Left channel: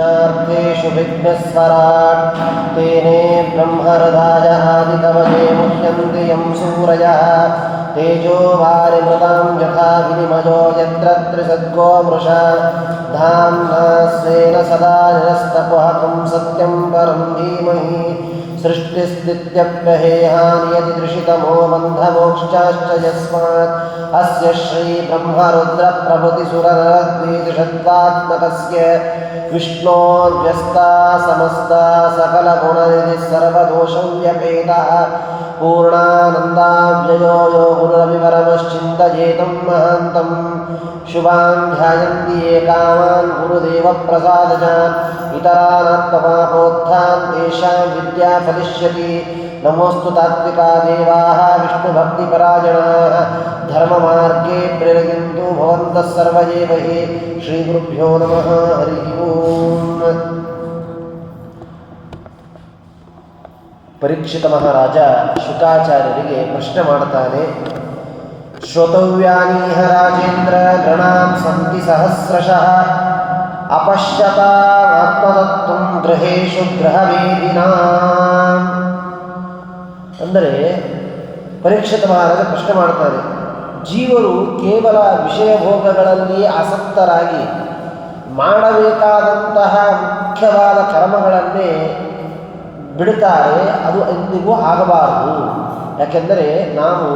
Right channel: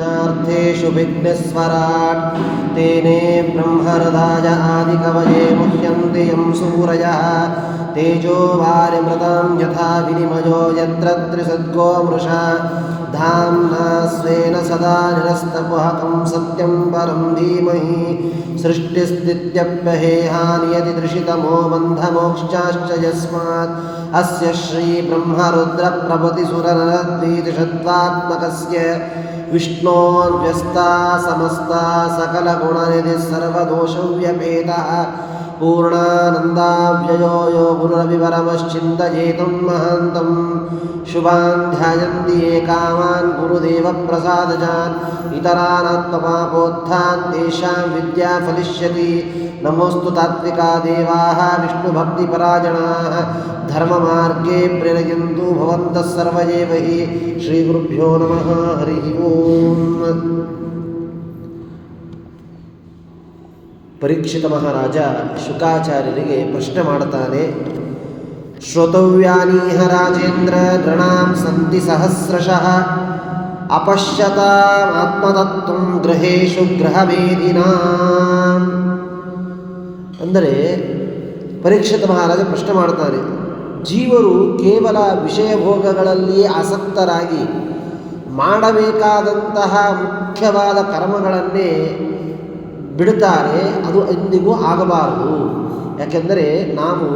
र्थेषु विघ्नस्वराट् तेने ब्रह्महृदाय आदिकवये मुह्यन्ति यं सूरयः तेजो वारिमृतां यथा विनिमयो यत्र त्रिसर्गो मृषा धाम्ना स्वेन सदा निरस्तकुहकं सत्यं परं धीमहि सृष्टिस्थित्यप्यहेहानियतिदृशितमो बन्धमोक्षाश्च यस्मात् अस्य श्रीब्रह्मरुद्रप्रभृतिसुरनरद्वीषद्वात्मकस्य विष्णोर्व्यस्ता समस्ता सकलगुणनिधिः सर्वदोषव्यपेतः पूर्णानन्दाव्ययो यो गुरुरविपरमश्चिन्तयेतं महान्तं शुभान् ध्यायन्ति ये कामान् गुरुदेवप्रसादजान् इतरानात्मपापोत्थान् तेषां विद्या फलिष्यति। नमोऽस्तु तात्विका देवाः विष्णुभक्तिपरायणाः धर्ममार्गे प्रेरयन्तु भवन्तः सर्व एव हि। श्रीगुरुभ्यो नमः। हरिः ओम्। ಪರೀಕ್ಷಿತ ಮಹಾರಾಜ ಶುಕಾಚಾರ್ಯರಿಗೆ ಪ್ರಶ್ನೆ ಮಾಡುತ್ತಾನೆ. ಶ್ರೋತವ್ಯಾನೀಹ ರಾಜೇಂದ್ರ ಗೃಣಾಂ ಸಂತಿ ಸಹಸ್ರಶಃ ಅಪಶ್ಯತಾತ್ಮತತ್ವಂ ಗೃಹೇಶು ಗೃಹವೇದಿನಾಂ. ಅಂದರೆ ಪರೀಕ್ಷಿತ ಮಹಾರಾಜ ಪ್ರಶ್ನೆ ಮಾಡುತ್ತಾರೆ, ಜೀವರು ಕೇವಲ ವಿಷಯ ಭೋಗಗಳಲ್ಲಿ ಆಸಕ್ತರಾಗಿ ಮಾಡಬೇಕಾದಂತಹ ಮುಖ್ಯವಾದ ಕರ್ಮಗಳನ್ನೇ ಬಿಡುತ್ತಾರೆ. ಅದು ಎಂದಿಗೂ ಆಗಬಾರದು. ಯಾಕೆಂದರೆ ನಾವು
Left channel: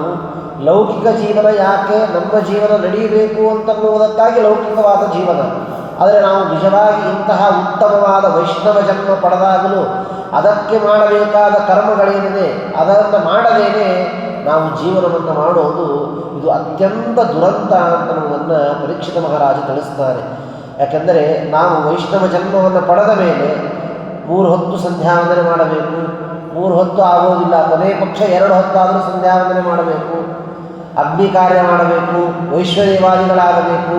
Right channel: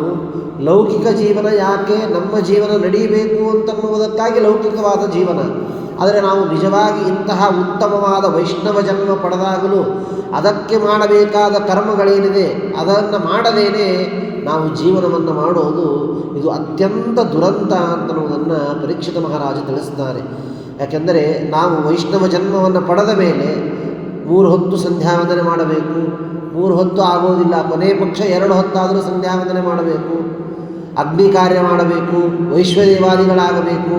ಲೌಕಿಕ ಜೀವನ ಯಾಕೆ ನಮ್ಮ ಜೀವನ ನಡೆಯಬೇಕು ಅಂತನ್ನುವುದಕ್ಕಾಗಿ ಲೌಕಿಕವಾದ ಜೀವನ. ಆದರೆ ನಾವು ನಿಜವಾಗಿ ಇಂತಹ ಉತ್ತಮವಾದ ವೈಷ್ಣವ ಜನ್ಮ ಪಡೆದಾಗಲೂ ಅದಕ್ಕೆ ಮಾಡಬೇಕಾದ ಕರ್ಮಗಳೇನಿದೆ ಅದನ್ನು ಮಾಡದೇನೆ ನಾವು ಜೀವನವನ್ನು ಮಾಡೋದು ಇದು ಅತ್ಯಂತ ದುರಂತ ಅಂತನ್ನುವುದನ್ನು ಪರೀಕ್ಷಿತ ಮಹಾರಾಜ ತಿಳಿಸ್ತಾರೆ. ಯಾಕೆಂದರೆ ನಾವು ವೈಷ್ಣವ ಜನ್ಮವನ್ನು ಪಡೆದ ಮೇಲೆ 3 ಹೊತ್ತು ಸಂಧ್ಯಾವಂದನೆ ಮಾಡಬೇಕು. 3 ಹೊತ್ತು ಆಗೋದಿಲ್ಲ, ಕೊನೆ ಪಕ್ಷ 2 ಹೊತ್ತಾದರೂ ಸಂಧ್ಯಾವಂದನೆ ಮಾಡಬೇಕು. ಅಗ್ನಿ ಕಾರ್ಯ ಮಾಡಬೇಕು, ವೈಶ್ವದೇವಾದಿಗಳಾಗಬೇಕು.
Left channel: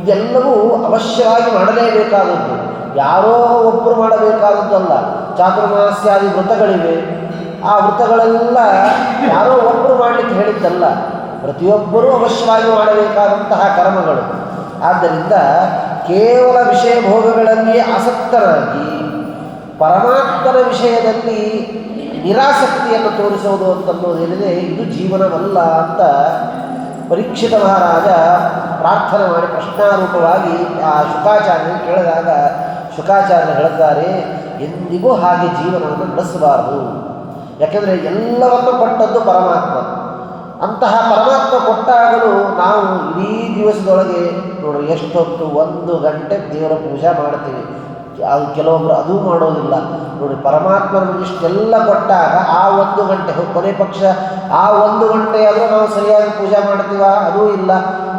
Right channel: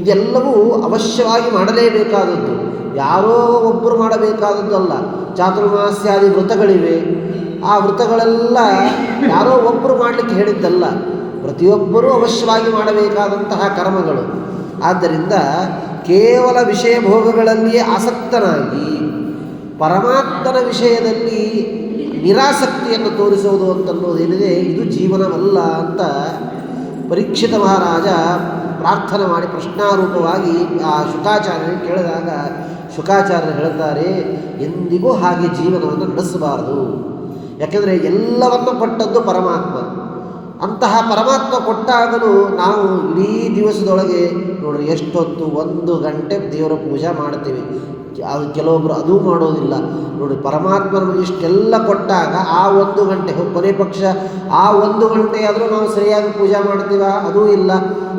ಇದೆಲ್ಲವೂ ಅವಶ್ಯವಾಗಿ ಮಾಡಲೇಬೇಕಾದದ್ದು, ಯಾರೋ ಒಬ್ಬರು ಮಾಡಬೇಕಾದದ್ದಲ್ಲ. ಚಾತುರ್ಮಾಸ್ಯಾದಿ ವ್ರತಗಳಿವೆ, ಆ ವ್ರತಗಳೆಲ್ಲ ಯಾರೋ ಒಬ್ಬರು ಮಾಡಲಿಕ್ಕೆ ಹೇಳಿದ್ದಲ್ಲ, ಪ್ರತಿಯೊಬ್ಬರೂ ಅವಶ್ಯವಾಗಿ ಮಾಡಬೇಕಾದಂತಹ ಕರ್ಮಗಳು. ಆದ್ದರಿಂದ ಕೇವಲ ವಿಷಯ ಭೋಗಗಳಲ್ಲಿಯೇ ಆಸಕ್ತರಾಗಿ ಪರಮಾತ್ಮನ ವಿಷಯದಲ್ಲಿ ನಿರಾಸಕ್ತಿಯನ್ನು ತೋರಿಸೋದು ಅಂತನ್ನೋದೇನಿದೆ ಇದು ಜೀವನವಲ್ಲ ಅಂತ ಪರೀಕ್ಷಿತ ಮಹಾರಾಜ ಪ್ರಾರ್ಥನೆ ಮಾಡಿ ಪ್ರಶ್ನಾರೂಪವಾಗಿ ಆ ಶುಕಾಚಾರ್ಯರಿಗೆ ಕೇಳಿದಾಗ ಶುಕಾಚಾರ್ಯರು ಹೇಳುತ್ತಾರೆ, ಎಂದಿಗೂ ಹಾಗೆ ಜೀವನವನ್ನು ನಡೆಸಬಾರದು. ಯಾಕೆಂದರೆ ಎಲ್ಲವನ್ನು ಕೊಟ್ಟದ್ದು ಪರಮಾತ್ಮ. ಅಂತಹ ಪರಮಾತ್ಮ ಕೊಟ್ಟಾಗಲೂ ನಾವು ಇಡೀ ದಿವಸದೊಳಗೆ ನೋಡ್ರಿ ಎಷ್ಟೊತ್ತು 1 ಗಂಟೆ ದೇವರ ಪೂಜೆ ಮಾಡ್ತೀವಿ. ಅದು ಕೆಲವೊಬ್ಬರು ಅದೂ ಮಾಡೋದಿಲ್ಲ. ನೋಡಿ, ಪರಮಾತ್ಮನ ಇಷ್ಟೆಲ್ಲ ಕೊಟ್ಟಾಗ ಆ 1 ಗಂಟೆ ಕೊನೆ ಪಕ್ಷ ಆ 1 ಗಂಟೆ ಆದರೂ ನಾವು ಸರಿಯಾಗಿ ಪೂಜೆ ಮಾಡ್ತೀವ? ಅದೂ ಇಲ್ಲ.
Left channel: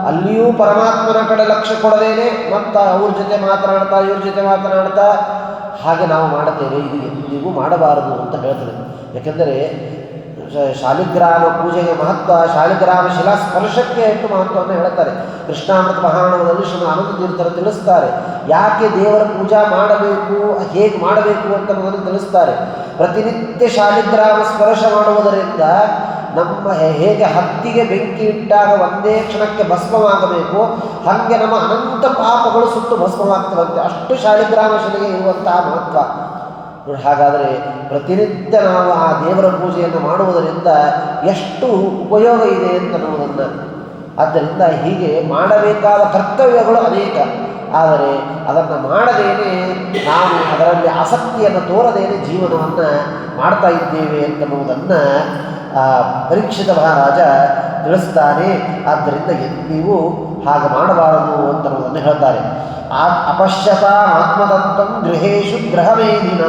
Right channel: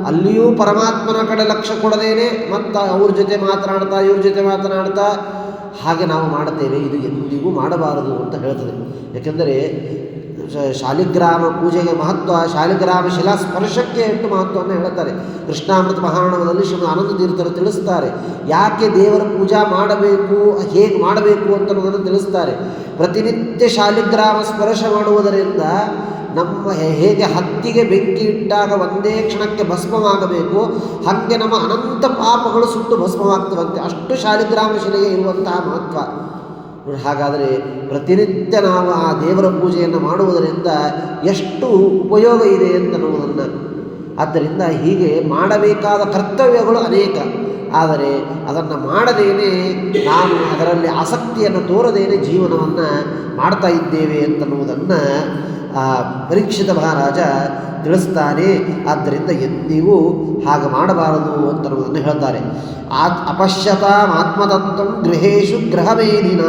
ಅಲ್ಲಿಯೂ ಪರಮಾತ್ಮನ ಕಡೆ ಲಕ್ಷ್ಯ ಕೊಡದೇನೆ ಮತ್ತು ಅವ್ರ ಜೊತೆ ಮಾತನಾಡ್ತಾ ಇವ್ರ ಜೊತೆ ಮಾತನಾಡ್ತಾ ಹಾಗೆ ನಾವು ಮಾಡ್ತೇವೆ. ಇದು ಎಂದಿಗೂ ಮಾಡಬಾರದು ಅಂತ ಹೇಳ್ತದೆ. ಯಾಕೆಂದರೆ ಶಾಲಿಗ್ರಾಮ ಪೂಜೆಗೆ ಮಹತ್ವ, ಶಾಲಿಗ್ರಾಮ ಶಿಲಾ ಸ್ಪರ್ಶಕ್ಕೆ ಎಷ್ಟು ಮಹತ್ವವನ್ನು ಹೇಳ್ತಾರೆ. ಕೃಷ್ಣಾಮೃತ ಮಹಾರಣವದಲ್ಲಿ ಶ್ರೀ ಆನಂದ ತೀರ್ಥರು ತಿಳಿಸ್ತಾರೆ. ಯಾಕೆ ದೇವರ ಪೂಜಾ ಮಾಡಬೇಕು, ಹೇಗೆ ಮಾಡಬೇಕು ಅಂತ ಅನ್ನೋದನ್ನು ತಿಳಿಸ್ತಾರೆ. ಪ್ರತಿನಿತ್ಯ ಶಾಲಿಗ್ರಾಮ ಸ್ಪರ್ಶ ಮಾಡುವುದರಿಂದ ನಮ್ಮ ಹೇಗೆ ಹತ್ತಿಗೆ ಬೆಂಕಿ ಇಟ್ಟಾಗ ಒಂದೇ ಕ್ಷಣಕ್ಕೆ ಭಸ್ಮವಾಗಬೇಕು, ಹಾಗೆ ನಮ್ಮ ಅನಂತ ಪಾಪಗಳು ಸುಟ್ಟು ಭಸ್ಮವಾಗ್ತವಂತೆ. ಅಷ್ಟು ಶಾಲಿಗ್ರಾಮ ಶಿಲೆಗೆ ಇರುವಂತಹ ಮಹತ್ವ. ಹಾಗಾದರೆ ಪ್ರತಿನಿತ್ಯ ನಾವು ಆ ದೇವರ ಪೂಜೆಯನ್ನು ಮಾಡುವುದರಿಂದ ಎಷ್ಟು ಉಪಯೋಗ ಇದೆ ಅಂತನ್ನುವುದನ್ನು, ಆದ್ದರಿಂದ ಹೀಗೆ ಮಾಡಬೇಕಾದ ಕರ್ತವ್ಯಗಳು ಅನೇಕ. ಆದರೆ ಅದನ್ನು ಮಾಡದೇನೆ ನಾವು ಅದರಲ್ಲಿ ಆಸಕ್ತಿಯನ್ನು ತೋರದೇನೆ ಜೀವನವನ್ನು ಮಾಡ್ತಾ ಇದ್ದೇವೆ ಅಂತನ್ನುವುದನ್ನು ಪರೀಕ್ಷಿತ ಮಹಾರಾಜ ತಿಳಿಸ್ತಾನೆ. ಆದ್ದರಿಂದ ಎಂದಿಗೂ ಹಾಗೆ ಮಾಡಬಾರದು ಅಂತನ್ನುವುದನ್ನು ಹೇಳ್ತಾರೆ. ಅಪಶ್ಯತಾತ್ಮತತ್ವಂ ಗೃಹೇಶು ಗೃಹವೇದಿನ.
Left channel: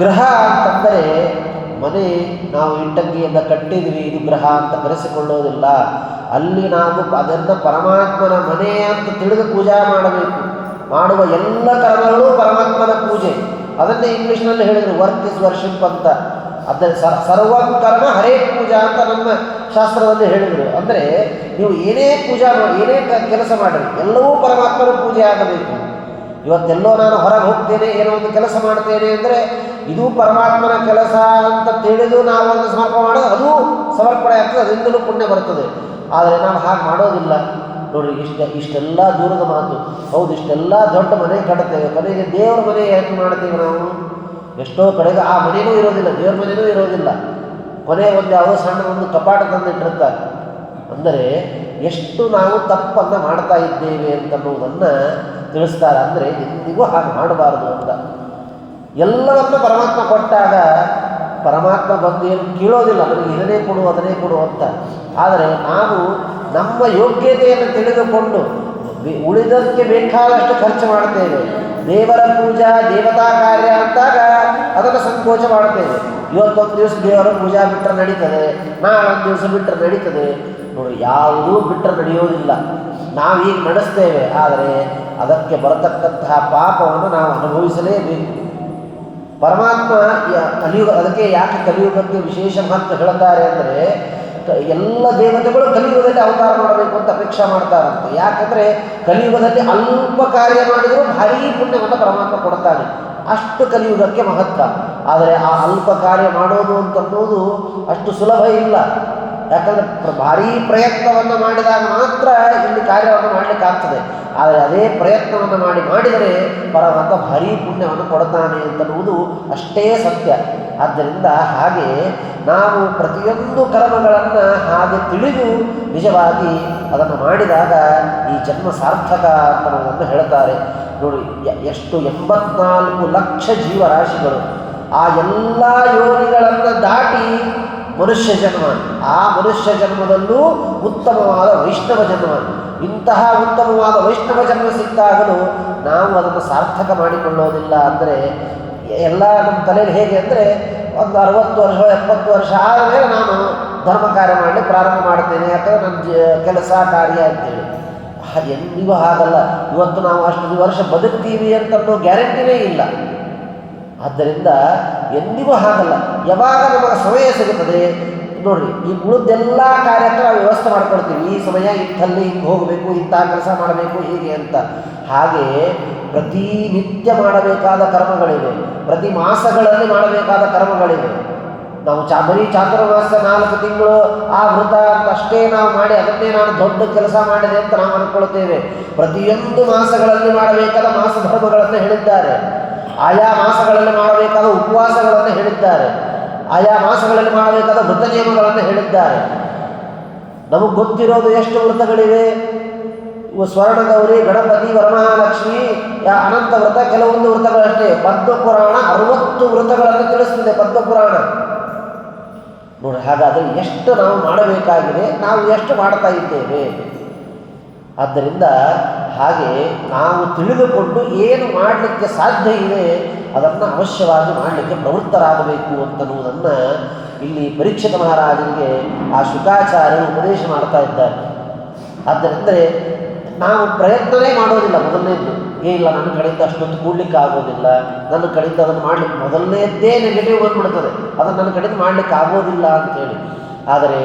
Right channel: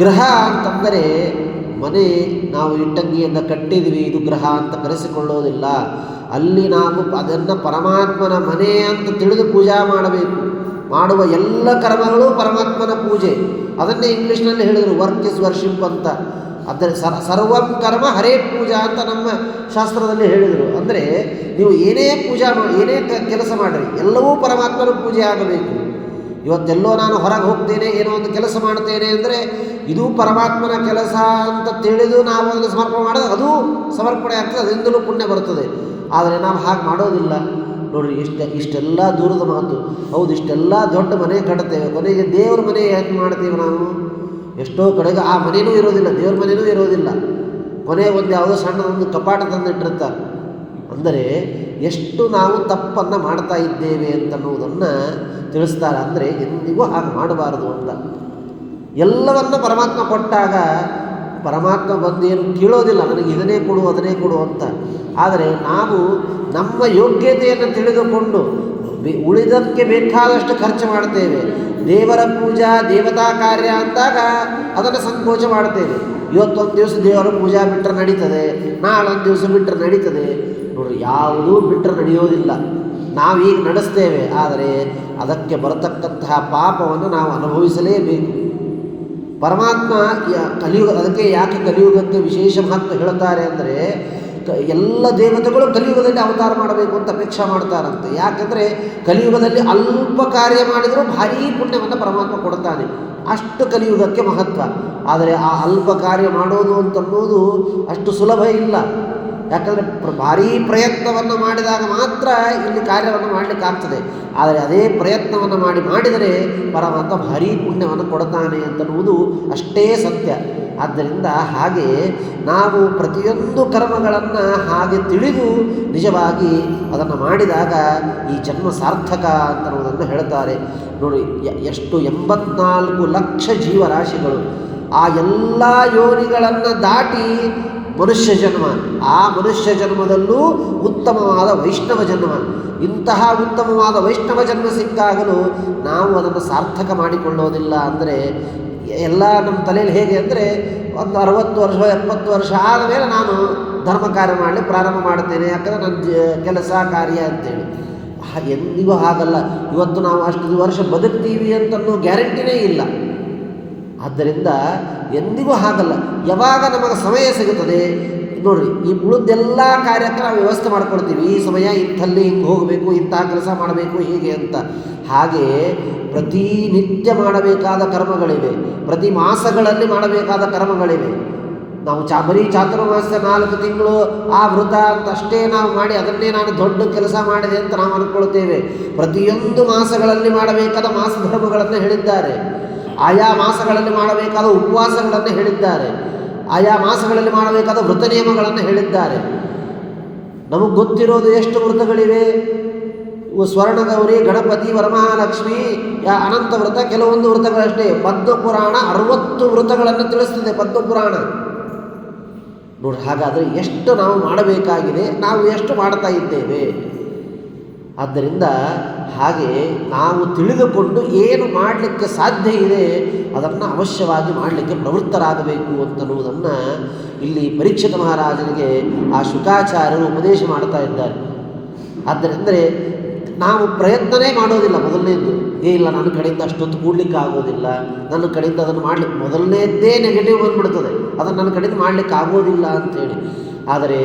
ಗೃಹ ಅಂತಂದರೆ ಮನೆ, ನಾವು ಇಟ್ಟಂಗಿಯಿಂದ ಕಟ್ಟಿದ್ವಿ, ಇದು ಗೃಹ ಅಂತ ಕರೆಸಿಕೊಳ್ಳೋದಿಲ್ಲ. ಅಲ್ಲಿ ನಾವು ಅದನ್ನು ಪರಮಾತ್ಮನ ಮನೆ ಅಂತ ತಿಳಿದು ಪೂಜಾ ಮಾಡಬೇಕು. ಮಾಡುವ ಎಲ್ಲ ಕರ್ಮಗಳು ಪರಮಾತ್ಮನ ಪೂಜೆ. ಅದನ್ನೇ ಇಂಗ್ಲೀಷ್ನಲ್ಲಿ ಹೇಳಿದರು, ವರ್ಕ್ ಇಸ್ ವರ್ಷಿಪ್ ಅಂತ. ಅಂದರೆ ಸರ್ವಂ ಕರ್ಮ ಹರೇ ಪೂಜಾ ಅಂತ ನಮ್ಮ ಶಾಸ್ತ್ರದಲ್ಲಿ ಹೇಳಿದರು. ಅಂದರೆ ನೀವು ಏನೇ ಪೂಜಾ ಮಾಡಿ, ಏನೇ ಕೆಲಸ ಮಾಡಿರಿ, ಎಲ್ಲವೂ ಪರಮಾತ್ಮನ ಪೂಜೆ ಆಗಬೇಕು. ಇವತ್ತೆಲ್ಲೋ ನಾನು ಹೊರಗೆ ಹೋಗ್ತೇನೆ, ಏನೋ ಒಂದು ಕೆಲಸ ಮಾಡ್ತೇನೆ ಅಂದರೆ ಇದು ಪರಮಾತ್ಮನ ಕೆಲಸ ಅಂತ ತಿಳಿದು ನಾವು ಅದನ್ನು ಸಮರ್ಪಣೆ ಮಾಡೋದು, ಅದು ಸಮರ್ಪಣೆ ಆಗ್ತದೆ, ಅದರಿಂದಲೂ ಪುಣ್ಯ ಬರ್ತದೆ. ಆದರೆ ನಾವು ಹಾಗೆ ಮಾಡೋದಿಲ್ಲ. ನೋಡಿರಿ, ಇಷ್ಟೆಲ್ಲ ದೂರದ ಮಾತು. ಹೌದು, ಇಷ್ಟೆಲ್ಲ ದೊಡ್ಡ ಮನೆ ಕಟ್ತೇವೆ, ಕೊನೆಗೆ ದೇವರ ಮನೆ ಯಾಕೆ ಮಾಡ್ತೇವೆ ನಾವು? ಎಷ್ಟೋ ಕಡೆಗೆ ಆ ಮನೆಯೂ ಇರೋದಿಲ್ಲ, ದೇವ್ರ ಮನೆಯೂ ಇರೋದಿಲ್ಲ. ಕೊನೆ ಒಂದು ಯಾವುದೋ ಸಣ್ಣದೊಂದು ಕಪಾಟ ತಂದಿಟ್ಟಿರ್ತಾರೆ. ಅಂದರೆ ಎಷ್ಟು ನಾವು ತಪ್ಪನ್ನು ಮಾಡ್ತಾ ಇದ್ದೇವೆ ಅಂತನ್ನುವುದನ್ನು ತಿಳಿಸ್ತಾರೆ. ಅಂದರೆ ಎಂದಿಗೂ ಹಾಗೆ ಮಾಡಬಾರದು ಅಂತ. ಎಲ್ಲವನ್ನ ಪರಮಾತ್ಮ ಕೊಟ್ಟಾಗ ಪರಮಾತ್ಮ ಬಂದು ಏನು ಕೇಳೋದಿಲ್ಲ, ನನಗೆ ಇದನ್ನೇ ಕೊಡು ಅದನ್ನೇ ಕೊಡು ಅಂತ. ಆದರೆ ನಾವು ನಮ್ಮ ಯೋಗ್ಯತೆಯನ್ನು ತಿಳಿದುಕೊಂಡು ಉಳಿದಕ್ಕೆ ಬೇಕಾದಷ್ಟು ಖರ್ಚು ಮಾಡ್ತೇವೆ. ದೇವರ ಪೂಜಾ ದೇವತಾ ಕಾರ್ಯ ಅಂದಾಗ ಅದನ್ನು ಸಂಕೋಚ ಮಾಡ್ತೇವೆ. ಇವತ್ತೊಂದು ದಿವಸ ದೇವರ ಪೂಜಾ ಬಿಟ್ಟರೆ ನಡೀತದೆ, ನಾಳೊಂದು ದಿವಸ ಬಿಟ್ಟರೆ ನಡೀತದೆ. ನೋಡಿ, ಯಾವುದೂ ಬಿಟ್ಟರೆ ನಡೆಯೋದಿಲ್ಲ. ನಾವೀಗ ನಡೆಸ್ತೇವೆ, ಆದರೆ ಅದಕ್ಕೆ ಬರತಕ್ಕಂತಹ ಪಾಪವನ್ನು ನಾವು ಅನುಭವಿಸಲೇಬೇಕು. ಪರಮಾತ್ಮ ಕಲಿಯುಗ, ಅದಕ್ಕೆ ಯಾಕೆ ಕಲಿಯುಗಕ್ಕೆ ವಿಶೇಷ ಮಹತ್ವ ಹೇಳ್ತಾರೆ ಅಂದರೆ, ಎಲ್ಲ ದೇವತೆಗಳು ಕಲಿಯುಗದಲ್ಲಿ ಅವತಾರ ಮಾಡಬೇಕು ಅಂತ ಅಪೇಕ್ಷೆ ಮಾಡ್ತಾರಂತೆ. ಯಾಕಂದರೆ ಕಲಿಯುಗದಲ್ಲಿ ಅಲ್ಪ ಕಾರ್ಯ ಮಾಡಿದರೂ ಭಾರೀ ಪುಣ್ಯವನ್ನು ಪರಮಾತ್ಮ ಕೊಡ್ತಾನೆ. ಅಷ್ಟು ಕಲಿಯುಗಕ್ಕೆ ಮಹತ್ವ. ಆದರೆ ಆ ಅಲ್ಪ ಕಾರ್ಯ ಮಾಡೋದು ಅಂತನ್ನೋದು ಅಷ್ಟು ಸುಲಭ ಇಲ್ಲ. ಯಾಕಂದರೆ ಭಾರೀ ಪ್ರಯತ್ನವನ್ನು ಮಾಡಿದಾಗ ಮಾತ್ರ ಇಲ್ಲಿ ಕಾರ್ಯವನ್ನು ಮಾಡಲಿಕ್ಕಾಗ್ತದೆ. ಆದರೆ ಅದೇ ಪ್ರಯತ್ನವನ್ನು ಮಾಡಿದರೆ ಪರಮಾತ್ಮ ಭಾರೀ ಪುಣ್ಯವನ್ನು ಕೊಡ್ತಾನೆ ಅಂತನ್ನುವುದು ಅಷ್ಟೇ ಸತ್ಯ. ಆದ್ದರಿಂದ ಹಾಗೆ ನಾವು ಪ್ರತಿಯೊಂದು ಕರ್ಮಗಳನ್ನು ಹಾಗೆ ತಿಳಿದು ನಿಜವಾಗಿ ಅದನ್ನು ಮಾಡಿದಾಗ ಈ ಜನ್ಮ ಸಾರ್ಥಕ ಅಂತನ್ನುವುದನ್ನು ಹೇಳ್ತಾರೆ. ನೋಡಿ, ಎಷ್ಟು 84 ಲಕ್ಷ ಜೀವರಾಶಿಗಳು, ಆ ಎಲ್ಲ ಯೋನಿಗಳನ್ನು ದಾಟಿ ಮನುಷ್ಯ ಜನ್ಮ. ಆ ಮನುಷ್ಯ ಜನ್ಮದಲ್ಲೂ ಉತ್ತಮವಾದ ವೈಷ್ಣವ ಜನ್ಮ. ಇಂತಹ ಉತ್ತಮವಾದ ವೈಷ್ಣವ ಜನ್ಮ ಸಿಕ್ಕಾಗಲೂ ನಾವು ಅದನ್ನು ಸಾರ್ಥಕ ಮಾಡಿಕೊಳ್ಳೋದಿಲ್ಲ. ಅಂದರೆ ಎಲ್ಲ ನಮ್ಮ ತಲೆಯಲ್ಲಿ ಹೇಗೆ ಅಂದರೆ, ಒಂದು 60 ವರ್ಷ 70 ವರ್ಷ ಆದಮೇಲೆ ನಾನು ಧರ್ಮ ಕಾರ್ಯ ಮಾಡಲಿಕ್ಕೆ ಪ್ರಾರಂಭ ಮಾಡ್ತೇನೆ, ಯಾಕಂದರೆ ನನ್ನ ಕೆಲಸ ಕಾರ್ಯ ಅಂತೇಳಿ. ಎಂದಿಗೂ ಹಾಗಲ್ಲ. ಇವತ್ತು ನಾವು ಅಷ್ಟು ವರ್ಷ ಬದುಕ್ತೀವಿ ಅಂತನ್ನೋ ಗ್ಯಾರಂಟಿನೇ ಇಲ್ಲ. ಆದ್ದರಿಂದ ಎಂದಿಗೂ ಹಾಗಲ್ಲ. ಯಾವಾಗ ನಮಗೆ ಸಮಯ ಸಿಗುತ್ತದೆ ನೋಡಿರಿ, ಈ ಉಳಿದೆಲ್ಲ ಕಾರ್ಯಕ್ಕೆ ನಾವು ವ್ಯವಸ್ಥೆ ಮಾಡ್ಕೊಳ್ತೀವಿ. ಈ ಸಮಯ ಇಂಥಲ್ಲಿ ಹಿಂಗೆ ಹೋಗಬೇಕು, ಇಂತಹ ಕೆಲಸ ಮಾಡಬೇಕು, ಹೀಗೆ ಅಂತ. ಹಾಗೆ ಪ್ರತಿನಿತ್ಯ ಮಾಡಬೇಕಾದ ಕರ್ಮಗಳಿವೆ, ಪ್ರತಿ ಮಾಸಗಳಲ್ಲಿ ಮಾಡಬೇಕಾದ ಕರ್ಮಗಳಿವೆ. ನಾವು ಬರೀ ಚಾತುರ್ಮಾಸ 4 ತಿಂಗಳು ಆ ವೃತ ಅಂತ ಅಷ್ಟೇ ನಾವು ಮಾಡಿ ಅದನ್ನೇ ನಾನು ದೊಡ್ಡ ಕೆಲಸ ಮಾಡಿದೆ ಅಂತ ನಾವು ಅಂದ್ಕೊಳ್ತೇವೆ. ಪ್ರತಿಯೊಂದು ಮಾಸಗಳಲ್ಲಿ ಮಾಡಬೇಕಾದ ಮಾಸ ಧರ್ಮಗಳನ್ನು ಹೇಳಿದ್ದಾರೆ. ಆಯಾ ಮಾಸಗಳಲ್ಲಿ ಮಾಡಬೇಕಾದ ಉಪವಾಸಗಳನ್ನು ಹೇಳಿದ್ದಾರೆ. ಆಯಾ ಮಾಸಗಳಲ್ಲಿ ಮಾಡಬೇಕಾದ ವೃತ ನಿಯಮಗಳನ್ನು ಹೇಳಿದ್ದಾರೆ. ನಮಗೆ ಗೊತ್ತಿರೋದು ಎಷ್ಟು ವೃತಗಳಿವೆ? ಸ್ವರ್ಣಗೌರಿ, ಗಣಪತಿ, ವರಮಹಾಲಕ್ಷ್ಮಿ, ಅನಂತ ವ್ರತ, ಕೆಲವೊಂದು ವೃತಗಳಷ್ಟೇ. ಪದ್ಮಪುರಾಣ 60 ವೃತಗಳನ್ನು ತಿಳಿಸ್ತದೆ ಪದ್ಮಪುರಾಣ. ನೋಡಿ, ಹಾಗಾದರೆ ಎಷ್ಟು ನಾವು ಮಾಡಬೇಕಾಗಿದೆ, ನಾವು ಎಷ್ಟು ಮಾಡ್ತಾ ಇದ್ದೇವೆ. ಆದ್ದರಿಂದ ಹಾಗೆ ನಾವು ತಿಳಿದುಕೊಂಡು ಏನು ಮಾಡಲಿಕ್ಕೆ ಸಾಧ್ಯ ಇದೆ ಅದನ್ನು ಅವಶ್ಯವಾಗಿ ಮಾಡಲಿಕ್ಕೆ ಪ್ರವೃತ್ತರಾಗಬೇಕು ಅಂತನ್ನುವುದನ್ನು ಇಲ್ಲಿ ಪರೀಕ್ಷಿತ ಮಹಾರಾಜನಿಗೆ ಆ ಶುಕಾಚಾರ್ಯರು ಉಪದೇಶ ಮಾಡ್ತಾ ಇದ್ದಾರೆ. ಆದ್ದರಿಂದ ನಾವು ಪ್ರಯತ್ನವೇ ಮಾಡೋದಿಲ್ಲ. ಮೊದಲನೇದ್ದು ಇಲ್ಲ, ನನ್ನ ಕಡೆಯಿಂದ ಅಷ್ಟೊತ್ತು ಕೂಡ್ಲಿಕ್ಕೆ ಆಗೋದಿಲ್ಲ, ನನ್ನ ಕಡೆಯಿಂದ ಅದನ್ನು ಮಾಡಲಿಕ್ಕೆ ಮೊದಲನೇದ್ದೇ ನೆಗೆಟಿವ್ ಬಂದ್ಬಿಡ್ತದೆ, ಅದನ್ನು ನನ್ನ ಕಡೆಯಿಂದ ಮಾಡಲಿಕ್ಕೆ ಆಗೋದಿಲ್ಲ ಅಂಥೇಳಿ. ಆದರೆ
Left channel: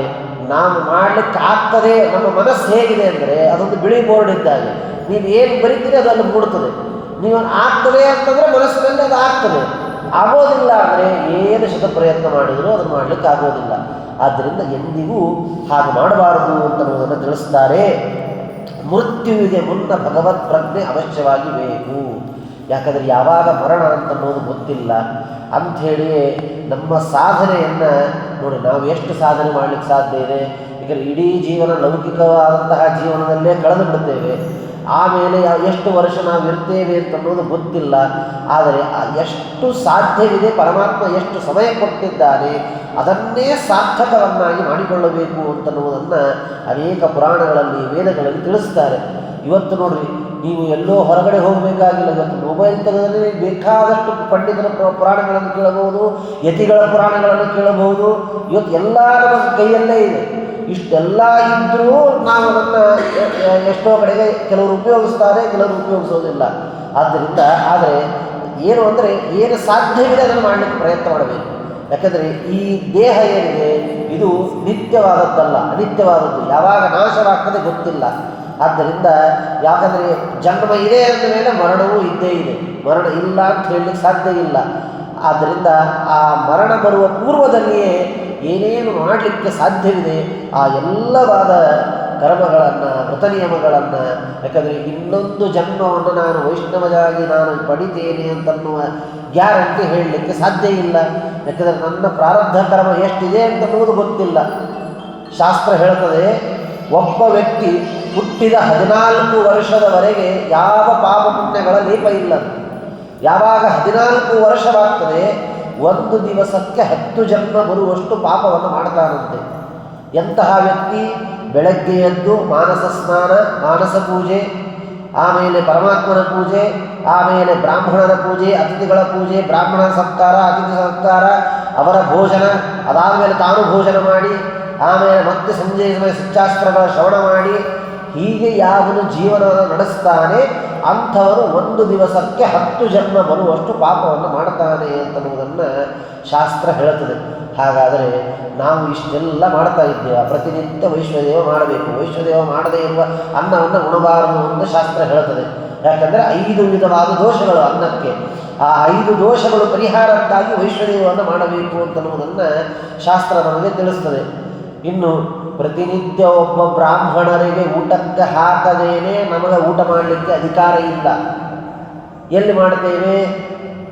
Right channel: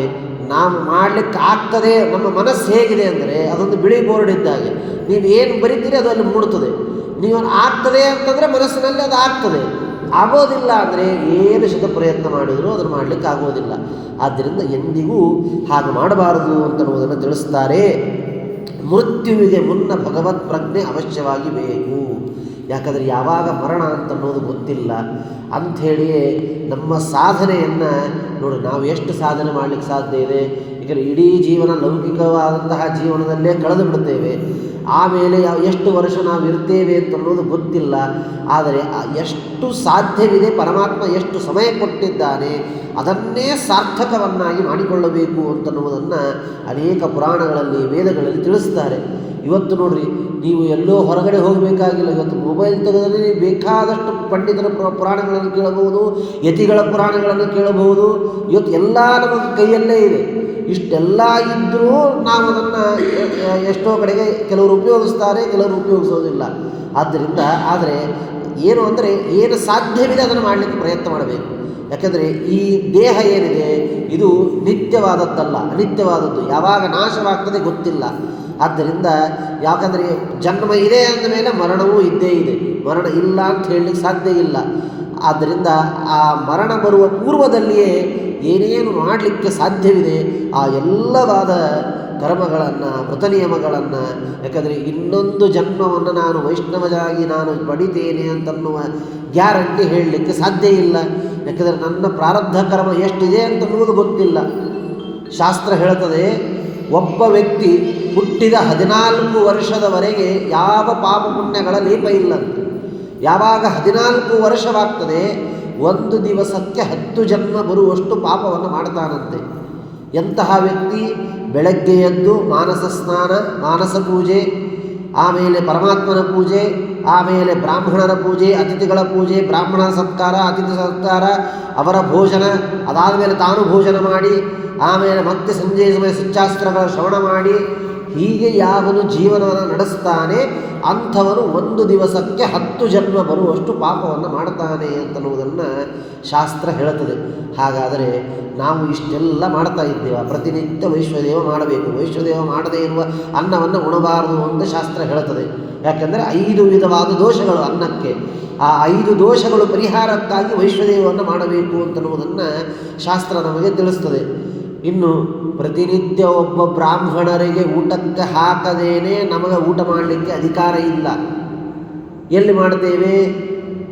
ನಾವು ಮಾಡಲಿಕ್ಕೆ ಆಗ್ತದೆ. ನಮ್ಮ ಮನಸ್ಸು ಹೇಗಿದೆ ಅಂದರೆ ಅದೊಂದು ಬಿಳಿ ಬೋರ್ಡ್ ಇದ್ದಾಗೆ, ನೀವು ಏನು ಬರೀತೀರಿ ಅದು ಅಲ್ಲಿ ಮೂಡುತ್ತದೆ. ನೀವು ಆಗ್ತದೆ ಅಂತಂದರೆ ಮನಸ್ಸಿನಲ್ಲಿ ಅದು ಆಗ್ತದೆ, ಆಗೋದಿಲ್ಲ ಅಂದರೆ ಏನು ಶತ ಪ್ರಯತ್ನ ಮಾಡಿದರೂ ಅದನ್ನು ಮಾಡಲಿಕ್ಕೆ ಆಗೋದಿಲ್ಲ. ಆದ್ದರಿಂದ ಎಂದಿಗೂ ಹಾಗೆ ಮಾಡಬಾರದು ಅಂತನ್ನುವುದನ್ನು ತಿಳಿಸ್ತಾರೆ. ಮೃತ್ಯುವಿಗೆ ಮುನ್ನ ಭಗವತ್ ಪ್ರಜ್ಞೆ ಅವಶ್ಯವಾಗಿ ಬೇಕು. ಯಾಕಂದರೆ ಯಾವಾಗ ಮರಣ ಅಂತನ್ನೋದು ಗೊತ್ತಿಲ್ಲ. ಅಂಥೇಳಿಯೇ ನಮ್ಮ ಸಾಧನೆಯನ್ನು ನೋಡಿ, ನಾವು ಎಷ್ಟು ಸಾಧನೆ ಮಾಡಲಿಕ್ಕೆ ಸಾಧ್ಯ ಇದೆ. ಈಗ ಇಡೀ ಜೀವನ ಲೌಕಿಕವಾದಂತಹ ಜೀವನದಲ್ಲೇ ಕಳೆದು ಬಿಡ್ತೇವೆ. ಆಮೇಲೆ ಎಷ್ಟು ವರ್ಷ ನಾವು ಇರ್ತೇವೆ ಅಂತನ್ನೋದು ಗೊತ್ತಿಲ್ಲ. ಆದರೆ ಎಷ್ಟು ಸಾಧ್ಯವಿದೆ, ಪರಮಾತ್ಮ ಎಷ್ಟು ಸಮಯ ಕೊಟ್ಟಿದ್ದಾನೆ, ಅದನ್ನೇ ಸಾರ್ಥಕವನ್ನಾಗಿ ಮಾಡಿಕೊಳ್ಳಬೇಕು ಅಂತನ್ನುವುದನ್ನು ಅನೇಕ ಪುರಾಣಗಳಲ್ಲಿ, ವೇದಗಳಲ್ಲಿ ತಿಳಿಸ್ತಾರೆ. ಇವತ್ತು ನೋಡ್ರಿ, ನೀವು ಎಲ್ಲೋ ಹೊರಗಡೆ ಹೋಗಬೇಕಾಗಿಲ್ಲ. ಇವತ್ತು ಮೊಬೈಲ್ ತೆಗೆದರೆ ಬೇಕಾದಷ್ಟು ಪಂಡಿತರ ಪುರಾಣಗಳನ್ನು ಕೇಳಬಹುದು, ಯತಿಗಳ ಪುರಾಣಗಳನ್ನು ಕೇಳಬಹುದು. ಇವತ್ತು ಎಲ್ಲ ನಮ್ಮ ಕೈಯಲ್ಲೇ ಇದೆ. ಇಷ್ಟೆಲ್ಲ ಇದ್ದರೂ ನಾವು ಅದನ್ನು ಎಷ್ಟೋ ಕಡೆಗೆ ಕೆಲವರು ಉಪಯೋಗಿಸ್ತಾರೆ, ಕೆಲವರು ಉಪಯೋಗಿಸೋದಿಲ್ಲ. ಆದ್ದರಿಂದ ಆದರೆ ಏನು ಅಂದರೆ ಏನು ಸಾಧ್ಯವಿದೆ ಅದನ್ನು ಮಾಡಲಿಕ್ಕೆ ಪ್ರಯತ್ನ ಮಾಡಬೇಕು. ಯಾಕೆಂದರೆ ಈ ದೇಹ ಏನಿದೆ ಇದು ನಿತ್ಯವಾದದ್ದಲ್ಲ, ಅನಿತ್ಯವಾದದ್ದು. ಯಾವಾಗ ನಾಶವಾಗ್ತದೆ ಗೊತ್ತಿಲ್ಲ. ಆದ್ದರಿಂದ ಯಾಕಂದರೆ ಜನ್ಮ ಇದೆ ಅಂದ ಮೇಲೆ ಮರಣವೂ ಇದ್ದೇ ಇದೆ, ಮರಣ ಇಲ್ಲ ಅಂತ ಹೇಳಲಿಕ್ಕೆ ಸಾಧ್ಯ ಇಲ್ಲ. ಆದ್ದರಿಂದ ಆ ಮರಣ ಬರುವ ಪೂರ್ವದಲ್ಲಿಯೇ ಏನೇನು ಮಾಡಲಿಕ್ಕೆ ಸಾಧ್ಯವಿದೆ ಆ ಎಲ್ಲವಾದ ಕರ್ಮಗಳನ್ನು, ವ್ರತ ನಿಯಮಗಳನ್ನು. ಯಾಕಂದರೆ ಇನ್ನೊಂದು ಜನ್ಮವನ್ನು ನಾನು ವೈಷ್ಣವರಾಗಿ ನಾನು ಪಡಿತೇನೆ ಅಂತನ್ನುವ ಗ್ಯಾರಂಟಿ ಹೇಳಲಿಕ್ಕೆ ಸಾಧ್ಯ ಇಲ್ಲ. ಯಾಕಂದರೆ ನನ್ನ ಪ್ರಾರಬ್ಧ ಕರ್ಮ ಎಷ್ಟಿದೆ ಅಂತನ್ನುವುದು ಗೊತ್ತಿಲ್ಲ. ಶಾಸ್ತ್ರ ಹೇಳ್ತದೆ, ಒಬ್ಬ ವ್ಯಕ್ತಿ ಹುಟ್ಟಿದ 14 ವರ್ಷದವರೆಗೆ ಯಾವ ಪಾಪ ಪುಣ್ಯಗಳ ಲೇಪ ಇಲ್ಲ. ಯಾವಾಗ 14 ವರ್ಷವಾಗ್ತದೆ, ಒಂದು ದಿವಸಕ್ಕೆ 10 ಜನ್ಮ ಬರುವಷ್ಟು ಪಾಪವನ್ನು ಮಾಡ್ತಾನಂತೆ. ಎಂತಹ ವ್ಯಕ್ತಿ? ಬೆಳಗ್ಗೆ ಎದ್ದು ಮಾನಸ ಸ್ನಾನ, ಮಾನಸ ಪೂಜೆ, ಆಮೇಲೆ ಪರಮಾತ್ಮನ ಪೂಜೆ, ಆಮೇಲೆ ಬ್ರಾಹ್ಮಣರ ಪೂಜೆ, ಅತಿಥಿಗಳ ಪೂಜೆ, ಬ್ರಾಹ್ಮಣರ ಸತ್ಕಾರ, ಅತಿಥಿ ಸತ್ಕಾರ, ಅವರ ಭೋಜನ, ಅದಾದ ಮೇಲೆ ತಾನು ಭೋಜನ ಮಾಡಿ, ಆಮೇಲೆ ಮತ್ತೆ ಸಂಜೆ ಸಮಯ ಶಿಕ್ಷಾಸ್ತ್ರಗಳ ಶ್ರವಣ ಮಾಡಿ, ಹೀಗೆ ಯಾವನು ಜೀವನ ನಡೆಸ್ತಾನೆ ಅಂಥವನು ಒಂದು ದಿವಸಕ್ಕೆ 10 ಜನ್ಮ ಬರುವಷ್ಟು ಪಾಪವನ್ನು ಮಾಡ್ತಾನೆ ಅಂತನ್ನುವುದನ್ನು ಶಾಸ್ತ್ರ ಹೇಳುತ್ತದೆ. ಹಾಗಾದರೆ ನಾವು ಇಷ್ಟೆಲ್ಲ ಮಾಡ್ತಾ ಇದ್ದೇವೆ. ಪ್ರತಿನಿತ್ಯ ವೈಶ್ವದೇವ ಮಾಡಬೇಕು, ವೈಶ್ವದೇವ ಮಾಡದೇ ಇರುವ ಅನ್ನವನ್ನು ಉಣಬಾರದು ಅಂತ ಶಾಸ್ತ್ರ ಹೇಳುತ್ತದೆ. ಯಾಕಂದರೆ 5 ವಿಧವಾದ ದೋಷಗಳು ಅನ್ನಕ್ಕೆ. ಆ 5 ದೋಷಗಳು ಪರಿಹಾರಕ್ಕಾಗಿ ವೈಶ್ವದೇವವನ್ನು ಮಾಡಬೇಕು ಅಂತನ್ನುವುದನ್ನು ಶಾಸ್ತ್ರ ನಮಗೆ ತಿಳಿಸ್ತದೆ. ಇನ್ನು ಪ್ರತಿನಿತ್ಯ ಒಬ್ಬ ಬ್ರಾಹ್ಮಣರಿಗೆ ಊಟಕ್ಕೆ ಹಾಕದೇನೆ ನಮಗೆ ಊಟ ಮಾಡಲಿಕ್ಕೆ ಅಧಿಕಾರ ಇಲ್ಲ. ಎಲ್ಲಿ ಮಾಡ್ತೇವೆ?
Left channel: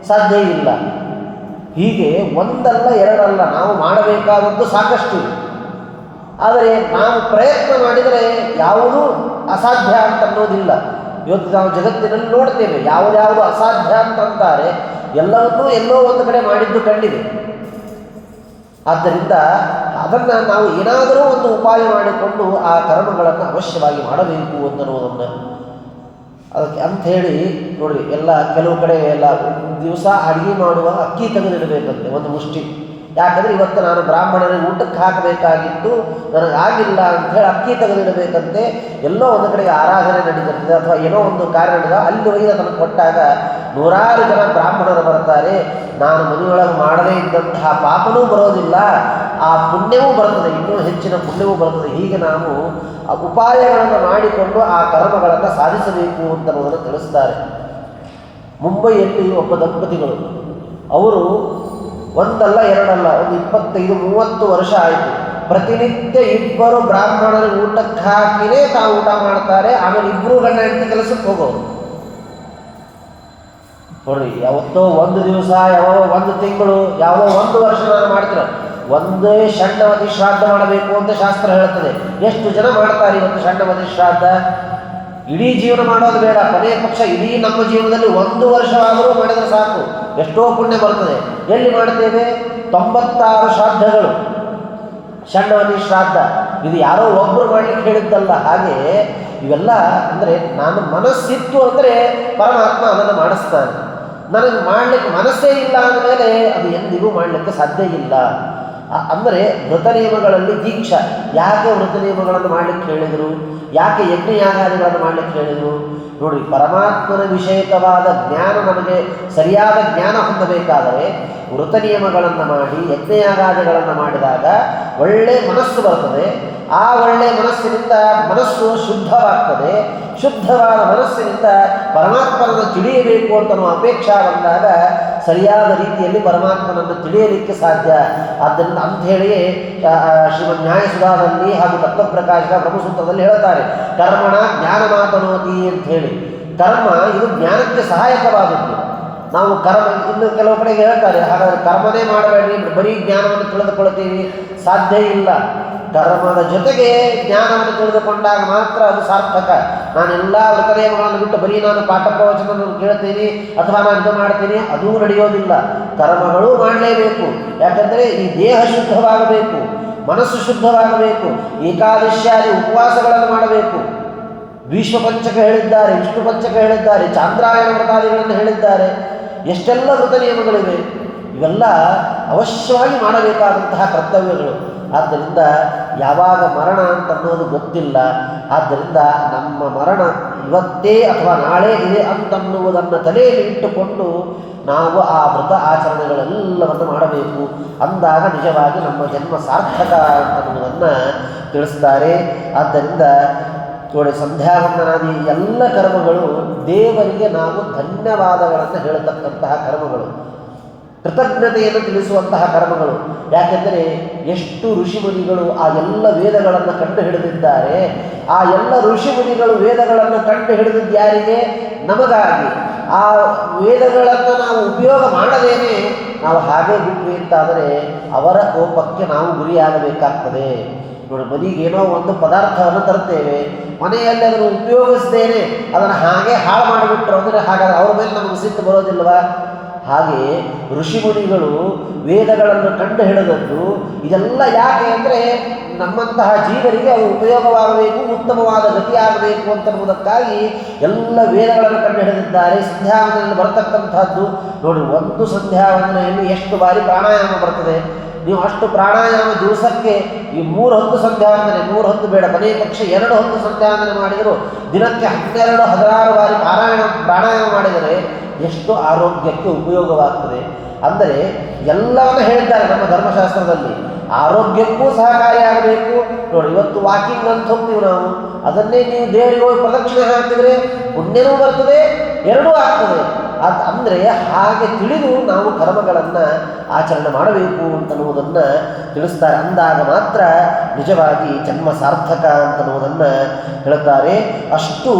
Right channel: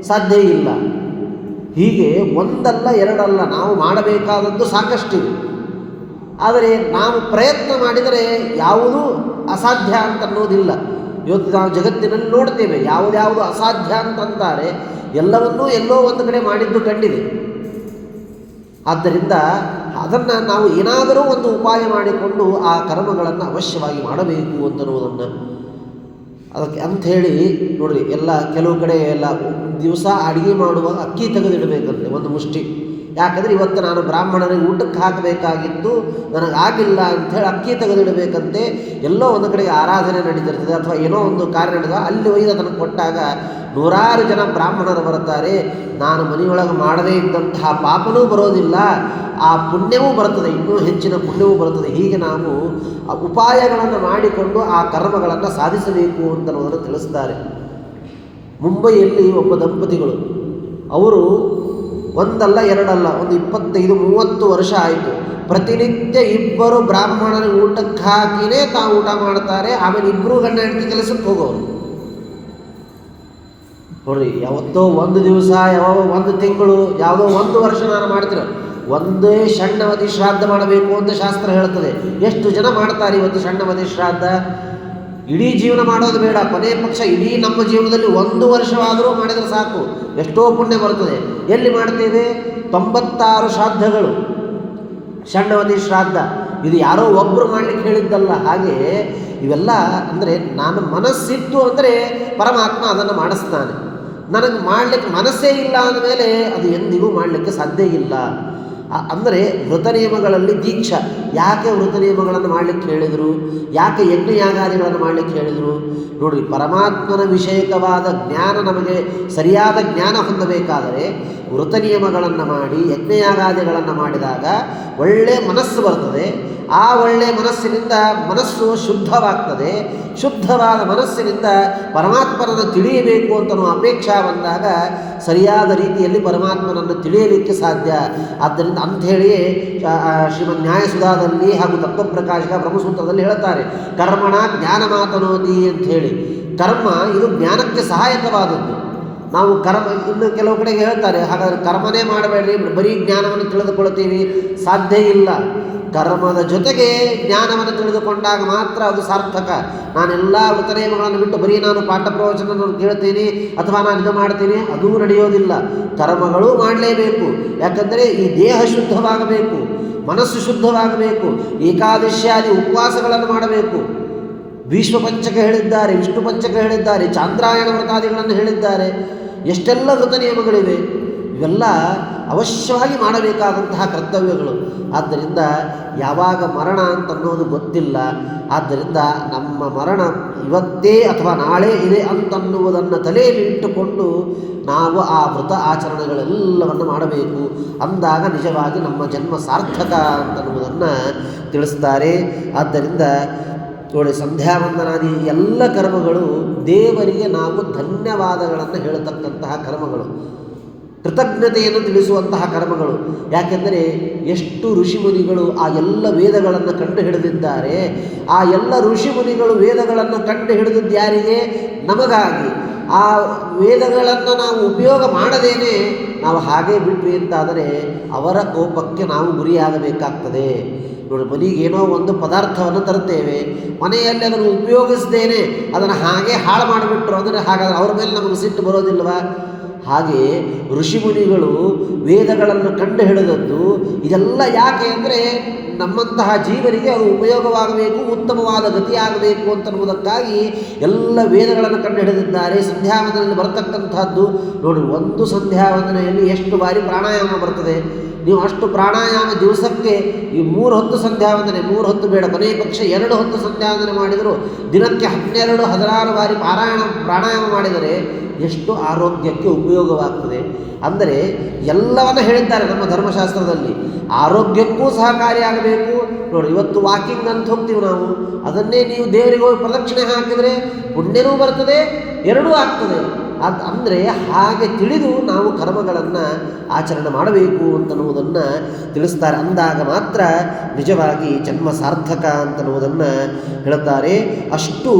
ಸಾಧ್ಯ ಇಲ್ಲ. ಹೀಗೆ ಒಂದಲ್ಲ ಎರಡಲ್ಲ, ನಾವು ಮಾಡಬೇಕಾದದ್ದು ಸಾಕಷ್ಟಿವೆ. ಆದರೆ ನಾವು ಪ್ರಯತ್ನ ಮಾಡಿದರೆ ಯಾವುದೂ ಅಸಾಧ್ಯ ಅಂತನ್ನೋದಿಲ್ಲ. ಇವತ್ತು ನಾವು ಜಗತ್ತಿನಲ್ಲಿ ನೋಡ್ತೇವೆ, ಯಾವುದ್ಯಾವುದು ಅಸಾಧ್ಯ ಅಂತಂತಾರೆ ಎಲ್ಲವನ್ನೂ ಎಲ್ಲೋ ಒಂದು ಕಡೆ ಮಾಡಿದ್ದು ಕಂಡಿದೆ. ಆದ್ದರಿಂದ ಅದನ್ನು ನಾವು ಏನಾದರೂ ಒಂದು ಉಪಾಯ ಮಾಡಿಕೊಂಡು ಆ ಕರ್ಮಗಳನ್ನು ಅವಶ್ಯವಾಗಿ ಮಾಡಬೇಕು ಅಂತನ್ನುವುದನ್ನು ಅದಕ್ಕೆ ಅಂಥೇಳಿ ನೋಡಿರಿ. ಎಲ್ಲ ಕೆಲವು ಕಡೆ ಎಲ್ಲ ದಿವಸ ಅಡುಗೆ ಮಾಡುವ ಅಕ್ಕಿ ತೆಗೆದಿಡಬೇಕಂತೆ, ಒಂದು ಮುಷ್ಟಿ. ಯಾಕಂದರೆ ಇವತ್ತು ನಾನು ಬ್ರಾಹ್ಮಣರಿಗೆ ಊಟಕ್ಕೆ ಹಾಕಬೇಕಾಗಿದ್ದು ನನಗಾಗಿಲ್ಲ ಅಂಥೇಳಿ ಅಕ್ಕಿ ತೆಗೆದಿಡಬೇಕಂತೆ. ಎಲ್ಲೋ ಒಂದು ಕಡೆ ಆರಾಧನೆ ನಡೀತಿರ್ತದೆ ಅಥವಾ ಏನೋ ಒಂದು ಕಾರ್ಯ ನಡೆದ ಅಲ್ಲಿ ಒಯ್ದು ಅದನ್ನು ಕೊಟ್ಟಾಗ 100 ಜನ ಬ್ರಾಹ್ಮಣರು ಬರ್ತಾರೆ. ನಾನು ಮನೆಯೊಳಗೆ ಮಾಡದೇ ಇದ್ದಂತಹ ಪಾಪನೂ ಬರೋದಿಲ್ಲ, ಆ ಪುಣ್ಯವೂ ಬರ್ತದೆ, ಇನ್ನೂ ಹೆಚ್ಚಿನ ಪುಣ್ಯವೂ ಬರ್ತದೆ. ಹೀಗೆ ನಾವು ಆ ಉಪಾಯಗಳನ್ನು ಮಾಡಿಕೊಂಡು ಆ ಕರ್ಮಗಳನ್ನು ಸಾಧಿಸಬೇಕು ಅಂತನ್ನುವುದನ್ನು ತಿಳಿಸ್ತಾರೆ. ಮುಂಬೈಯಲ್ಲಿ ಒಬ್ಬ ದಂಪತಿಗಳು, ಅವರು ಒಂದಲ್ಲ ಎರಡಲ್ಲ, ಒಂದು 25-30 ವರ್ಷ ಆಯಿತು. ಪ್ರತಿನಿತ್ಯ 2 ಬ್ರಾಹ್ಮಣರ ಊಟಕ್ಕೆ ಹಾಕಿನೇ ತಾವು ಊಟ ಮಾಡ್ತಾರೆ. ಆಮೇಲೆ 2 ಗಂಡ ಹೆಂಡತಿ ಕೆಲಸಕ್ಕೆ ಹೋಗೋರು. ನೋಡ್ರಿ, ಯಾವತ್ತೋ ಒಂದು ದಿವಸ, ಯಾವ ಒಂದು ತಿಂಗಳು, ಯಾವ ಒಂದು ವರ್ಷ ನಾನು ಮಾಡ್ತೀರ. ಒಂದೇ ಷಣ್ಣವತಿ ಶ್ರಾದ್ದ ಮಾಡಬೇಕು ಅಂತ ಶಾಸ್ತ್ರ ಹೇಳ್ತದೆ. ಎಷ್ಟು ಜನ ಮಾಡ್ತಾರೆ ಇವತ್ತು ಷಣ್ಣವತಿ ಶ್ರಾದ್ದ? ಇಡೀ ಜೀವನ ಮಾಡೋದು ಬೇಡ, ಕೊನೆಯ ಪಕ್ಷ ಇಡೀ ನಮ್ಮ ಜೀವನದಲ್ಲಿ 1 ವರ್ಷವಾದರೂ ಮಾಡಿದರೆ ಸಾಕು, ಎಷ್ಟೋ ಪುಣ್ಯ ಬರ್ತದೆ. ಎಲ್ಲಿ ಮಾಡ್ತೇವೆ? 96 ಶ್ರಾದ್ದಗಳು, ಷಣ್ಣವತಿ ಶ್ರಾದ್ದ. ಇದು ಯಾರೋ ಒಬ್ಬರು ಮಾಡಲಿಕ್ಕೆ ಹೇಳಿದ್ದಲ್ಲ. ಹಾಗೆ ಇವೆಲ್ಲ ಅಂದರೆ ನಾನು ಮನಸ್ಸಿತ್ತು ಅಂದರೆ ಪರಮಾತ್ಮ ಅದನ್ನು ಮಾಡಿಸ್ತಾನೆ. ನನಗೆ ಮಾಡಲಿಕ್ಕೆ ಮನಸ್ಸೇ ಇಲ್ಲ ಅಂದಮೇಲೆ ಅದು ಎಂದಿಗೂ ಮಾಡಲಿಕ್ಕೆ ಸಾಧ್ಯ ಇಲ್ಲ. ಅಂದರೆ ವೃತ ನಿಯಮಗಳಲ್ಲಿ ದೀಕ್ಷಾ. ಯಾಕೆ ವೃತ ನಿಯಮಗಳನ್ನು ಮಾಡಲಿಕ್ಕೆ ಹೇಳಿದರು? ಯಾಕೆ ಯಜ್ಞಯಾಗಾದಿಗಳನ್ನು ಮಾಡಲಿಕ್ಕೆ ಹೇಳಿದರು? ನೋಡಿರಿ, ಪರಮಾತ್ಮನ ವಿಷಯಕವಾದ ಜ್ಞಾನ ನಮಗೆ ಸರಿಯಾದ ಜ್ಞಾನ ಹೊಂದಬೇಕಾದರೆ ವೃತ ನಿಯಮಗಳನ್ನು ಮಾಡಿ ಯಜ್ಞಯಾಗಾದಿಗಳನ್ನು ಮಾಡಿದಾಗ ಒಳ್ಳೆಯ ಮನಸ್ಸು ಬರ್ತದೆ. ಆ ಒಳ್ಳೆಯ ಮನಸ್ಸಿನಿಂದ ಮನಸ್ಸು ಶುದ್ಧವಾಗ್ತದೆ. ಶುದ್ಧವಾದ ಮನಸ್ಸಿನಿಂದ ಪರಮಾತ್ಮನನ್ನು ತಿಳಿಯಬೇಕು ಅಂತ ಅಪೇಕ್ಷೆ ಬಂದಾಗ ಸರಿಯಾದ ರೀತಿಯಲ್ಲಿ ಪರಮಾತ್ಮನನ್ನು ತಿಳಿಯಲಿಕ್ಕೆ ಸಾಧ್ಯ. ಆದ್ದರಿಂದ ಅಂಥೇಳಿಯೇ ಶ್ರೀಮದ್ ನ್ಯಾಯಸುಧಾದಲ್ಲಿ ಹಾಗೂ ತತ್ವಪ್ರಕಾಶದ ಬ್ರಹ್ಮಸೂತ್ರದಲ್ಲಿ ಹೇಳ್ತಾರೆ, ಕರ್ಮಣ ಜ್ಞಾನ ಮಾತನೋತಿ ಅಂಥೇಳಿ. ಕರ್ಮ ಇದು ಜ್ಞಾನಕ್ಕೆ ಸಹಾಯಕವಾದದ್ದು. ನಾವು ಕರ್ಮ, ಇನ್ನು ಕೆಲವು ಕಡೆಗೆ ಹೇಳ್ತಾರೆ, ಹಾಗಾದರೆ ಕರ್ಮನೇ ಮಾಡಬೇಡ್ರಿ, ಬರೀ ಜ್ಞಾನವನ್ನು ತಿಳಿದುಕೊಳ್ತೀವಿ. ಸಾಧ್ಯ ಇಲ್ಲ. ಕರ್ಮದ ಜೊತೆಗೆ ಜ್ಞಾನವನ್ನು ತಿಳಿದುಕೊಂಡಾಗ ಮಾತ್ರ ಅದು ಸಾರ್ಥಕ. ನಾನೆಲ್ಲ ವೃತನಿಯಮಗಳನ್ನು ಬಿಟ್ಟು ಬರೀ ನಾನು ಪಾಠ ಪ್ರವಚನವನ್ನು ಕೇಳ್ತೀನಿ ಅಥವಾ ನಾನು ಇದು ಮಾಡ್ತೀನಿ, ಅದೂ ನಡೆಯೋದಿಲ್ಲ. ಕರ್ಮಗಳು ಮಾಡಲೇಬೇಕು. ಯಾಕಂದರೆ ಈ ದೇಹ ಶುದ್ಧವಾಗಬೇಕು, ಮನಸ್ಸು ಶುದ್ಧವಾಗಬೇಕು. ಏಕಾದಶಿಯಾದಿ ಉಪವಾಸಗಳನ್ನು ಮಾಡಬೇಕು. ಭೀಷ್ಮ ಪಂಚಕ ಹೇಳಿದ್ದಾರೆ, ವಿಷ್ಣು ಪಂಚಕ ಹೇಳಿದ್ದಾರೆ, ಚಾಂದ್ರಾಯಣ ವ್ರತಾದಿಗಳನ್ನು ಹೇಳಿದ್ದಾರೆ. ಎಷ್ಟೆಲ್ಲ ವೃತ ನಿಯಮಗಳಿವೆ. ಇವೆಲ್ಲ ಅವಶ್ಯವಾಗಿ ಮಾಡಬೇಕಾದಂತಹ ಕರ್ತವ್ಯಗಳು. ಆದ್ದರಿಂದ ಯಾವಾಗ ಮರಣ ಅಂತನ್ನೋದು ಗೊತ್ತಿಲ್ಲ. ಆದ್ದರಿಂದ ನಮ್ಮ ಮರಣ ಇವತ್ತೇ ಅಥವಾ ನಾಳೆ ಇದೆ ಅಂತನ್ನುವುದನ್ನು ತಲೆಯಲ್ಲಿ ಇಟ್ಟುಕೊಂಡು ನಾವು ಆ ವ್ರತ ಆಚರಣೆಗಳೆಲ್ಲವನ್ನು ಮಾಡಬೇಕು. ಅಂದಾಗ ನಿಜವಾಗಿ ನಮ್ಮ ಜನ್ಮ ಸಾರ್ಥಕ ಅಂತನ್ನುವುದನ್ನು ತಿಳಿಸ್ತಾರೆ. ಆದ್ದರಿಂದ ನೋಡಿ, ಸಂಧ್ಯಾವಂದನಾದಿ ಎಲ್ಲ ಕರ್ಮಗಳು ದೇವರಿಗೆ ನಾವು ಧನ್ಯವಾದಗಳನ್ನು ಹೇಳತಕ್ಕಂತಹ ಕರ್ಮಗಳು. ಕೃತಜ್ಞತೆಯನ್ನು ತಿಳಿಸುವಂತಹ ಕರ್ಮಗಳು. ಯಾಕೆಂದರೆ ಎಷ್ಟು ಋಷಿಮುನಿಗಳು ಆ ಎಲ್ಲ ವೇದಗಳನ್ನು ಕಂಡು ಹಿಡಿದಿದ್ದಾರೆ. ಆ ಎಲ್ಲ ಋಷಿಮುನಿಗಳು ವೇದಗಳನ್ನು ಕಂಡು ಹಿಡಿದಿದ್ದು ಯಾರಿಗೆ? ನಮಗಾಗಿ. ಆ ವೇದಗಳನ್ನು ನಾವು ಉಪಯೋಗ ಮಾಡದೇನೆ ನಾವು ಹಾಗೆ ಬಿಟ್ವಿ ಅಂತಾದರೆ ಅವರ ಕೋಪಕ್ಕೆ ನಾವು ಗುರಿಯಾಗಬೇಕಾಗ್ತದೆ. ನೋಡಿ, ಮನೆಗೇನೋ ಒಂದು ಪದಾರ್ಥವನ್ನು ತರುತ್ತೇವೆ, ಮನೆಯಲ್ಲಿ ಅದನ್ನು ಉಪಯೋಗಿಸದೇನೆ ಅದನ್ನು ಹಾಗೆ ಹಾಳು ಮಾಡಿಬಿಟ್ರು ಅಂದರೆ ಹಾಗಾದರೆ ಅವ್ರ ಮೇಲೆ ನಮಗೆ ಸಿಟ್ಟು ಬರೋದಿಲ್ವಾ? ಹಾಗೆ ಋಷಿಮುನಿಗಳು ವೇದಗಳನ್ನು ಕಂಡು ಹಿಡಿದದ್ದು ಇದೆಲ್ಲ ಯಾಕೆ ಅಂದರೆ ನಮ್ಮಂತಹ ಜೀವರಿಗೆ ಅವು ಉಪಯೋಗವಾಗಬೇಕು, ಉತ್ತಮವಾದ ಗತಿಯಾಗಬೇಕು ಅಂತನ್ನುವುದಕ್ಕಾಗಿ ಎಲ್ಲ ವೇದಗಳನ್ನು ಕಂಡು ಹಿಡಿದಿದ್ದಾರೆ. ಸಂಧ್ಯಾವಂದನೆಯಲ್ಲಿ ಬರತಕ್ಕಂಥದ್ದು ನೋಡಿ, ಒಂದು ಸಂಧ್ಯಾವಂದನೆಯಲ್ಲಿ ಎಷ್ಟು ಬಾರಿ ಪ್ರಾಣಾಯಾಮ ಬರ್ತದೆ. ನೀವು ಅಷ್ಟು ಪ್ರಾಣಾಯಾಮ ದಿವಸಕ್ಕೆ ಈ 3 ಹೊತ್ತು ಸಂಧ್ಯಾವಂದನೆ, 3 ಹೊತ್ತು ಬೇಡ, ಕೊನೆ ಪಕ್ಷ 2 ಹೊತ್ತು ಸಂಧ್ಯಾವಂದನೆ ಮಾಡಿದರೂ ದಿನಕ್ಕೆ 12-16 ಬಾರಿ ಪ್ರಾಣಾಯಾಮ ಮಾಡಿದರೆ ಎಷ್ಟು ಆರೋಗ್ಯಕ್ಕೆ ಉಪಯೋಗವಾಗ್ತದೆ. ಅಂದರೆ ಎಲ್ಲವನ್ನು ಹೇಳಿದ್ದಾರೆ ನಮ್ಮ ಧರ್ಮಶಾಸ್ತ್ರದಲ್ಲಿ. ಆರೋಗ್ಯಕ್ಕೂ ಸಹಕಾರಿಯಾಗಬೇಕು. ನೋಡಿ, ಇವತ್ತು ವಾಕಿಂಗ್ ಅಂತ ಹೋಗ್ತೀವಿ ನಾವು, ಅದನ್ನೇ ನೀವು ದೇವರಿಗೆ ಹೋಗಿ ಪ್ರದಕ್ಷಿಣೆ ಹಾಕಿದರೆ ಪುಣ್ಯನೂ ಬರ್ತದೆ, ಎರಡೂ ಆಗ್ತದೆ. ಅಂದರೆ ಹಾಗೆ ತಿಳಿದು ನಾವು ಕರ್ಮಗಳನ್ನು ಆಚರಣೆ ಮಾಡಬೇಕು ಅಂತನ್ನುವುದನ್ನು ತಿಳಿಸ್ತಾರೆ. ಅಂದಾಗ ಮಾತ್ರ ನಿಜವಾಗಿ ಜನ್ಮ ಸಾರ್ಥಕ ಅಂತನ್ನುವುದನ್ನು ಹೇಳುತ್ತಾರೆ. ಅಷ್ಟು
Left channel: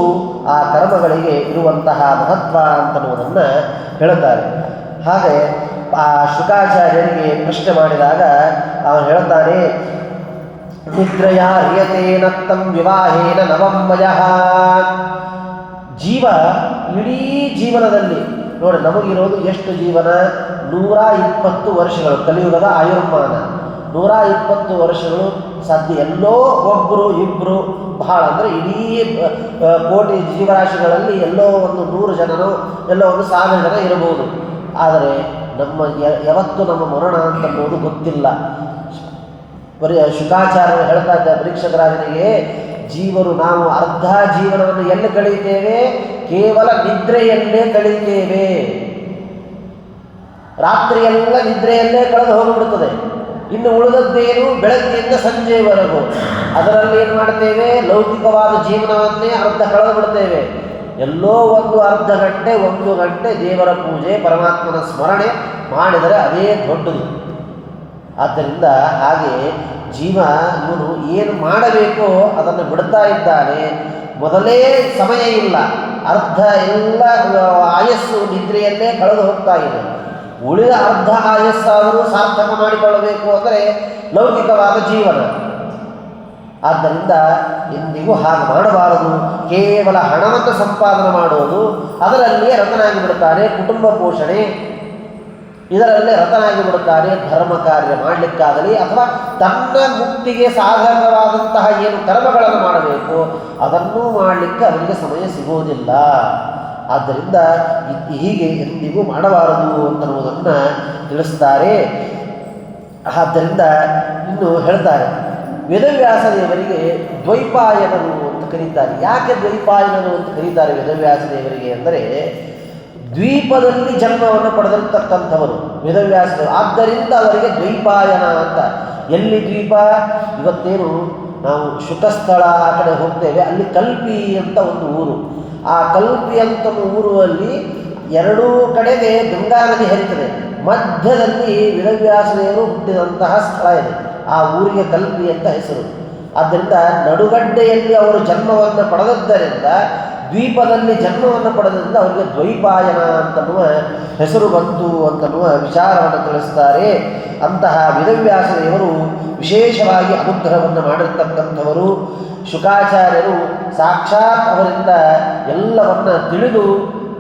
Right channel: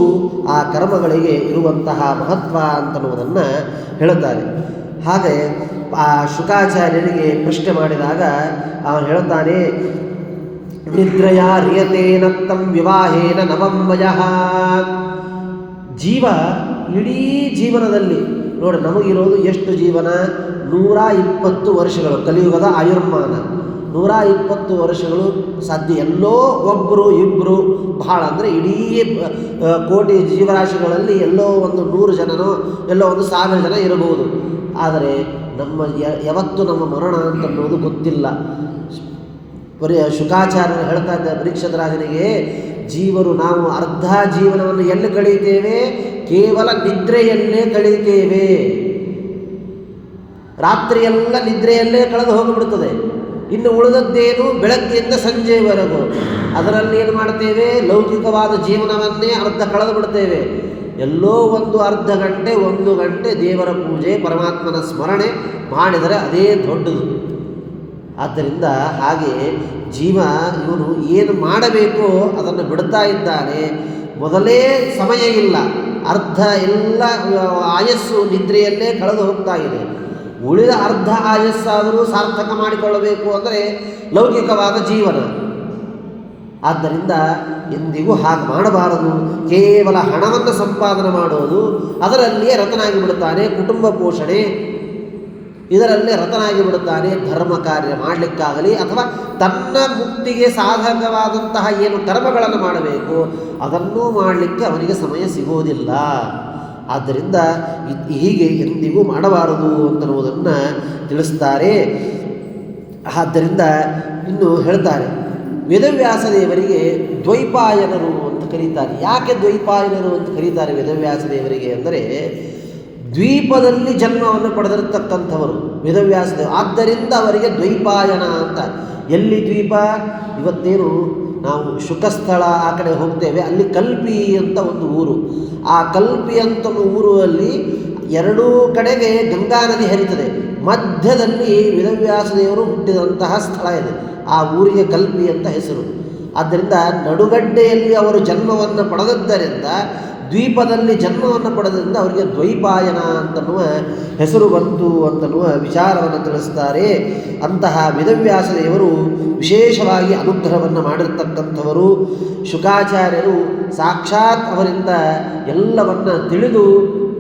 ಆ ಕರ್ಮಗಳಿಗೆ ಇರುವಂತಹ ಮಹತ್ವ ಅಂತನ್ನುವುದನ್ನು ಹೇಳುತ್ತಾರೆ. ಹಾಗೆ ಆ ಶುಕಾಚಾರ್ಯರಿಗೆ ಪ್ರಶ್ನೆ ಮಾಡಿದಾಗ ಅವನು ಹೇಳುತ್ತಾನೆ, ನಿದ್ರಯ ರಿಯತೇನ ತಂ ವಿವಾಹೇನ ನವಂ ವಯಃ. ಜೀವ ಇಡೀ ಜೀವನದಲ್ಲಿ ನೋಡಿ, ನಮಗಿರೋದು ಎಷ್ಟು ಜೀವನ? 120 ವರ್ಷಗಳು. ಕಲಿಯುಗದ ಆಯುರ್ಮಾನ 120 ವರ್ಷಗಳು ಸಾಧ್ಯ. ಎಲ್ಲೋ ಒಬ್ಬರು ಇಬ್ಬರು, ಬಹಳ ಅಂದರೆ ಇಡೀ ಕೋಟಿ ಜೀವರಾಶಿಗಳಲ್ಲಿ ಎಲ್ಲೋ ಒಂದು 100 ಜನರು, ಎಲ್ಲೋ ಒಂದು 1000 ಜನ ಇರಬಹುದು. ಆದರೆ ಯಾವತ್ತೂ ನಮ್ಮ ಮರಣ ಅಂತನ್ನೋದು ಗೊತ್ತಿಲ್ಲ. ಶುಕಾಚಾರ್ಯರು ಹೇಳ್ತಾ ಇದ್ದ ಪರೀಕ್ಷಕರಾಜನಿಗೆ, ಜೀವರು ನಾವು ಅರ್ಧ ಜೀವನವನ್ನು ಎಲ್ಲಿ ಕಳೀತೇವೆ? ಕೇವಲ ನಿದ್ರೆಯಲ್ಲೇ ಕಳೀತೇವೆ. ರಾತ್ರಿಯೆಲ್ಲ ನಿದ್ರೆಯಲ್ಲೇ ಕಳೆದು ಹೋಗಿಬಿಡ್ತದೆ. ಇನ್ನು ಉಳಿದದ್ದೇನು ಬೆಳಗ್ಗೆಯಿಂದ ಸಂಜೆಯವರೆಗೂ. ಅದರಲ್ಲಿ ಏನು ಮಾಡ್ತೇವೆ? ಲೌಕಿಕವಾದ ಜೀವನವನ್ನೇ ಅರ್ಧ ಕಳೆದು ಬಿಡ್ತೇವೆ. ಎಲ್ಲೋ ಒಂದು ಅರ್ಧ ಗಂಟೆ 1 ಗಂಟೆ ದೇವರ ಪೂಜೆ, ಪರಮಾತ್ಮನ ಸ್ಮರಣೆ ಮಾಡಿದರೆ ಅದೇ ದೊಡ್ಡದು. ಆದ್ದರಿಂದ ಹಾಗೆ ಜೀವ ಇವನು ಏನು ಮಾಡಬೇಕೋ ಅದನ್ನು ಬಿಡ್ತಾ ಇದ್ದಾನೆ. ಮೊದಲೇ ಸಮಯ ಇಲ್ಲ, ಅರ್ಧ ಎಲ್ಲ ಆಯಸ್ಸು ನಿದ್ರೆಯಲ್ಲೇ ಕಳೆದು ಹೋಗ್ತಾ ಇದೆ. ಉಳಿದ ಅರ್ಧ ಆಯಸ್ಸಾದರೂ ಸಾರ್ಥಕ ಮಾಡಿಕೊಳ್ಳಬೇಕು ಅಂದರೆ ಲೌಕಿಕವಾದ ಜೀವನ. ಆದ್ದರಿಂದ ಎಂದಿಗೂ ಹಾಗೆ ಮಾಡಬಾರದು. ಕೇವಲ ಹಣವನ್ನು ಸಂಪಾದನೆ ಮಾಡೋದು, ಅದರಲ್ಲಿಯೇ ರತನಾಗಿ ಬಿಡುತ್ತಾನೆ. ಕುಟುಂಬ ಪೋಷಣೆ ಇದರಲ್ಲೇ ರತನಾಗಿ ಬಿಡುತ್ತಾನೆ. ಧರ್ಮ ಕಾರ್ಯ ಮಾಡಲಿಕ್ಕಾಗಲಿ ಅಥವಾ ತನ್ನ ಮುಕ್ತಿಗೆ ಸಾಧಕವಾದಂತಹ ಏನು ಕರ್ಮಗಳನ್ನು ಮಾಡಬೇಕು ಅದನ್ನೂ ಮಾಡಲಿಕ್ಕೆ ಅವನಿಗೆ ಸಮಯ ಸಿಗುವುದಿಲ್ಲ. ಆದ್ದರಿಂದ ಹೀಗೆ ಎಂದಿಗೂ ಮಾಡಬಾರದು ಅಂತನ್ನುವುದನ್ನು ತಿಳಿಸ್ತಾರೆ. ಆದ್ದರಿಂದ ಇನ್ನು ಹೇಳ್ತಾರೆ, ವೇದವ್ಯಾಸ ದೇವರಿಗೆ ದ್ವೈಪಾಯನರು ಅಂತ ಕರೀತಾರೆ. ಯಾಕೆ ದ್ವೈಪಾಯನರು ಅಂತ ಕರೀತಾರೆ ವೇದವ್ಯಾಸ ದೇವರಿಗೆ ಅಂದರೆ, ದ್ವೀಪದಲ್ಲಿ ಜನ್ಮವನ್ನು ಪಡೆದಿರತಕ್ಕಂಥವರು ವೇದವ್ಯಾಸದೇವರು. ಆದ್ದರಿಂದ ಅವರಿಗೆ ದ್ವೈಪಾಯನ ಅಂತ. ಎಲ್ಲಿ ದ್ವೀಪ? ಇವತ್ತೇನು ನಾವು ಶುಕಸ್ಥಳ ಆ ಕಡೆ ಹೋಗ್ತೇವೆ, ಅಲ್ಲಿ ಕಲ್ಪಿ ಅಂತ ಒಂದು ಊರು. ಆ ಕಲ್ಪಿ ಅಂತ ಊರಲ್ಲಿ 2 ಕಡೆಗೆ ಗಂಗಾ ನದಿ ಹರಿತದೆ. ಮಧ್ಯದಲ್ಲಿ ವೇದವ್ಯಾಸದೇವರು ಹುಟ್ಟಿದಂತಹ ಸ್ಥಳ ಇದೆ. ಆ ಊರಿಗೆ ಕಲ್ಪಿ ಅಂತ ಹೆಸರು. ಆದ್ದರಿಂದ ನಡುಗಡ್ಡೆಯಲ್ಲಿ ಅವರು ಜನ್ಮವನ್ನು ಪಡೆದದ್ದರಿಂದ, ದ್ವೀಪದಲ್ಲಿ ಜನ್ಮವನ್ನು ಪಡೆದ್ರಿಂದ ಅವರಿಗೆ ದ್ವೈಪಾಯನ ಅಂತನ್ನುವ ಹೆಸರು ಬಂತು ಅಂತನ್ನುವ ವಿಚಾರವನ್ನು ತಿಳಿಸ್ತಾರೆ. ಅಂತಹ ವೇದವ್ಯಾಸದೇವರು ವಿಶೇಷವಾಗಿ ಅನುಗ್ರಹವನ್ನು ಮಾಡಿರ್ತಕ್ಕಂಥವರು. ಶುಕಾಚಾರ್ಯರು ಸಾಕ್ಷಾತ್ ಅವರಿಂದ ಎಲ್ಲವನ್ನ ತಿಳಿದು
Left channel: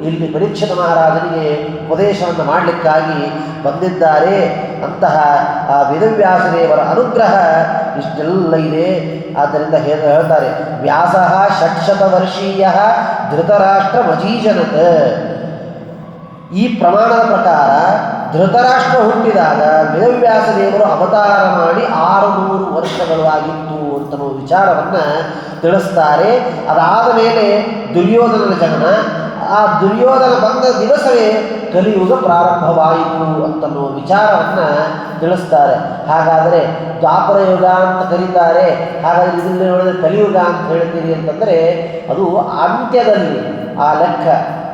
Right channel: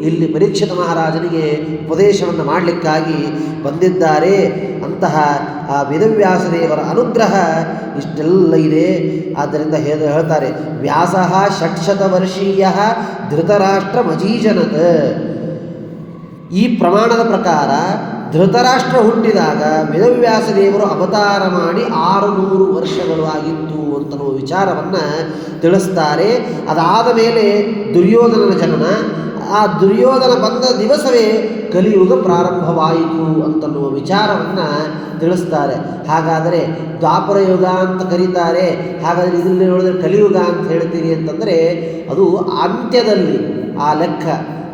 ಇಲ್ಲಿ ಪರೀಕ್ಷಿತ ಮಹಾರಾಜನಿಗೆ ಉಪದೇಶವನ್ನು ಮಾಡಲಿಕ್ಕಾಗಿ ಬಂದಿದ್ದಾರೆ. ಅಂತಹ ಆ ವೇದವ್ಯಾಸದೇವರ ಅನುಗ್ರಹ ಇಷ್ಟೆಲ್ಲ ಇದೆ. ಆದ್ದರಿಂದ ಹೇಳ್ತಾರೆ, ವ್ಯಾಸ 600 ವರ್ಷೀಯ ಧೃತರಾಷ್ಟ್ರ ಮಜೀಜನತ. ಈ ಪ್ರಮಾಣದ ಪ್ರಕಾರ ಧೃತರಾಷ್ಟ್ರ ಹುಟ್ಟಿದಾಗ ವೇದವ್ಯಾಸದೇವರು ಅವತಾರ ಮಾಡಿ 600 ವರ್ಷಗಳು ಆಗಿತ್ತು ಅಂತನ್ನುವ ವಿಚಾರವನ್ನು ತಿಳಿಸ್ತಾರೆ. ಅದಾದ ಮೇಲೆ ದುರ್ಯೋಧನನ ಜನನ, ಆ ದುರ್ಯೋಧನ ಬಂದ ದಿವಸವೇ ಕಲಿಯುಗ ಪ್ರಾರಂಭವಾಯಿತು ಅಂತನ್ನುವ ವಿಚಾರವನ್ನು ತಿಳಿಸ್ತಾರೆ. ಹಾಗಾದರೆ ದ್ವಾಪರ ಯುಗ ಅಂತ ಕರೀತಾರೆ, ಹಾಗಾದರೆ ಇದರಲ್ಲಿ ನೋಡಿದರೆ ಕಲಿಯುಗ ಅಂತ ಹೇಳ್ತೀರಿ ಅಂತಂದರೆ ಅದು ಅಂತ್ಯದಲ್ಲಿ ಆ ಲೆಕ್ಕ.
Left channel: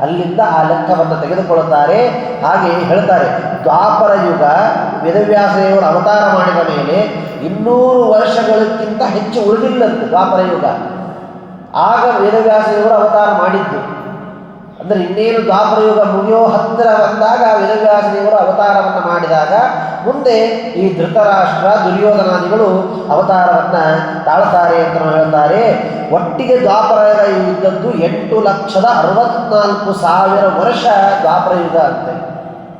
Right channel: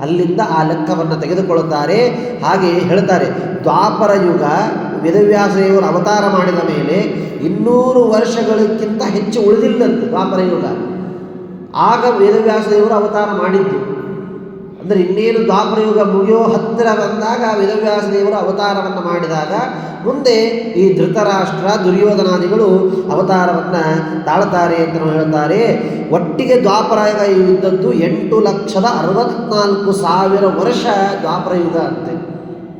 ಅಲ್ಲಿಂದ ಆ ಲೆಕ್ಕವನ್ನು ತೆಗೆದುಕೊಳ್ಳುತ್ತಾರೆ. ಹಾಗೆ ಹೇಳ್ತಾರೆ, ದ್ವಾಪರ ಯುಗ ವೇದವ್ಯಾಸದೇವರು ಅವತಾರ ಮಾಡಿದ ಮೇಲೆ 200 ವರ್ಷಗಳಕ್ಕಿಂತ ಹೆಚ್ಚು ಉಳಿದಿಲ್ಲಂತೆ ದ್ವಾಪರ ಯುಗ. ಆಗ ವೇದವ್ಯಾಸದೇವರು ಅವತಾರ ಮಾಡಿದ್ದು. ಅಂದರೆ ಇನ್ನೇನು ದ್ವಾಪರ ಯುಗ ಮುಗಿಯೋ ಹತ್ತಿರ ಬಂದಾಗ ವೇದವ್ಯಾಸದೇವರು ಅವತಾರವನ್ನು ಮಾಡಿದಾಗ ಮುಂದೆ ಈ ಧೃತರಾಷ್ಟ್ರ ದುರ್ಯೋಧನಾದಿಗಳು ಅವತಾರವನ್ನು ತಾಳ್ತಾರೆ ಅಂತ ಹೇಳ್ತಾರೆ. ಒಟ್ಟಿಗೆ ದ್ವಾಪರ ಯುಗ ಇದ್ದದ್ದು 8,64,000 ವರ್ಷ ದ್ವಾಪರ ಯುಗ ಅಂತೆ.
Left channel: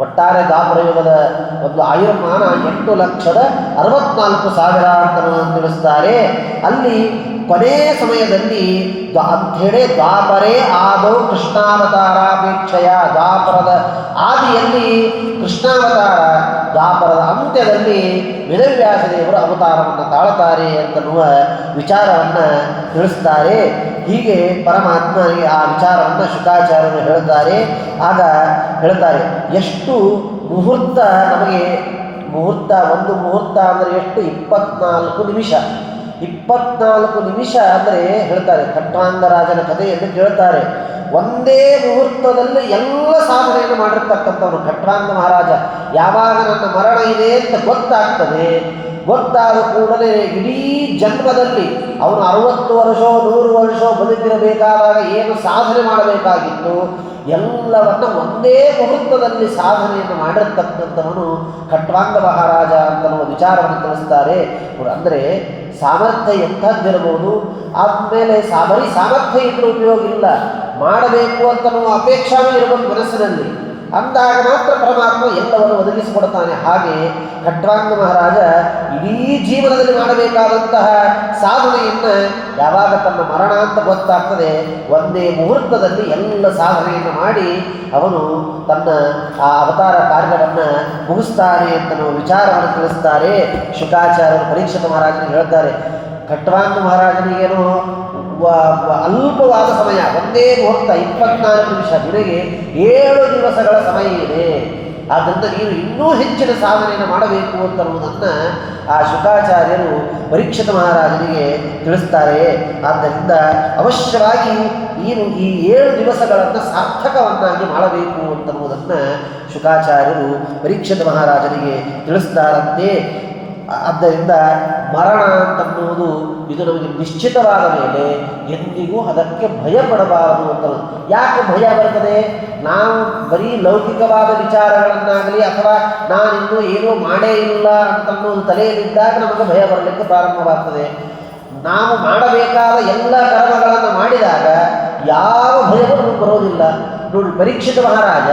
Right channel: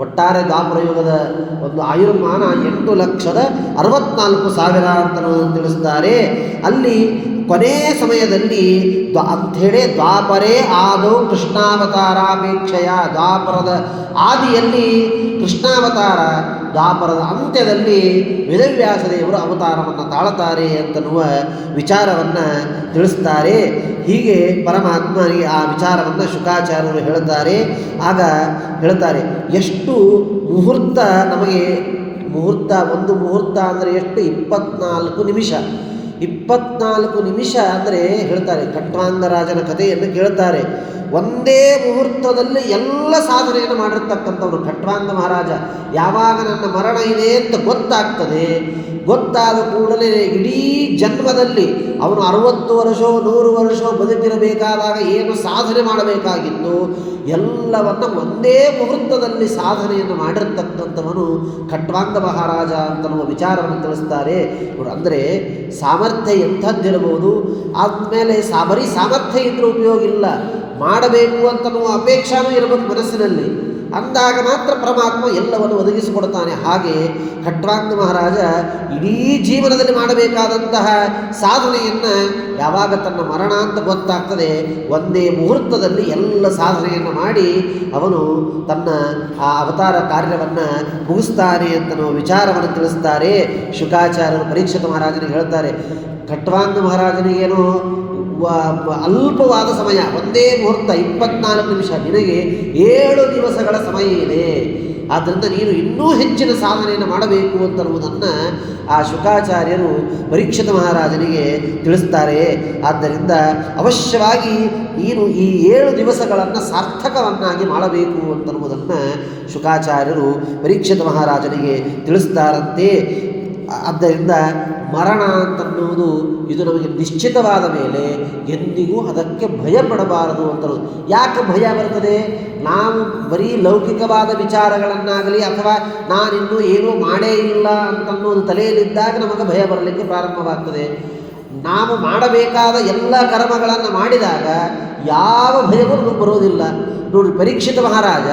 ಒಟ್ಟಾರೆ ದ್ವಾಪರ ಯುಗದ ಒಂದು ಆಯುರ್ಮಾನ 8,64,000 ಅಂತ ತಿಳಿಸ್ತಾರೆ. ಅಲ್ಲಿ ಕೊನೆ ಸಮಯದಲ್ಲಿ ಅಂಥೇಳಿ ದ್ವಾಪರೇ ಆದೌ ಕೃಷ್ಣಾವತಾರಾಪೇಕ್ಷೆಯ, ದ್ವಾಪರದ ಆದಿಯಲ್ಲಿ ಕೃಷ್ಣಾವತಾರ, ದ್ವಾಪರದ ಅಂತ್ಯದಲ್ಲಿ ವೇದವ್ಯಾಸದೇವರು ಅವತಾರವನ್ನು ತಾಳುತ್ತಾರೆ ಅಂತನ್ನುವ ವಿಚಾರವನ್ನು ತಿಳಿಸ್ತಾರೆ. ಹೀಗೆ ಪರಮಾತ್ಮನಿಗೆ ಆ ವಿಚಾರವನ್ನು ಶುಕಾಚಾರ್ಯರು ಹೇಳ್ತಾರೆ. ಆಗ ಹೇಳ್ತಾರೆ, ಎಷ್ಟು ಮುಹೂರ್ತ ನಮಗೆ ಮುಹೂರ್ತ, ಒಂದು ಮುಹೂರ್ತ ಅಂದರೆ ಎಷ್ಟು? 24 ನಿಮಿಷ. 24 ನಿಮಿಷ ಅಂದರೆ ಹೇಳ್ತಾರೆ, ಖಟ್ವಾಂಗರಾಜನ ಕಥೆಯನ್ನು ಕೇಳ್ತಾರೆ. ಒಂದೇ ಮುಹೂರ್ತದಲ್ಲಿ ಎಲ್ಲ ಸಾಧನೆಯನ್ನು ಮಾಡಿರ್ತಕ್ಕಂಥವ್ರು ಖಟ್ವಾಂಗ ಮಹಾರಾಜ. ಯಾವಾಗ ನನ್ನ ಮರಣ ಇದೆ ಅಂತ ಗೊತ್ತಾದ ಕೂಡಲೇ ಇಡೀ ಜನ್ಮದಲ್ಲಿ ಅವನು 60 ವರ್ಷ 100 ವರ್ಷ ಬದುಕಿರಬೇಕಾದಾಗ ಏನು ಸಾಧನೆ ಮಾಡಬೇಕಾಗಿತ್ತು ಎಲ್ಲವನ್ನು ಒಂದೇ ಮುಹೂರ್ತದಲ್ಲಿ ಸಾಧನೆಯನ್ನು ಮಾಡಿರ್ತಕ್ಕಂಥವನು ಖಟ್ವಾಂಗ ಮಹಾರಾಜ ಅಂತನ್ನುವ ವಿಚಾರವನ್ನು ತಿಳಿಸ್ತಾರೆ. ಅಂದರೆ ಸಾಮರ್ಥ್ಯ ಎಂಥದ್ದಿರಬಹುದು. ಆದಮೇಲೆ ಬರೀ ಸಾಮರ್ಥ್ಯ ಇದ್ರೂ ಉಪಯೋಗ ಇಲ್ಲ, ಮಾಡಬೇಕು ಅಂತನ್ನುವ ಅಪೇಕ್ಷಾನೂ ಇರಬೇಕು ಮನಸ್ಸಿನಲ್ಲಿ. ಅಂದಾಗ ಮಾತ್ರ ಪರಮಾತ್ಮ ಎಲ್ಲವನ್ನು ಒದಗಿಸಿಕೊಡ್ತಾನೆ. ಹಾಗೆ ಖಟ್ವಾಂಗ ಮಹಾರಾಜ ಇಡೀ ಜೀವನದಲ್ಲಿ ಮಾಡಬೇಕಾದಂತಹ ಸಾಧನೆಯನ್ನು ಯಾವಾಗ ತನ್ನ ಮರಣ ಅಂತ ಗೊತ್ತಾಗ್ತದೆ ಒಂದೇ ಮುಹೂರ್ತದಲ್ಲಿ ಎಲ್ಲ ಸಾಧನೆಯನ್ನು ಮಾಡಿ ಅವನು ತನ್ನ ಆ ಅವತಾರ ಕಾರ್ಯವನ್ನು ಮುಗಿಸ್ತಾನೆ ಅಂತ ನಾವು ವಿಚಾರವನ್ನು ತಿಳಿಸ್ತಾರೆ. ಶುಕಾಚಾರ್ಯರು ಪರೀಕ್ಷಿತ ಮಹಾರಾಜನಿಗೆ ಹೇಳ್ತಾರೆ, ಖಟ್ವಾಂಗ ಮಹಾರಾಜನಿಗೇನು ಅಲ್ಪವಾದ ಸಮಯ, ಒಂದೇ ಮುಹೂರ್ತ 24 ನಿಮಿಷ, ನಿನಗೆ 7 ದಿವಸಗಳ ಸಮಯ ಇದೆ. ಆದ್ದರಿಂದ ನೀನು ಇನ್ನೂ ಹೆಚ್ಚಿನ ಸಾಧನೆಯನ್ನು ಮಾಡಬೇಕು ಅಂತನ್ನುವುದನ್ನು ಆ ಶುಕಾಚಾರ್ಯರು ಪರೀಕ್ಷಿತ ಮಹಾರಾಜನಿಗೆ ತಿಳಿಸ್ತಾರೆ. ಆದ್ದರಿಂದ ಅವಶ್ಯವಾಗಿ ನೀನು ಈ 7 ದಿವಸಗಳನ್ನು ಸಾರ್ಥಕವನ್ನಾಗಿ ಮಾಡಬೇಕು ಅಂತನ್ನುವುದನ್ನು ಶುಕಾಚಾರ್ಯರು ಪರೀಕ್ಷಿತ ಮಹಾರಾಜನಿಗೆ ತಿಳಿಸ್ತಾರಂತೆ. ಆದ್ದರಿಂದ ಮರಣ ಅಂತನ್ನುವುದು ಇದು ನಮಗೆ ನಿಶ್ಚಿತವಾದ ಮೇಲೆ ಎಂದಿಗೂ ಅದಕ್ಕೆ ಭಯ ಪಡಬಾರದು ಅಂತ. ಯಾಕೆ ಭಯ ಬರ್ತದೆ? ನಾವು ಬರೀ ಲೌಕಿಕವಾದ ವಿಚಾರಗಳನ್ನಾಗಲಿ ಅಥವಾ ನಾನಿನ್ನೂ ಏನೂ ಮಾಡೇ ಇಲ್ಲ ಅಂತನ್ನೋದು ತಲೆಯಲ್ಲಿದ್ದಾಗ ನಮಗೆ ಭಯ ಬರಲಿಕ್ಕೆ ಪ್ರಾರಂಭವಾಗ್ತದೆ. ನಾವು ಮಾಡಬೇಕಾದ ಎಲ್ಲ ಕರ್ಮಗಳನ್ನು ಮಾಡಿದಾಗ ಯಾವ ಭಯವೂ ನಮಗೆ ಬರೋದಿಲ್ಲ. ನೋಡಿ, ಪರೀಕ್ಷಿತ ಮಹಾರಾಜ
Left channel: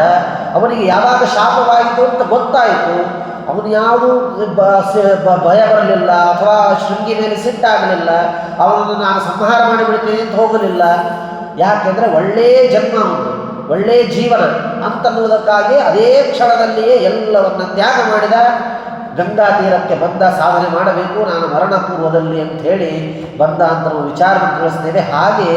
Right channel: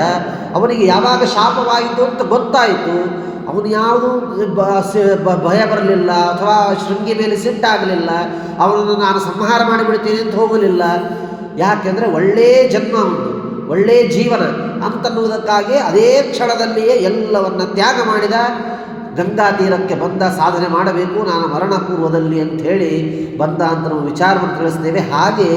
ಅವನಿಗೆ ಯಾವಾಗ ಶಾಪವಾಯಿತು ಅಂತ ಗೊತ್ತಾಯಿತು, ಅವನು ಯಾವುದು ಭಯ ಬರಲಿಲ್ಲ ಅಥವಾ ಶೃಂಗಿ ಮೇಲೆ ಸಿಟ್ಟಾಗಲಿಲ್ಲ, ಅವನನ್ನು ನಾನು ಸಂಹಾರ ಮಾಡಿಬಿಡ್ತೀನಿ ಅಂತ ಹೋಗಲಿಲ್ಲ. ಯಾಕೆಂದರೆ ಒಳ್ಳೆಯ ಜನ್ಮ, ಉಂಟು ಒಳ್ಳೆಯ ಜೀವನ ಅಂತನ್ನುವುದಕ್ಕಾಗಿ ಅದೇ ಕ್ಷಣದಲ್ಲಿಯೇ ಎಲ್ಲವನ್ನು ತ್ಯಾಗ ಮಾಡಿದ. ಗಂಗಾ ತೀರಕ್ಕೆ ಬಂದ, ಸಾಧನೆ ಮಾಡಬೇಕು ನಾನು ಮರಣ ಪೂರ್ವದಲ್ಲಿ ಅಂತ ಹೇಳಿ ಬಂದ ಅಂತ ನಾವು ವಿಚಾರವನ್ನು ತಿಳಿಸ್ತೇವೆ. ಹಾಗೆ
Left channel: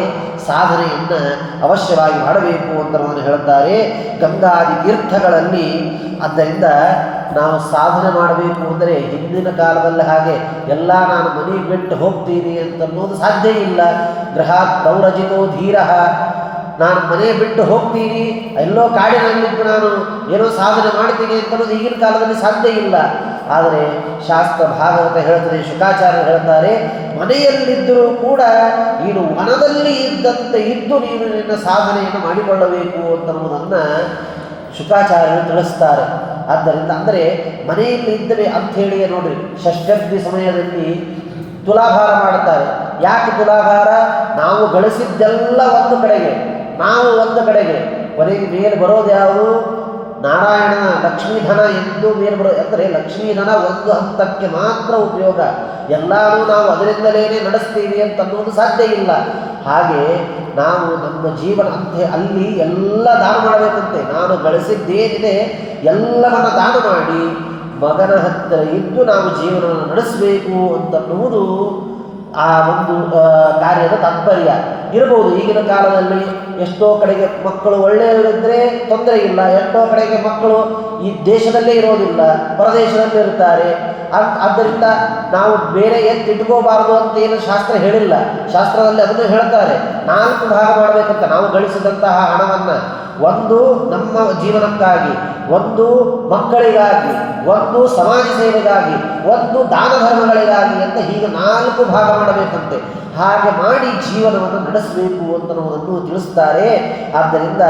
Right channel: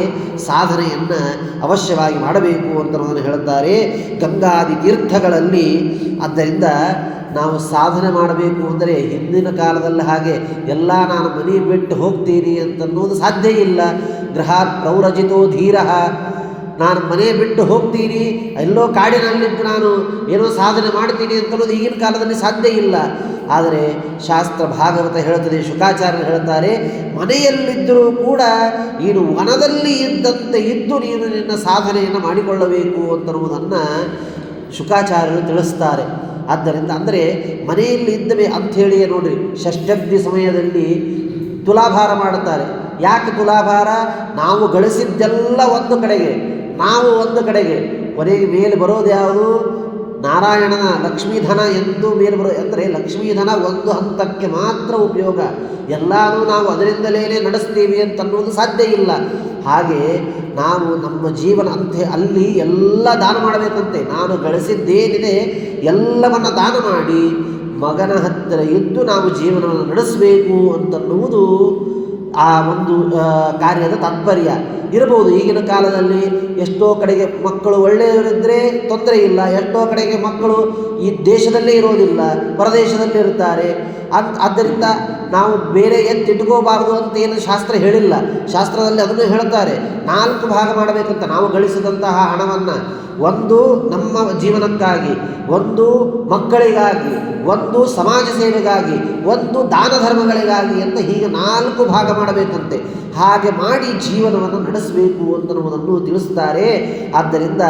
ಸಾಧನೆಯನ್ನು ಅವಶ್ಯವಾಗಿ ಮಾಡಬೇಕು ಅಂತ ನಾವು ಹೇಳ್ತಾರೆ ಗಂಗಾದಿ ತೀರ್ಥಗಳಲ್ಲಿ. ಆದ್ದರಿಂದ ನಾವು ಸಾಧನೆ ಮಾಡಬೇಕು ಅಂದರೆ ಹಿಂದಿನ ಕಾಲದಲ್ಲಿ ಹಾಗೆ ಎಲ್ಲ ನಾನು ಮನೆ ಬಿಟ್ಟು ಹೋಗ್ತೀನಿ ಅಂತನ್ನೋದು ಸಾಧ್ಯ ಇಲ್ಲ. ಗೃಹಾತ್ ಪ್ರೌರಜಿತೋ ಧೀರ, ನಾನು ಮನೆ ಬಿಟ್ಟು ಹೋಗ್ತೀನಿ, ಎಲ್ಲೋ ಕಾಡಿನಲ್ಲಿದ್ದು ನಾನು ಏನೋ ಸಾಧನೆ ಮಾಡ್ತೀನಿ ಅಂತನ್ನೋದು ಈಗಿನ ಕಾಲದಲ್ಲಿ ಸಾಧ್ಯ ಇಲ್ಲ. ಆದರೆ ಶಾಸ್ತ್ರ ಭಾಗವತ ಹೇಳ್ತದೆ, ಶುಕಾಚಾರ್ಯರು ಹೇಳ್ತಾರೆ, ಮನೆಯಲ್ಲಿದ್ದರೂ ಕೂಡ ನೀನು ವನದಲ್ಲಿ ಇದ್ದಂತೆ ಇದ್ದು ನೀನು ನಿನ್ನ ಸಾಧನೆಯನ್ನು ಮಾಡಿಕೊಳ್ಳಬೇಕು ಅಂತನ್ನುವುದನ್ನು ಶುಕಾಚಾರ್ಯರು ತಿಳಿಸ್ತಾರೆ. ಆದ್ದರಿಂದ ಅಂದರೆ ಮನೆಯಲ್ಲಿ ಇದ್ದವೆ ಅಂಥೇಳಿಯೇ ನೋಡ್ರಿ, ಷಷ್ಠಬ್ದಿ ಸಮಯದಲ್ಲಿ ತುಲಾಭಾರ ಮಾಡುತ್ತಾರೆ. ಯಾಕೆ ತುಲಾಭಾರ? ನಾವು ಗಳಿಸಿದ್ದೆಲ್ಲ ಒಂದು ಕಡೆಗೆ, ನಾವು ಒಂದು ಕಡೆಗೆ, ಕೊನೆಗೆ ಮೇಲೆ ಬರೋದು ಯಾವುದು? ನಾರಾಯಣನ ಲಕ್ಷ್ಮೀಧನ ಎಂದು ಮೇಲೆ ಬರೋ, ಅಂದರೆ ಲಕ್ಷ್ಮೀಧನ ಒಂದು ಹಂತಕ್ಕೆ ಮಾತ್ರ ಉಪಯೋಗ, ಎಲ್ಲರೂ ನಾವು ಅದರಿಂದಲೇ ನಡೆಸ್ತೀವಿ ಅಂತನ್ನುವುದು ಸಾಧ್ಯ ಇಲ್ಲ. ಹಾಗೆ ನಾವು ನಮ್ಮ ಜೀವನ ಅಂತೆ ಅಲ್ಲಿ ಎಲ್ಲ ದಾನ ಮಾಡಬೇಕಂತೆ. ನಾನು ಗಳಿಸಿದ್ದೇನಿದೆ ಎಲ್ಲವನ್ನು ದಾನ ಮಾಡಿ ಮಗನ ಹತ್ತಿರ ಇದ್ದು ನಾವು ಜೀವನವನ್ನು ನಡೆಸಬೇಕು ಅಂತನ್ನುವುದು ಆ ಒಂದು ಕಾರ್ಯದ ತಾತ್ಪರ್ಯ. ಇರಬಹುದು. ಈಗಿನ ಕಾಲದಲ್ಲಿ ಎಷ್ಟೋ ಕಡೆಗೆ ಮಕ್ಕಳು ಒಳ್ಳೆಯವರಿದ್ದರೆ ತೊಂದರೆ ಇಲ್ಲ, ಎಷ್ಟೋ ಕಡೆಗೆ ಮಕ್ಕಳು ಈ ದೇಶದಲ್ಲೇ ಇರೋದಿಲ್ಲ, ಹೊರದೇಶದಲ್ಲಿ ಇರ್ತಾರೆ. ಆದ್ದರಿಂದ ನಾವು ಬೇರೆ ಎತ್ತಿಟ್ಕೋಬಾರ್ದು ಅಂತ ಏನು ಶಾಸ್ತ್ರ ಹೇಳಿಲ್ಲ. ಶಾಸ್ತ್ರದಲ್ಲಿ ಅದನ್ನು ಹೇಳ್ತಾರೆ, 4 ಭಾಗ ಮಾಡಬೇಕಂತ. ನಾವು ಗಳಿಸಿದಂತಹ ಹಣವನ್ನು ಒಂದು ನಮ್ಮ ಜೀವನಕ್ಕಾಗಿ, ಒಂದು ಮಕ್ಕಳಿಗಾಗಿ, ಒಂದು ಸಮಾಜ ಸೇವೆಗಾಗಿ, ಒಂದು ದಾನ ಧರ್ಮಗಳಿಗಾಗಿ ಅಂತ ಹೀಗೆ 4 ಭಾಗ ಮಾಡಬೇಕಂತೆ. ಹಾಗೆ ಮಾಡಿ ಜೀವನವನ್ನು ನಡೆಸಬೇಕು ಅಂತನ್ನುವುದನ್ನು ತಿಳಿಸ್ತಾರೆ. ಆದ್ದರಿಂದ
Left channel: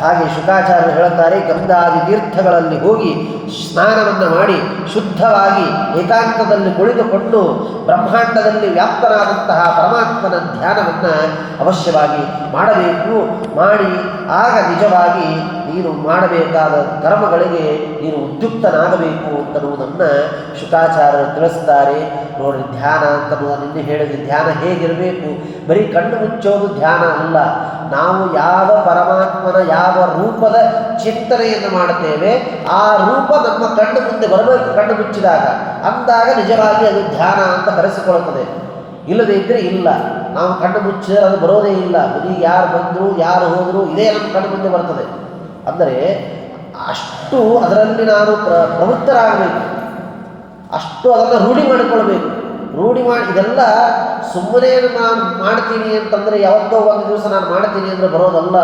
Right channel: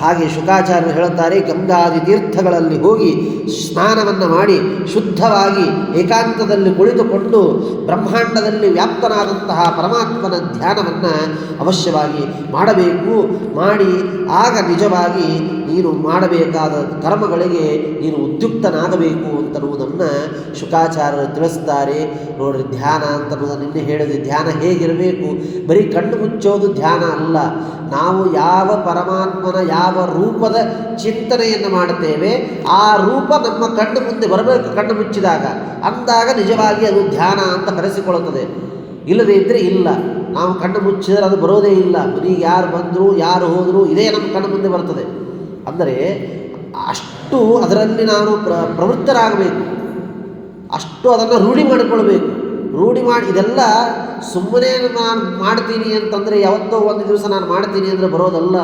ಹಾಗೆ ಶುಕಾಚಾರ್ಯರು ಹೇಳುತ್ತಾರೆ, ಗಂಗಾದಿ ತೀರ್ಥಗಳಲ್ಲಿ ಹೋಗಿ ಸ್ನಾನವನ್ನು ಮಾಡಿ ಶುದ್ಧವಾಗಿ ಏಕಾಂತದಲ್ಲಿ ಕುಳಿತುಕೊಂಡು ಬ್ರಹ್ಮಾಂಡದಲ್ಲಿ ವ್ಯಾಪ್ತನಾದಂತಹ ಪರಮಾತ್ಮನ ಧ್ಯಾನವನ್ನು ಅವಶ್ಯವಾಗಿ ಮಾಡಬೇಕು. ಮಾಡಿ ಆಗ ನಿಜವಾಗಿ ನೀನು ಮಾಡಬೇಕಾದ ಕರ್ಮಗಳಿಗೆ ನೀನು ಉದ್ಯುಕ್ತನಾಗಬೇಕು ಅಂತನ್ನುವುದನ್ನು ಶುಕಾಚಾರ್ಯರು ತಿಳಿಸ್ತಾರೆ. ನೋಡ್ರಿ, ಧ್ಯಾನ ಅಂತನ್ನುವುದನ್ನು ನಿನ್ನೆ ಹೇಳಿದ್ವಿ. ಧ್ಯಾನ ಹೇಗಿರಬೇಕು? ಬರೀ ಕಣ್ಣು ಮುಚ್ಚೋದು ಧ್ಯಾನ ಅಲ್ಲ. ನಾವು ಯಾವ ಪರಮಾತ್ಮನ ಯಾವ ರೂಪದ ಚಿಂತನೆಯನ್ನು ಮಾಡುತ್ತೇವೆ ಆ ರೂಪ ನಮ್ಮ ಕಣ್ಣು ಮುಂದೆ ಬರಬೇಕು. ಕಣ್ಣು ಮುಚ್ಚಿದಾಗ ಅಂದಾಗ ನಿಜವಾಗಿ ಅದು ಧ್ಯಾನ ಅಂತ ಕರೆಸಿಕೊಳ್ಳುತ್ತದೆ. ಇಲ್ಲದೇ ಇದ್ದರೆ ಇಲ್ಲ. ನಾವು ಕಣ್ಣು ಮುಚ್ಚಿದರೆ ಅದು ಬರೋದೇ ಇಲ್ಲ. ಮನೆಗೆ ಯಾರು ಬಂದರು ಯಾರು ಹೋದರು ಇದೇ ನಮ್ಮ ಕಣ್ಣು ಮುಂದೆ ಬರ್ತದೆ. ಅಂದರೆ ಅಷ್ಟು ಅದರಲ್ಲಿ ನಾನು ಪ್ರವೃತ್ತರಾಗಬೇಕು, ಅಷ್ಟು ಅದನ್ನು ರೂಢಿ ಮಾಡಿಕೊಳ್ಬೇಕು. ರೂಢಿ ಮಾಡಿ ಇದೆಲ್ಲ ಸುಮ್ಮನೆ ನಾನು ಮಾಡ್ತೀನಿ ಅಂತಂದರೆ ಯಾವತ್ತೋ ಒಂದು ದಿವಸ ನಾನು ಮಾಡ್ತೀನಿ ಅಂದರೆ ಬರೋದಲ್ಲ.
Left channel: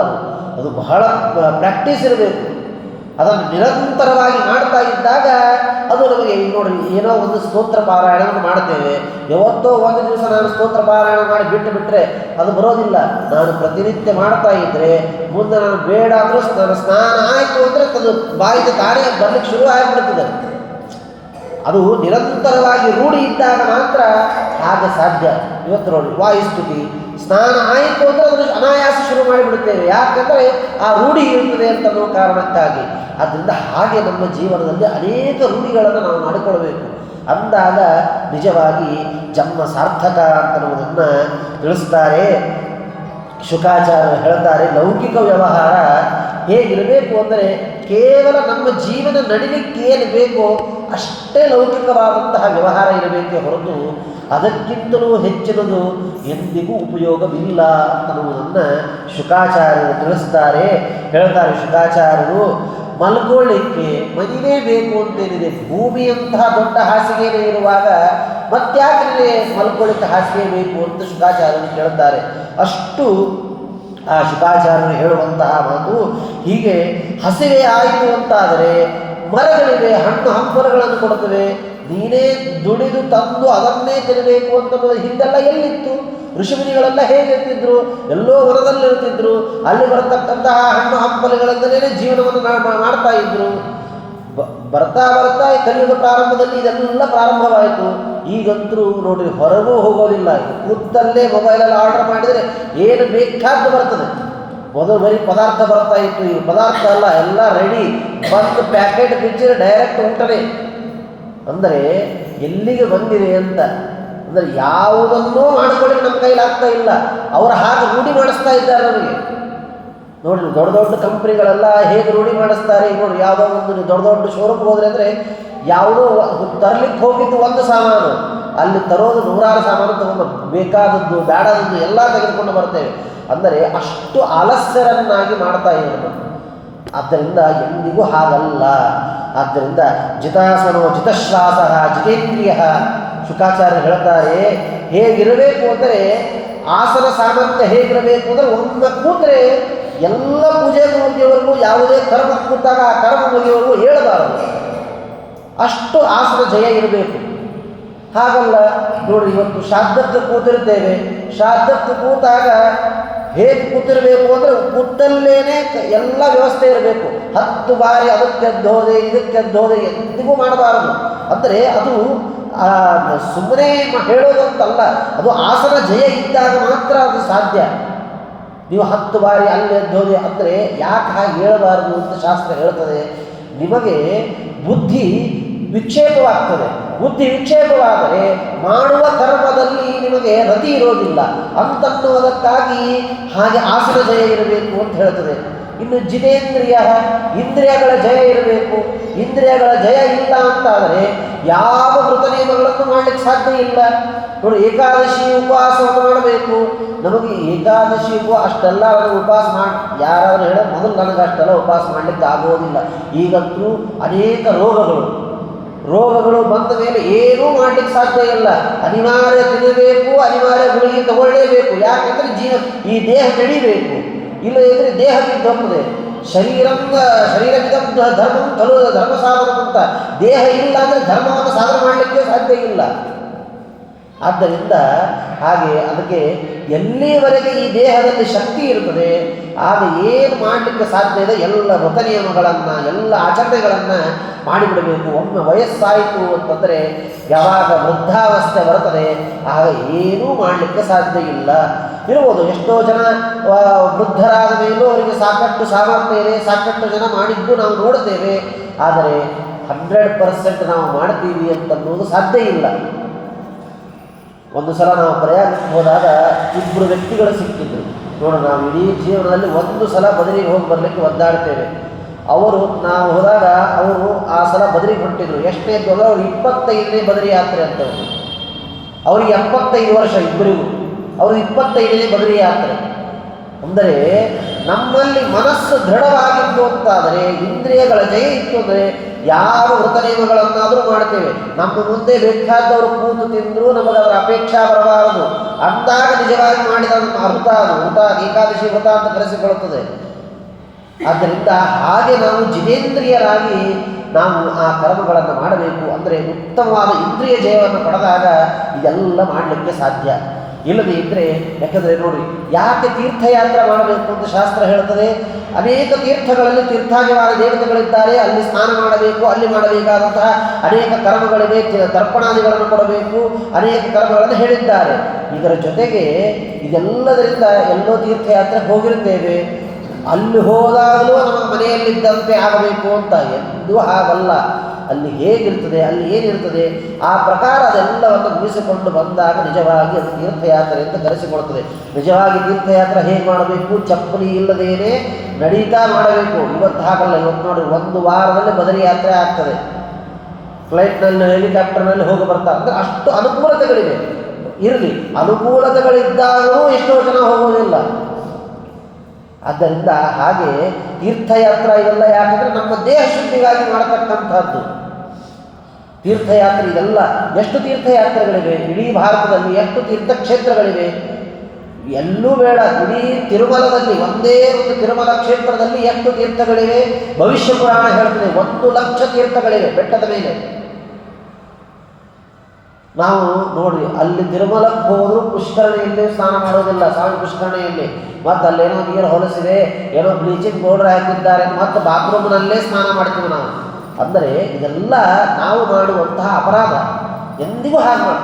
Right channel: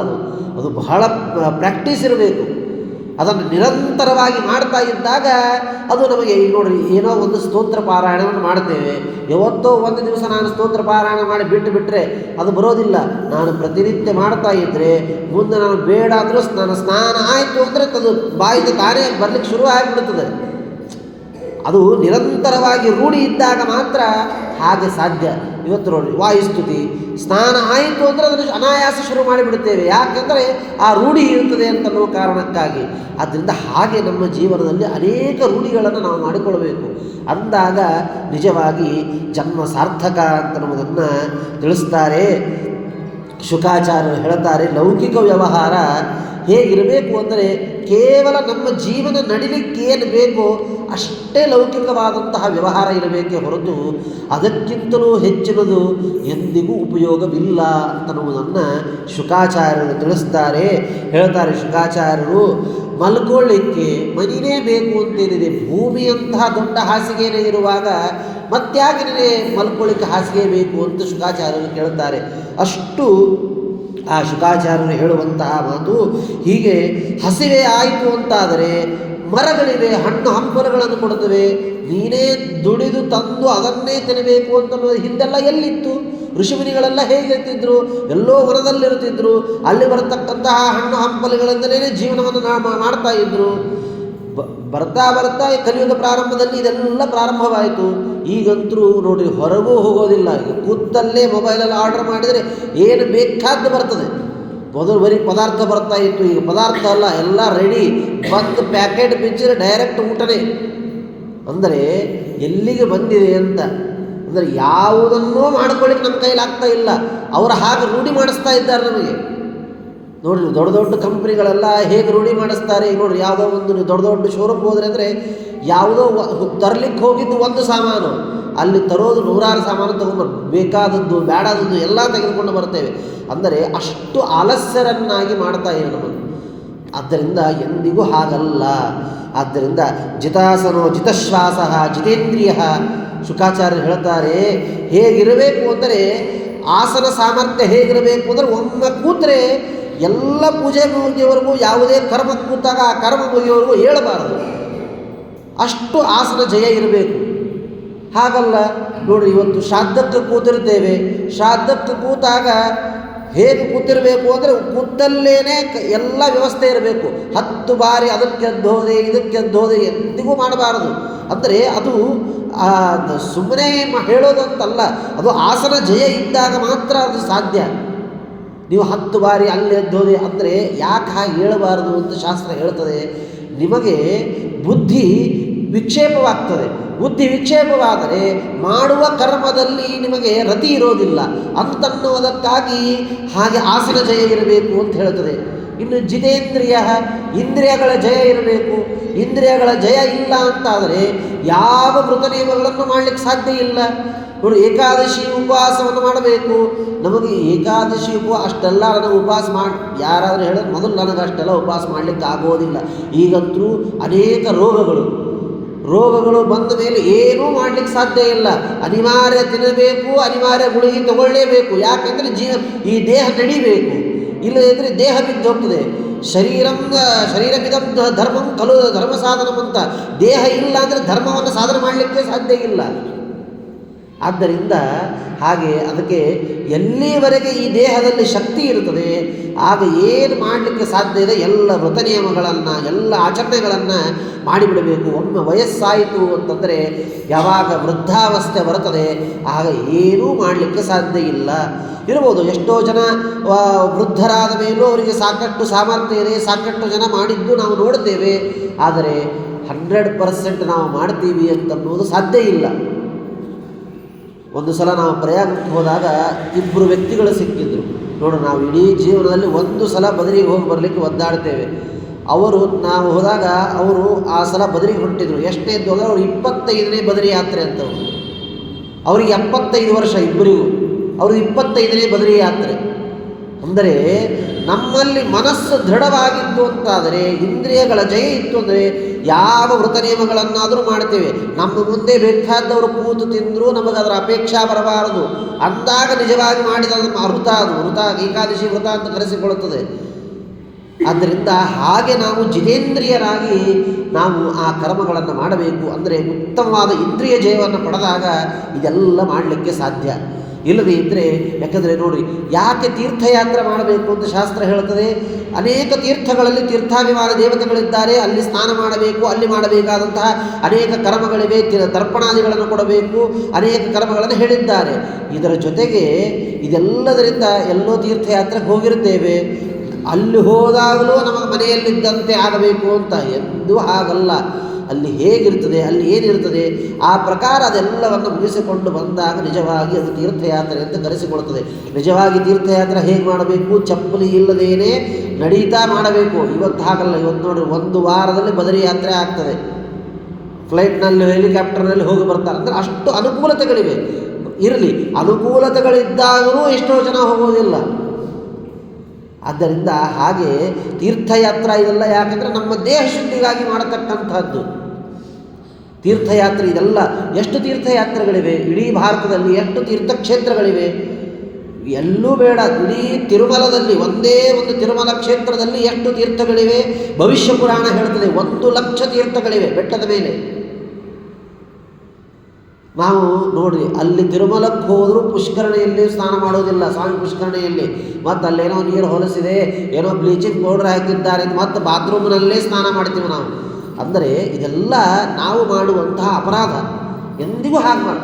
ಅದು ಬಹಳ ಪ್ರಾಕ್ಟೀಸ್ ಇರಬೇಕು. ಅದನ್ನು ನಿರಂತರವಾಗಿ ಮಾಡ್ತಾ ಇದ್ದಾಗ ಅದು ನಮಗೆ, ಈಗ ನೋಡ್ರಿ, ಏನೋ ಒಂದು ಸ್ತೋತ್ರ ಪಾರಾಯಣವನ್ನು ಮಾಡ್ತೇವೆ. ಯಾವತ್ತೋ ಒಂದು ದಿವಸ ನಾನು ಸ್ತೋತ್ರ ಪಾರಾಯಣ ಮಾಡಿ ಬಿಟ್ಟರೆ ಅದು ಬರೋದಿಲ್ಲ. ನಾನು ಪ್ರತಿನಿತ್ಯ ಮಾಡ್ತಾ ಇದ್ದರೆ ಮುಂದೆ ನಾನು ಬೇಡ ಅಂದರೂ ನಾನು ಸ್ನಾನ ಆಯಿತು ಅಂದರೆ ಅದು ಬಾಯಿಗೆ ತಾನೇ ಬರಲಿಕ್ಕೆ ಶುರು ಆಗಿಬಿಡ್ತದೆ. ಅದು ನಿರಂತರವಾಗಿ ರೂಢಿ ಇದ್ದಾಗ ಮಾತ್ರ ಹಾಗೆ ಸಾಧ್ಯ. ಇವತ್ತು ನೋಡಿ, ವಾಯುಸ್ತುತಿ ಸ್ನಾನ ಆಯಿತು ಅಂದರೆ ಅದನ್ನು ಅನಾಯಾಸ ಶುರು ಮಾಡಿಬಿಡುತ್ತೇವೆ. ಯಾಕೆಂದರೆ ಆ ರೂಢಿ ಇರುತ್ತದೆ ಅಂತನ್ನೋ ಕಾರಣಕ್ಕಾಗಿ. ಆದ್ದರಿಂದ ಹಾಗೆ ನಮ್ಮ ಜೀವನದಲ್ಲಿ ಅನೇಕ ರೂಢಿಗಳನ್ನು ನಾವು ಮಾಡಿಕೊಳ್ಬೇಕು. ಅಂದಾಗ ನಿಜವಾಗಿ ಜನ್ಮ ಸಾರ್ಥಕ ಅಂತನ್ನುವುದನ್ನು ತಿಳಿಸ್ತಾರೆ. ಶುಕಾಚಾರ್ಯರು ಹೇಳ್ತಾರೆ, ಲೌಕಿಕ ವ್ಯವಹಾರ ಹೇಗಿರಬೇಕು ಅಂದರೆ ಕೇವಲ ನಮ್ಮ ಜೀವನ ನಡಿಲಿಕ್ಕೆ ಏನು ಬೇಕೋ ಅಷ್ಟೇ ಲೌಕಿಕವಾದಂತಹ ವ್ಯವಹಾರ ಇರಬೇಕೇ ಹೊರತು ಅದಕ್ಕಿಂತಲೂ ಹೆಚ್ಚಿನದು ಎಂದಿಗೂ ಉಪಯೋಗವಿಲ್ಲ ಅಂತನ್ನುವುದನ್ನು ಶುಕಾಚಾರ್ಯರು ತಿಳಿಸ್ತಾರೆ. ಹೇಳ್ತಾರೆ ಶುಕಾಚಾರ್ಯರು, ಮಲ್ಕೊಳ್ಳಿಕ್ಕೆ ಮನೆಯೇ ಬೇಕು ಅಂತೇನಿದೆ. ಭೂಮಿಯಂತಹ ದೊಡ್ಡ ಹಾಸಿಗೆನೇ ಇರುವಾಗ ಮತ್ತ್ಯಾಕೆ ನಿನಗೆ ಮಲ್ಕೊಳ್ಳಿಕ್ಕೆ ಹಾಸಿಗೆ ಬೇಕು ಅಂತ ಶುಕಾಚಾರ್ಯರು ಕೇಳುತ್ತಾರೆ. ಅಷ್ಟು ಆ ಶುಕಾಚಾರ್ಯರು ಹೇಳುವಂತಹ ಮಾತು ಹೀಗೆ. ಹಸಿವೆ ಆಯಿತು ಅಂತಾದರೆ ಮರಗಳಿವೆ, ಹಣ್ಣು ಹಂಪಲುಗಳನ್ನು ಕೊಡುತ್ತವೆ. ನೀನೇ ದುಡಿದು ತಂದು ಅದನ್ನೇ ತಿನ್ನಬೇಕು ಅಂತನ್ನೋದು ಹಿಂದೆಲ್ಲ ಎಲ್ಲಿತ್ತು? ಋಷಿಮುನಿಗಳೆಲ್ಲ ಹೇಗಿರ್ತಿದ್ರು? ಎಲ್ಲೋ ಹೊರದಲ್ಲಿರ್ತಿದ್ರು. ಅಲ್ಲಿ ಬರತಕ್ಕಂತಹ ಹಣ್ಣು ಹಂಪಲುಗಳಿಂದಲೇ ಜೀವನವನ್ನು ಮಾಡ್ತಾ ಇದ್ರು. ಬರ್ತಾ ಬರ್ತಾ ಕಲಿಯುಗ ಪ್ರಾರಂಭದಲ್ಲಿ ಇದೆಲ್ಲ ಪ್ರಾರಂಭವಾಯಿತು. ಈಗಂತರೂ ನೋಡಿರಿ, ಹೊರಗೂ ಹೋಗೋದಿಲ್ಲ. ಕೂತಲ್ಲೇ ಮೊಬೈಲಲ್ಲಿ ಆರ್ಡರ್ ಮಾಡಿದರೆ ಏನು ಬೇಕಾದ್ದು ಬರ್ತದೆ. ಮೊದಲು ಬರೀ ಪದಾರ್ಥ ಬರ್ತಾ ಇತ್ತು, ಈಗ ಪದಾರ್ಥ ಅಲ್ಲ, ಎಲ್ಲ ರೆಡಿ ಬಂದು ಪ್ಯಾಕೆಟ್ ಬಿಚ್ಚಿದ್ರೆ ಡೈರೆಕ್ಟ್ ಊಟನೇ. ಅಂದರೆ ಎಲ್ಲಿಗೆ ಬಂದಿದೆ ಅಂತ ಅಂದರೆ ಯಾವುದನ್ನೂ ಮಾಡ್ಕೊಳ್ಳಿಕ್ಕೆ ನಮ್ಮ ಕೈಲಿ ಆಗ್ತಾ ಇಲ್ಲ. ಅವರು ಹಾಗೆ ರೂಢಿ ಮಾಡಿಸ್ತಾ ಇದ್ದಾರೆ ನಮಗೆ. ನೋಡಿರಿ, ದೊಡ್ಡ ದೊಡ್ಡ ಕಂಪ್ನಿಗಳೆಲ್ಲ ಹೇಗೆ ರೂಢಿ ಮಾಡಿಸ್ತಾರೆ. ಈಗ ನೋಡಿರಿ, ಯಾವುದೋ ಒಂದು ದೊಡ್ಡ ದೊಡ್ಡ ಶೋರೂಮ್ಗೆ ಹೋದರೆ ಅಂದರೆ ಯಾವುದೋ ತರಲಿಕ್ಕೆ ಹೋಗಿದ್ದು ಒಂದು ಸಾಮಾನು, ಅಲ್ಲಿ ತರೋದು 100 ಸಾಮಾನು ತಗೊಂಡು ಬೇಕಾದದ್ದು ಬೇಡಾದದ್ದು ಎಲ್ಲ ತೆಗೆದುಕೊಂಡು ಬರ್ತೇವೆ. ಅಂದರೆ ಅಷ್ಟು ಆಲಸ್ಯರನ್ನಾಗಿ ಮಾಡ್ತಾ ಇರೋದು. ಆದ್ದರಿಂದ ಎಂದಿಗೂ ಹಾಗಲ್ಲ. ಆದ್ದರಿಂದ ಜಿತಾಸನೋ ಜಿತಶ್ವಾಸ ಜಿತೇಂದ್ರಿಯ. ಶುಕಾಚಾರ್ಯರು ಹೇಳ್ತಾರೆ, ಹೇಗಿರಬೇಕು ಅಂದರೆ ಆಸನ ಸಾಮರ್ಥ್ಯ ಹೇಗಿರಬೇಕು ಅಂದರೆ ಒಮ್ಮೆ ಕೂತ್ರೆ ಎಲ್ಲ ಪೂಜೆ ಮುಗಿಯವರೆಗೂ, ಯಾವುದೇ ಕರ್ಮ ಕೂತಾಗ ಆ ಕರ್ಮ ಮುಗಿಯವರೆಗೂ ಹೇಳಬಾರದು. ಅಷ್ಟು ಆಸನ ಜಯ ಇರಬೇಕು. ಹಾಗಲ್ಲ ನೋಡಿರಿ, ಇವತ್ತು ಶ್ರಾದ್ದಕ್ಕೆ ಕೂತಿರ್ತೇವೆ. ಶ್ರಾದ್ದಕ್ಕೆ ಕೂತಾಗ ಹೇಗೆ ಕೂತಿರಬೇಕು ಅಂದರೆ ಕೂತಲ್ಲೇನೆ ಎಲ್ಲ ವ್ಯವಸ್ಥೆ ಇರಬೇಕು. 10 ಬಾರಿ ಅದಕ್ಕೆದ್ದೋದೆ ಇದಕ್ಕೆದ್ದೋದೆ ಎಂದಿಗೂ ಮಾಡಬಾರದು. ಅಂದರೆ ಅದು ಸುಮ್ಮನೆ ಹೇಳೋದು ಅಂತಲ್ಲ, ಅದು ಆಸನ ಜಯ ಇದ್ದಾಗ ಮಾತ್ರ ಅದು ಸಾಧ್ಯ. ನೀವು 10 ಬಾರಿ ಅಲ್ಲೆದ್ದೋದೆ ಅಂದರೆ ಯಾಕೆ ಹಾಗೆ ಹೇಳಬಾರದು ಅಂತ ಶಾಸ್ತ್ರ ಹೇಳ್ತದೆ. ನಿಮಗೆ ಬುದ್ಧಿ ವಿಕ್ಷೇಪವಾಗ್ತದೆ. ಬುದ್ಧಿ ವಿಕ್ಷೇಪವಾದರೆ ಮಾಡುವ ಕರ್ಮದಲ್ಲಿ ನಿಮಗೆ ರತಿ ಇರೋದಿಲ್ಲ ಅಂತನ್ನುವುದಕ್ಕಾಗಿ ಹಾಗೆ ಆಸನ ಜಯ ಇರಬೇಕು ಅಂತ ಹೇಳ್ತದೆ. ಇನ್ನು ಜಿತೇಂದ್ರಿಯ, ಇಂದ್ರಿಯಗಳ ಜಯ ಇರಬೇಕು. ಇಂದ್ರಿಯಗಳ ಜಯ ಇಲ್ಲ ಅಂತಾದರೆ ಯಾವ ವೃತ ನಿಯಮಗಳನ್ನು ಮಾಡಲಿಕ್ಕೆ ಸಾಧ್ಯ ಇಲ್ಲ. ನೋಡಿ, ಏಕಾದಶಿ ಉಪವಾಸವನ್ನು ಮಾಡಬೇಕು. ನಮಗೆ ಏಕಾದಶಿ ಅಷ್ಟೆಲ್ಲ ನನಗೆ ಉಪವಾಸ ಮಾಡಿ ಯಾರಾದರೂ ಹೇಳೋದು ಮೊದಲು ನನಗೆ ಅಷ್ಟೆಲ್ಲ ಉಪವಾಸ ಮಾಡಲಿಕ್ಕೆ ಆಗೋದಿಲ್ಲ. ಈಗಂತೂ ಅನೇಕ ರೋಗಗಳು ಬಂದ ಮೇಲೆ ಏನೂ ಮಾಡಲಿಕ್ಕೆ ಸಾಧ್ಯ ಇಲ್ಲ. ಅನಿವಾರ್ಯ ತಿನ್ನಬೇಕು, ಅನಿವಾರ್ಯ ಗುಳಿಗೆ ತಗೊಳ್ಳೇಬೇಕು. ಯಾಕೆಂದರೆ ಈ ದೇಹ ನಡಿಬೇಕು, ಇಲ್ಲದಿದ್ದರೆ ದೇಹ ಬಿದ್ದು ಹೋಗ್ತದೆ. ಶರೀರವಿದಂ ಧರ್ಮಂ ಖಲು ಧರ್ಮ ಸಾಧನ ಅಂತ. ದೇಹ ಇಲ್ಲ ಅಂದರೆ ಧರ್ಮವನ್ನು ಸಾಧನೆ ಮಾಡಲಿಕ್ಕೆ ಸಾಧ್ಯ ಇಲ್ಲ. ಆದ್ದರಿಂದ ಹಾಗೆ ಅದಕ್ಕೆ ಎಲ್ಲಿವರೆಗೆ ಈ ದೇಹದಲ್ಲಿ ಶಕ್ತಿ ಇರುತ್ತದೆ ಆಗ ಏನು ಮಾಡಲಿಕ್ಕೆ ಸಾಧ್ಯ ಇದೆ ಎಲ್ಲ ವೃತ ನಿಯಮಗಳನ್ನು, ಎಲ್ಲ ಆಚರಣೆಗಳನ್ನು ಮಾಡಿಬಿಡಬೇಕು. ಒಮ್ಮೆ ವಯಸ್ಸಾಯಿತು ಅಂತಂದರೆ, ಯಾವಾಗ ವೃದ್ಧಾವಸ್ಥೆ ಬರುತ್ತದೆ ಆಗ ಏನೂ ಮಾಡಲಿಕ್ಕೆ ಸಾಧ್ಯ ಇಲ್ಲ. ಇರ್ಬೋದು, ಎಷ್ಟೋ ಜನ ವೃದ್ಧರಾದ ಮೇಲೂ ಅವರಿಗೆ ಸಾಕಷ್ಟು ಸಾಮರ್ಥ್ಯ ಇದೆ, ಸಾಕಷ್ಟು ಜನ ಮಾಡಿದ್ದು ನಾವು ನೋಡ್ತೇವೆ. ಆದರೆ 100% ನಾವು ಮಾಡ್ತೀವಿ ಅಂತನ್ನುವುದು ಸಾಧ್ಯ ಇಲ್ಲ. ಒಂದು ಸಲ ನಾವು ಪ್ರಯಾಣಕ್ಕೆ ಹೋದಾಗ ಇಬ್ಬರು ವ್ಯಕ್ತಿಗಳು ಸಿಕ್ಕಿದ್ರು. ನೋಡು, ನಾವು ಇಡೀ ಜೀವನದಲ್ಲಿ ಒಂದು ಸಲ ಬದರಿಗೆ ಹೋಗಿ ಬರಲಿಕ್ಕೆ ಒದ್ದಾಡ್ತೇವೆ. ನಾವು ಹೋದಾಗ ಅವರು ಆ ಸಲ ಬದರಿಗೆ ಹೊಂಟಿದ್ರು. ಎಷ್ಟೇ ಅಂತ ಹೋದ್ರೆ ಅವರು 25ನೇ ಬದರಿ ಯಾತ್ರೆ ಅಂತವ್ರು. ಅವ್ರಿಗೆ 75 ವರ್ಷ ಇಬ್ಬರಿಗೂ, ಅವರು 25ನೇ ಬದರಿ ಯಾತ್ರೆ. ಅಂದರೆ ನಮ್ಮಲ್ಲಿ ಮನಸ್ಸು ದೃಢವಾಗಿತ್ತು ಅಂತಾದರೆ, ಇಂದ್ರಿಯಗಳ ಜಯ ಇತ್ತು ಅಂದರೆ ಯಾವ ವೃತ ನಿಯಮಗಳನ್ನಾದರೂ ಮಾಡ್ತೇವೆ. ನಮ್ಮ ಮುಂದೆ ಬೇಕಾದವರು ಕೂತು ತಿಂದರೂ ನಮಗೆ ಅದರ ಅಪೇಕ್ಷಾ ಬರಬಾರದು. ಅಂದಾಗ ನಿಜವಾಗಿ ಮಾಡಿದ ನಮ್ಮ ವೃತ ಏಕಾದಶಿ ವ್ರತ ಅಂತ ಕರೆಸಿಕೊಳ್ಳುತ್ತದೆ. ಆದ್ದರಿಂದ ಹಾಗೆ ನಾವು ಜಿತೇಂದ್ರಿಯರಾಗಿ ನಾವು ಆ ಕರ್ಮಗಳನ್ನು ಮಾಡಬೇಕು. ಅಂದರೆ ಉತ್ತಮವಾದ ಇಂದ್ರಿಯ ಜಯವನ್ನು ಪಡೆದಾಗ ಇದೆಲ್ಲ ಮಾಡಲಿಕ್ಕೆ ಸಾಧ್ಯ. ಇಲ್ಲದೇ ಇದ್ದರೆ, ಯಾಕಂದರೆ ನೋಡಿ, ಯಾಕೆ ತೀರ್ಥಯಾತ್ರೆ ಮಾಡಬೇಕು ಅಂತ ಶಾಸ್ತ್ರ ಹೇಳ್ತದೆ. ಅನೇಕ ತೀರ್ಥಗಳಲ್ಲಿ ತೀರ್ಥಾಭಿಮಾನ ದೇವತೆಗಳಿದ್ದಾರೆ, ಅಲ್ಲಿ ಸ್ನಾನ ಮಾಡಬೇಕು, ಅಲ್ಲಿ ಮಾಡಬೇಕಾದಂತಹ ಅನೇಕ ಕರ್ಮಗಳಿವೆ, ತರ್ಪಣಾದಿಗಳನ್ನು ಕೊಡಬೇಕು, ಅನೇಕ ಕರ್ಮಗಳನ್ನು ಹೇಳಿದ್ದಾರೆ. ಇದರ ಜೊತೆಗೆ ಇದೆಲ್ಲದರಿಂದ ಎಲ್ಲೋ ತೀರ್ಥಯಾತ್ರೆ ಹೋಗಿರ್ತೇವೆ, ಅಲ್ಲಿ ಹೋದಾಗಲೂ ನಮ್ಮ ಮನೆಯಲ್ಲಿದ್ದಂತೆ ಆಗಬೇಕು ಅಂತ ಎಂದೂ ಆಗಲ್ಲ. ಅಲ್ಲಿ ಹೇಗಿರ್ತದೆ, ಅಲ್ಲಿ ಏನಿರ್ತದೆ, ಆ ಪ್ರಕಾರ ಅದೆಲ್ಲವನ್ನು ಮುಗಿಸಿಕೊಂಡು ಬಂದಾಗ ನಿಜವಾಗಿ ಅದು ತೀರ್ಥಯಾತ್ರೆ ಅಂತ ಕರೆಸಿಕೊಳ್ತದೆ. ನಿಜವಾಗಿ ತೀರ್ಥಯಾತ್ರೆ ಹೇಗೆ ಮಾಡಬೇಕು? ಚಪ್ಪಲಿ ಇಲ್ಲದೇನೆ ನಡೀತಾ ಮಾಡಬೇಕು. ಇವತ್ತು ಹಾಗಲ್ಲ. ಇವತ್ತು ನೋಡಿ, ಒಂದು ವಾರದಲ್ಲಿ ಬದರಿ ಯಾತ್ರೆ ಆಗ್ತದೆ. ಫ್ಲೈಟ್ನಲ್ಲಿ, ಹೆಲಿಕಾಪ್ಟರ್ನಲ್ಲಿ ಹೋಗಿ ಬರ್ತಾರೆ. ಅಂದರೆ ಅಷ್ಟು ಅನುಕೂಲತೆಗಳಿವೆ. ಇರಲಿ, ಅನುಕೂಲತೆಗಳಿದ್ದಾದರೂ ಎಷ್ಟೋ ಜನ ಹೋಗೋದಿಲ್ಲ. ಆದ್ದರಿಂದ ಹಾಗೆ ತೀರ್ಥಯಾತ್ರೆ ಇದೆಲ್ಲ ಯಾಕಂದರೆ ನಮ್ಮ ದೇಹ ಶುದ್ಧಿಗಾಗಿ ಮಾಡತಕ್ಕಂಥದ್ದು ತೀರ್ಥಯಾತ್ರೆ. ಇದೆಲ್ಲ ಎಷ್ಟು ತೀರ್ಥಯಾತ್ರೆಗಳಿವೆ ಇಡೀ ಭಾರತದಲ್ಲಿ, ಎಷ್ಟು ತೀರ್ಥಕ್ಷೇತ್ರಗಳಿವೆ, ಎಲ್ಲೂ ಬೇಡ. ಇಡೀ ತಿರುಮಲದಲ್ಲಿ, ಒಂದೇ ಒಂದು ತಿರುಮಲ ಕ್ಷೇತ್ರದಲ್ಲಿ ಎಷ್ಟು ತೀರ್ಥಗಳಿವೆ. ಭವಿಷ್ಯ ಪುರಾಣ ಹೇಳ್ತದೆ 1,00,000 ತೀರ್ಥಗಳಿವೆ ಬೆಟ್ಟದ ಮೇಲೆ. ನಾವು ನೋಡಿ, ಅಲ್ಲಿ ತಿರುಮಲಕ್ಕೆ ಹೋದರೂ ಪುಷ್ಕರಣಿಯಲ್ಲಿ ಸ್ನಾನ ಮಾಡೋದಿಲ್ಲ, ಸ್ವಾಮಿ ಪುಷ್ಕರಣಿಯಲ್ಲಿ. ಮತ್ತು ಅಲ್ಲೇನೋ ನೀರು ಹೊಲಸಿದೆ, ಏನೋ ಬ್ಲೀಚಿಂಗ್ ಪೌಡರ್ ಹಾಕಿದ್ದಾರೆ, ಮತ್ತು ಬಾತ್ರೂಮ್ನಲ್ಲೇ ಸ್ನಾನ ಮಾಡ್ತೀವಿ ನಾವು. ಅಂದರೆ ಇದೆಲ್ಲ ನಾವು ಮಾಡುವಂತಹ ಅಪರಾಧ. ಎಂದಿಗೂ ಹಾಗೆ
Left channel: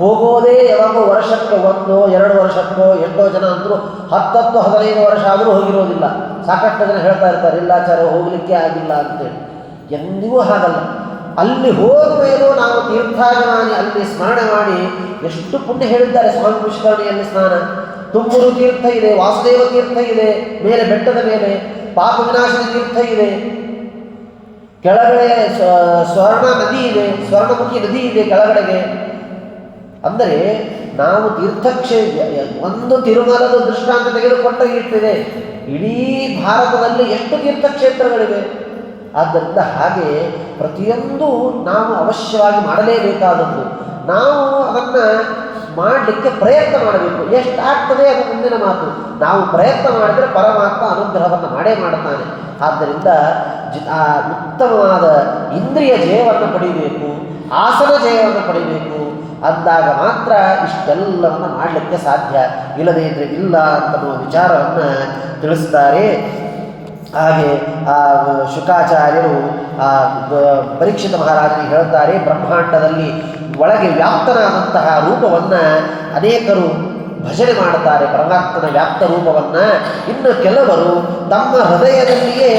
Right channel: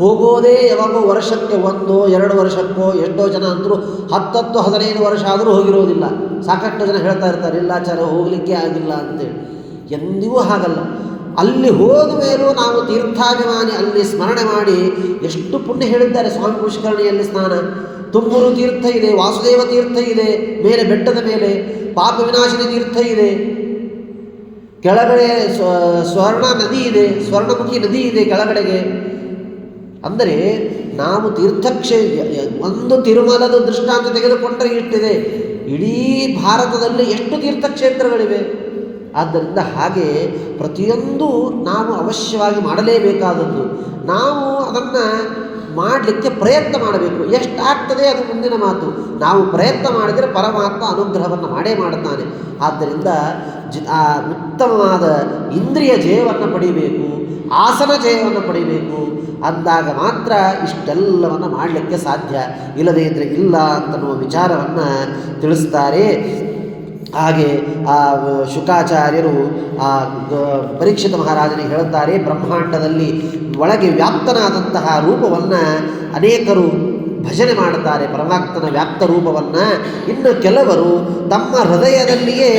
ಹೋಗೋದೇ ಯಾವಾಗೋ ವರ್ಷಕ್ಕೆ 1-2 ವರ್ಷಕ್ಕೋ, ಎಷ್ಟೋ ಜನ ಅಂದರೂ 10-15 ವರ್ಷ ಆದರೂ ಹೋಗಿರೋದಿಲ್ಲ. ಸಾಕಷ್ಟು ಜನ ಹೇಳ್ತಾ ಇರ್ತಾರೆ, ಇಲ್ಲ ಆಚಾರ್ಯ ಹೋಗಲಿಕ್ಕೆ ಆಗಿಲ್ಲ ಅಂತೇಳಿ. ಎಂದಿಗೂ ಹಾಗಲ್ಲ. ಅಲ್ಲಿ ಹೋದ ಮೇಲೂ ನಾವು ತೀರ್ಥಾಭಿಮಾನಿ ಅಲ್ಲಿ ಸ್ಮರಣೆ ಮಾಡಿ ಎಷ್ಟು ಪುಣ್ಯ ಹೇಳಿದ್ದಾರೆ. ಸ್ವಾಮಿ ಪುಷ್ಕರಣಿಯಲ್ಲಿ ಸ್ನಾನ, ತುಂಬೂರು ತೀರ್ಥ ಇದೆ, ವಾಸುದೇವ ತೀರ್ಥ ಇದೆ ಮೇಲೆ ಬೆಟ್ಟದ ಮೇಲೆ, ಪಾಪ ವಿನಾಶಿನಿ ತೀರ್ಥ ಇದೆ, ಕೆಳಗಡೆ ಸ್ವರ್ಣ ನದಿ ಇದೆ, ಸ್ವರ್ಣಮುಖಿ ನದಿ ಇದೆ ಕೆಳಗಡೆಗೆ. ಅಂದರೆ ನಾವು ಒಂದು ತಿರುಮಲದ ದೃಷ್ಟಾಂತ ತೆಗೆದುಕೊಂಡರೆ ಇಟ್ಟಿದೆ. ಇಡೀ ಭಾರತದಲ್ಲಿ ಎಷ್ಟು ತೀರ್ಥಕ್ಷೇತ್ರಗಳಿವೆ. ಆದ್ದರಿಂದ ಹಾಗೆ ಪ್ರತಿಯೊಂದು ನಾವು ಅವಶ್ಯವಾಗಿ ಮಾಡಲೇಬೇಕಾದದ್ದು. ನಾವು ಅದನ್ನು ಮಾಡಲಿಕ್ಕೆ ಪ್ರಯತ್ನ ಮಾಡಬೇಕು. ಎಷ್ಟಾಗ್ತದೆ ಅದು ಮುಂದಿನ ಮಾತು. ನಾವು ಪ್ರಯತ್ನ ಮಾಡಿದರೆ ಪರಮಾತ್ಮ ಅನುಗ್ರಹವನ್ನು ಮಾಡೇ ಮಾಡುತ್ತಾನೆ. ಆದ್ದರಿಂದ ಉತ್ತಮವಾದ ಇಂದ್ರಿಯ ಜಯವನ್ನು ಪಡಿಬೇಕು, ಆಸನ ಜಯವನ್ನು ಪಡಿಬೇಕು. ಅಂದಾಗ ಮಾತ್ರ ಇಷ್ಟೆಲ್ಲವನ್ನು ಮಾಡಲಿಕ್ಕೆ ಸಾಧ್ಯ. ಇಲ್ಲದೇ ಇದ್ದರೆ ಇಲ್ಲ ಅಂತನ್ನುವ ವಿಚಾರವನ್ನು ತಿಳಿಸ್ತಾರೆ. ಹಾಗೆ ಶುಕಾಚಾರ್ಯರು ಪರೀಕ್ಷಿತ ಮಹಾರಾಜನಿಗೆ ಹೇಳುತ್ತಾರೆ, ಬ್ರಹ್ಮಾಂಡದಲ್ಲಿ ಒಳಗೆ ವ್ಯಾಪ್ತನಾದಂತಹ ರೂಪವನ್ನು ಅನೇಕರು ಭಜನೆ ಮಾಡುತ್ತಾರೆ ಪರಮಾತ್ಮನ ವ್ಯಾಪ್ತ ರೂಪವನ್ನು. ಇನ್ನು ಕೆಲವರು ತಮ್ಮ ಹೃದಯದಲ್ಲಿಯೇ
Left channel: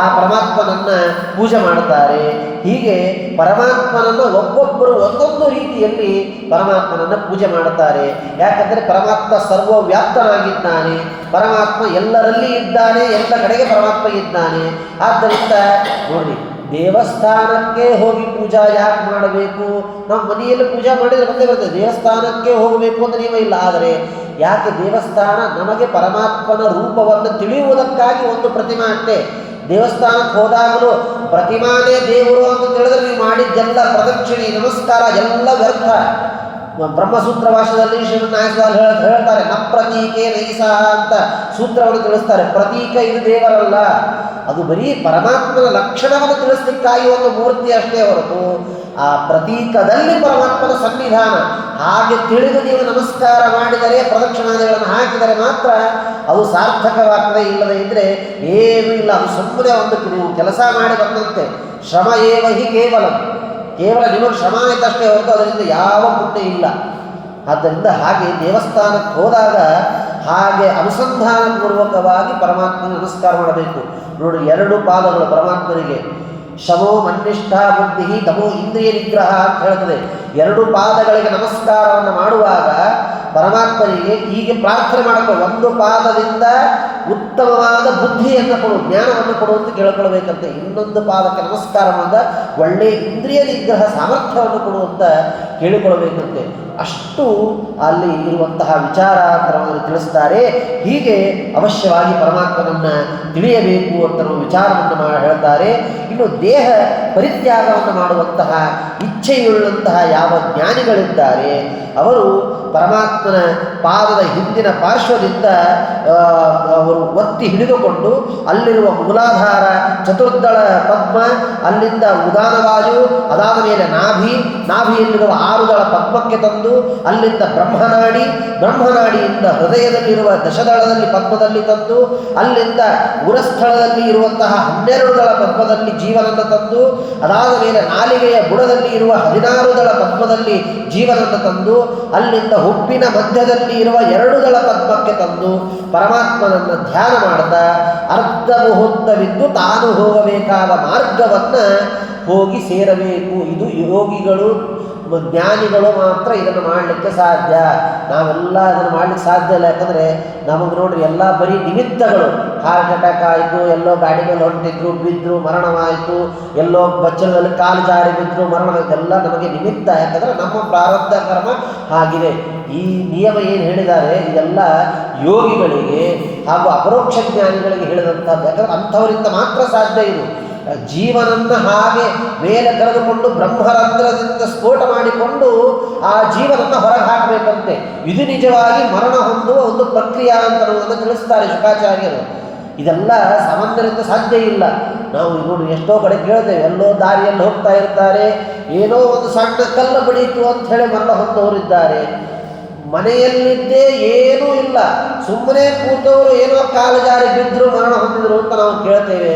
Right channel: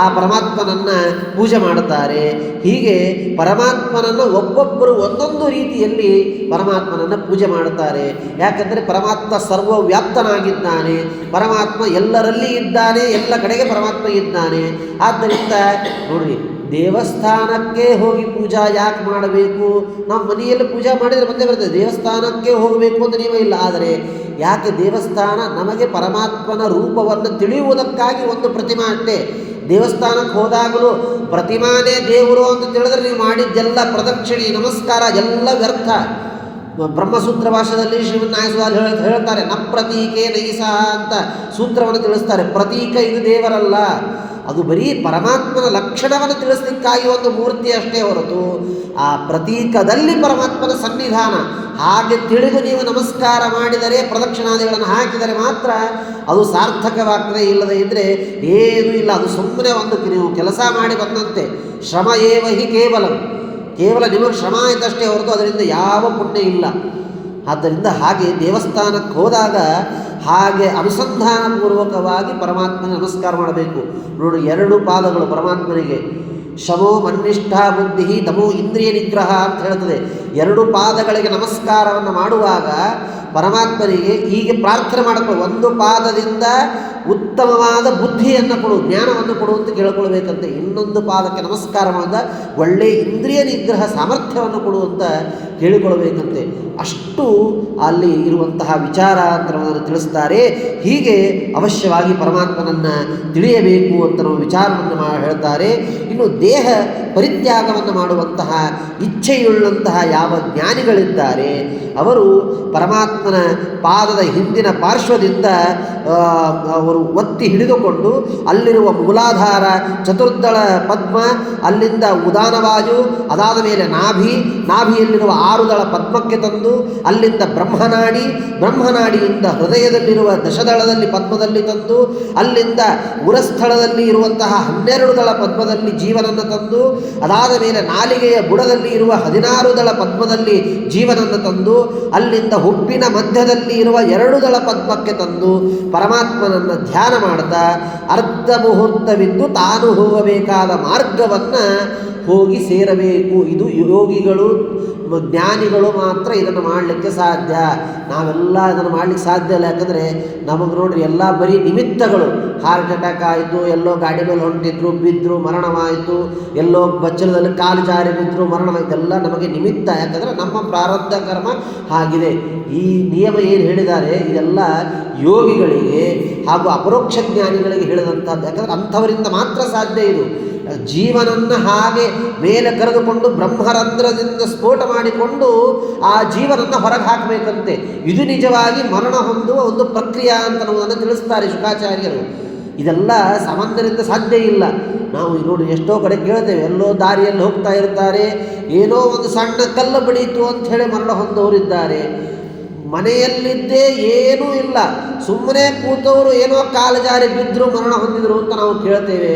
ಆ ಪರಮಾತ್ಮನನ್ನು ಪೂಜೆ ಮಾಡುತ್ತಾರೆ. ಹೀಗೆ ಪರಮಾತ್ಮನನ್ನು ಒಬ್ಬೊಬ್ಬರು ಒಂದೊಂದು ರೀತಿಯಲ್ಲಿ ಪರಮಾತ್ಮನನ್ನು ಪೂಜೆ ಮಾಡುತ್ತಾರೆ. ಯಾಕಂದರೆ ಪರಮಾತ್ಮ ಸರ್ವವ್ಯಾಪ್ತನಾಗಿದ್ದಾನೆ, ಪರಮಾತ್ಮ ಎಲ್ಲರಲ್ಲಿ ಇದ್ದಾನೆ, ಎಲ್ಲ ಕಡೆಗೆ ಪರಮಾತ್ಮ ಇದ್ದಾನೆ. ಆದ್ದರಿಂದ ನೋಡ್ರಿ, ದೇವಸ್ಥಾನಕ್ಕೆ ಹೋಗಿ ಪೂಜಾ ಯಾಕೆ ಮಾಡಬೇಕು? ನಾವು ಮನೆಯಲ್ಲಿ ಪೂಜಾ ಮಾಡಿದರೆ ಬಂದೇ ಬರ್ತದೆ. ದೇವಸ್ಥಾನಕ್ಕೆ ಹೋಗಬೇಕು ಅಂತ ನಿಯಮ ಇಲ್ಲ. ಆದರೆ ಯಾಕೆ ದೇವಸ್ಥಾನ? ನಮಗೆ ಪರಮಾತ್ಮನ ರೂಪವನ್ನು ತಿಳಿಯುವುದಕ್ಕಾಗಿ ಒಂದು ಪ್ರತಿಮಾ ಅಷ್ಟೇ. ದೇವಸ್ಥಾನಕ್ಕೆ ಹೋದಾಗಲೂ ಪ್ರತಿಮಾನೇ ದೇವರು ಅಂತ ತಿಳಿದ್ರೆ ನೀವು ಮಾಡಿದ್ದೆಲ್ಲ ಪ್ರದಕ್ಷಿಣೆ ನಮಸ್ಕಾರ ಎಲ್ಲ ವ್ಯರ್ಥ. ಬ್ರಹ್ಮಸೂತ್ರ ಭಾಷೆಯಲ್ಲಿ ಶ್ರೀಮನ್ನಾಯಸ್ವಾಮಿ ಹೇಳ್ತಾರೆ, ನ ಪ್ರತೀಕೆ ನೈಸಹ ಅಂತ ಸೂತ್ರವನ್ನು ತಿಳಿಸ್ತಾರೆ. ಪ್ರತೀಕ ಇದು ದೇವರಲ್ಲ, ಅದು ಬರೀ ಪರಮಾತ್ಮನ ಲಕ್ಷಣವನ್ನು ತಿಳಿಸ್ಲಿಕ್ಕಾಗಿ ಒಂದು ಮೂರ್ತಿ ಅಷ್ಟೇ ಹೊರತು ಆ ಪ್ರತೀಕದಲ್ಲಿ ಪರಮಾತ್ಮನ ಸನ್ನಿಧಾನ. ಹಾಗೆ ತಿಳಿದು ನೀವು ನಮಸ್ಕಾರ ಮಾಡಿದರೆ, ಪ್ರದಕ್ಷಿಣಾದಿಗಳನ್ನು ಹಾಕಿದರೆ ಮಾತ್ರ ಅದು ಸಾರ್ಥಕವಾಗ್ತದೆ. ಇಲ್ಲದೆ ಇದ್ದರೆ ಏನೂ ಇಲ್ಲ. ಅದು ಸುಮ್ಮನೆ ಒಂದು ನೀವು ಕೆಲಸ ಮಾಡಿ ಬಂದಂತೆ. ಶ್ರಮ ಏವ ಹಿ ಕೇವಲ ನಿಮಗೆ ಶ್ರಮ ಆಯ್ತಷ್ಟೇ ಹೊರತು ಅದರಿಂದ ಯಾವ ಪುಣ್ಯ ಇಲ್ಲ. ಆದ್ದರಿಂದ ಹಾಗೆ ದೇವಸ್ಥಾನಕ್ಕೆ ಹೋದಾಗ ಹಾಗೆ ಅನುಸಂಧಾನಪೂರ್ವಕವಾಗಿ ಪರಮಾತ್ಮನ ನಮಸ್ಕಾರ ಮಾಡಬೇಕು. ನೋಡಿ, 2 ಪಾದಗಳು ಪರಮಾತ್ಮನಿಗೆ. ಶಮೋ ಮನ್ನಿಷ್ಠ ಬುದ್ಧಿ ತಮೋ ಇಂದ್ರಿಯ ನಿಗ್ರಹ ಅಂತ ಹೇಳ್ತದೆ. 2 ಪಾದಗಳಿಗೆ ನಮಸ್ಕಾರವನ್ನು ಮಾಡುವಾಗ ಪರಮಾತ್ಮನಿಗೆ ಹೀಗೆ ಪ್ರಾರ್ಥನೆ ಮಾಡಬೇಕು. 1 ಪಾದದಿಂದ ಉತ್ತಮವಾದ ಬುದ್ಧಿಯನ್ನು ಕೊಡು, ಜ್ಞಾನವನ್ನು ಕೊಡು ಅಂತ ಕೇಳ್ಕೊಳ್ಬೇಕಂತೆ. ಇನ್ನೊಂದು ಪಾದಕ್ಕೆ ನಮಸ್ಕಾರ ಮಾಡಿದ ಒಳ್ಳೆಯ ಇಂದ್ರಿಯ ನಿಗ್ರಹ ಸಾಮರ್ಥ್ಯವನ್ನು ಕೊಡು ಅಂತ ಕೇಳಿಕೊಳ್ಬೇಕಂತೆ. ಅಷ್ಟು ಅಲ್ಲಿ ಇರುವಂತಹ ವಿಚಾರ ಅಂತ ತಿಳಿಸ್ತಾರೆ. ಹೀಗೆ ಅವಶ್ಯವಾಗಿ ಪರಮಾತ್ಮನನ್ನು ತಿಳಿಯಬೇಕು ಅಂತ ವಿಚಾರವನ್ನು ಹೇಳ್ತಾರೆ. ಇನ್ನು ದೇಹ ಪರಿತ್ಯಾಗವನ್ನು ಮಾಡುವಂತಹ ಇಚ್ಛೆಯುಳ್ಳಂತಹ ಯಾವ ಜ್ಞಾನಿಗಳಿದ್ದಾರೆ ಅವರು ಪರಮಾತ್ಮನ ಪಾದದ ಹಿಂದಿನ ಪಾರ್ಶ್ವದಿಂದ ಅವರು ಒತ್ತಿ ಹಿಡಿದುಕೊಂಡು ಅಲ್ಲಿರುವ ಮೂಲಾಧಾರ ಚತುರ್ದಳ ಪದ್ಮ, ಅಲ್ಲಿಂದ ಉದಾನವಾಯು, ಅದಾದ ಮೇಲೆ ನಾಭಿಯಲ್ಲಿರುವ 6 ದಳ ಪದ್ಮಕ್ಕೆ ತಂದು ಅಲ್ಲಿಂದ ಬ್ರಹ್ಮನಾಡಿಯಿಂದ ಹೃದಯದಲ್ಲಿರುವ ದಶದಳದಲ್ಲಿ ಪದ್ಮದಲ್ಲಿ ತಂದು ಅಲ್ಲಿಂದ ಉರಸ್ಥಳದಲ್ಲಿ ಇರುವಂತಹ 12 ದಳ ಪದ್ಮದಲ್ಲಿ ಜೀವನನ್ನು ತಂದು ಅದಾದ ಮೇಲೆ ನಾಲಿಗೆಯ ಬುಡದಲ್ಲಿ ಇರುವ 16 ದಳ ಪದ್ಮದಲ್ಲಿ ಜೀವನನ್ನು ತಂದು ಅಲ್ಲಿಂದ ಹುಬ್ಬಿನ ಮಧ್ಯದಲ್ಲಿ ಇರುವ 2 ದಳ ಪದ್ಮಕ್ಕೆ ತಂದು ಪರಮಾತ್ಮನನ್ನು ಧ್ಯಾನ ಮಾಡ್ತಾ ಅರ್ಧ ಮುಹೂರ್ತವಿದ್ದು ತಾನು ಹೋಗಬೇಕಾದ ಮಾರ್ಗವನ್ನು ಹೋಗಿ ಸೇರಬೇಕು. ಇದು ಯೋಗಿಗಳು ಜ್ಞಾನಿಗಳು ಮಾತ್ರ ಇದನ್ನು ಮಾಡಲಿಕ್ಕೆ ಸಾಧ್ಯ. ನಾವೆಲ್ಲ ಇದನ್ನು ಮಾಡಲಿಕ್ಕೆ ಸಾಧ್ಯ ಇಲ್ಲ. ಯಾಕಂದರೆ ನಮಗೆ ನೋಡ್ರಿ ಎಲ್ಲ ಬರೀ ನಿಮಿತ್ತಗಳು. ಹಾರ್ಟ್ ಅಟ್ಯಾಕ್ ಆಯಿತು, ಎಲ್ಲೋ ಗಾಡಿ ಮೇಲೆ ಹೊಂಟಿದ್ರು, ಬಿದ್ದರು, ಮರಣವಾಯಿತು, ಎಲ್ಲೋ ಬಚ್ಚಲದಲ್ಲಿ ಕಾಲು ಜಾರಿ ಬಿದ್ದರು, ಮರಣ, ಇದೆಲ್ಲ ನಮಗೆ ನಿಮಿತ್ತ. ಯಾಕಂದರೆ ನಮ್ಮ ಪ್ರಾರಬ್ಧ ಕರ್ಮ ಹಾಗಿದೆ. ಈ ನಿಯಮ ಏನು ಹೇಳಿದ್ದಾರೆ ಇದೆಲ್ಲ ಯೋಗಿಗಳಿಗೆ ಹಾಗೂ ಅಪರೋಕ್ಷ ಜ್ಞಾನಿಗಳಿಗೆ ಹೇಳಿದಂಥದ್ದು. ಯಾಕಂದರೆ ಅಂಥವರಿಂದ ಮಾತ್ರ ಸಾಧ್ಯ ಇದು. ಜೀವನನ್ನು ಹಾಗೆ ಮೇಲೆ ಕರೆದುಕೊಂಡು ಬ್ರಹ್ಮರಂಧ್ರದಿಂದ ಸ್ಫೋಟ ಮಾಡಿಕೊಂಡು ಆ ಜೀವನನ್ನು ಹೊರಗೆ ಹಾಕಬೇಕಂತೆ. ಇದು ನಿಜವಾಗಿ ಮರಣ ಹೊಂದುವ ಒಂದು ಪ್ರಕ್ರಿಯೆ ಅಂತ ಅನ್ನೋದನ್ನು ತಿಳಿಸ್ತಾರೆ ಶುಕಾಚಾರ್ಯರು. ಇದೆಲ್ಲ ಸಾಮಾನ್ಯರಿಂದ ಸಾಧ್ಯ ಇಲ್ಲ. ನಾವು ನೋಡಿ ಎಷ್ಟೋ ಕಡೆ ಕೇಳ್ತೇವೆ, ಎಲ್ಲೋ ದಾರಿಯಲ್ಲಿ ಹೋಗ್ತಾ ಇರ್ತಾರೆ, ಏನೋ ಒಂದು ಸಣ್ಣ ಕಲ್ಲು ಬಡೀತು ಅಂತ ಹೇಳಿ ಮರಣ ಹೊಂದವರಿದ್ದಾರೆ. ಮನೆಯಲ್ಲಿದ್ದೇ ಏನೂ ಇಲ್ಲ, ಸುಮ್ಮನೆ ಕೂತವರು ಏನೋ ಕಾಲು ಜಾರಿ ಬಿದ್ದರು, ಮರಣ ಹೊಂದಿದ್ರು ಅಂತ ನಾವು ಕೇಳ್ತೇವೆ.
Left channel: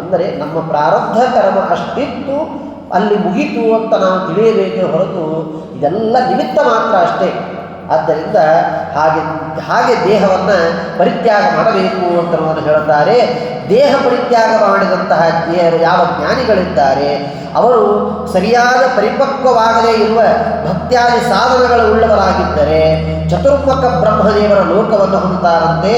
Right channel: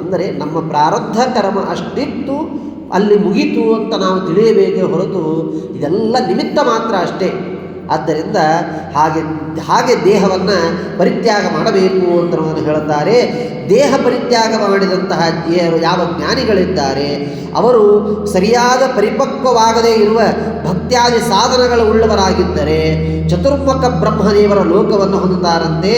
ಅಂದರೆ ನಮ್ಮ ಪ್ರಾರಬ್ಧ ಕರ್ಮ ಅಷ್ಟಿತ್ತು, ಅಲ್ಲಿ ಮುಗೀತು ಅಂತ ನಾವು ತಿಳಿಯಬೇಕೇ ಹೊರತು ಇದೆಲ್ಲ ನಿಮಿತ್ತ ಮಾತ್ರ ಅಷ್ಟೇ. ಆದ್ದರಿಂದ ಹಾಗೆ ದೇಹವನ್ನು ಪರಿತ್ಯಾಗ ಮಾಡಬೇಕು ಅಂತ ಹೇಳುತ್ತಾರೆ. ದೇಹ ಪರಿತ್ಯಾಗ ಮಾಡಿದಂತಹ ಯಾವ ಜ್ಞಾನಿಗಳಿದ್ದಾರೆ ಅವರು ಸರಿಯಾದ ಪರಿಪಕ್ವವಾಗದೇ ಇರುವ ಭಕ್ತ್ಯಾದಿ ಸಾಧನಗಳ ಉಳ್ಳವರಾಗಿದ್ದರೆ ಚತುರ್ಮುಖ ಬ್ರಹ್ಮದೇವರ ಲೋಕವನ್ನು ಹೊಂದುತ್ತಾರಂತೆ.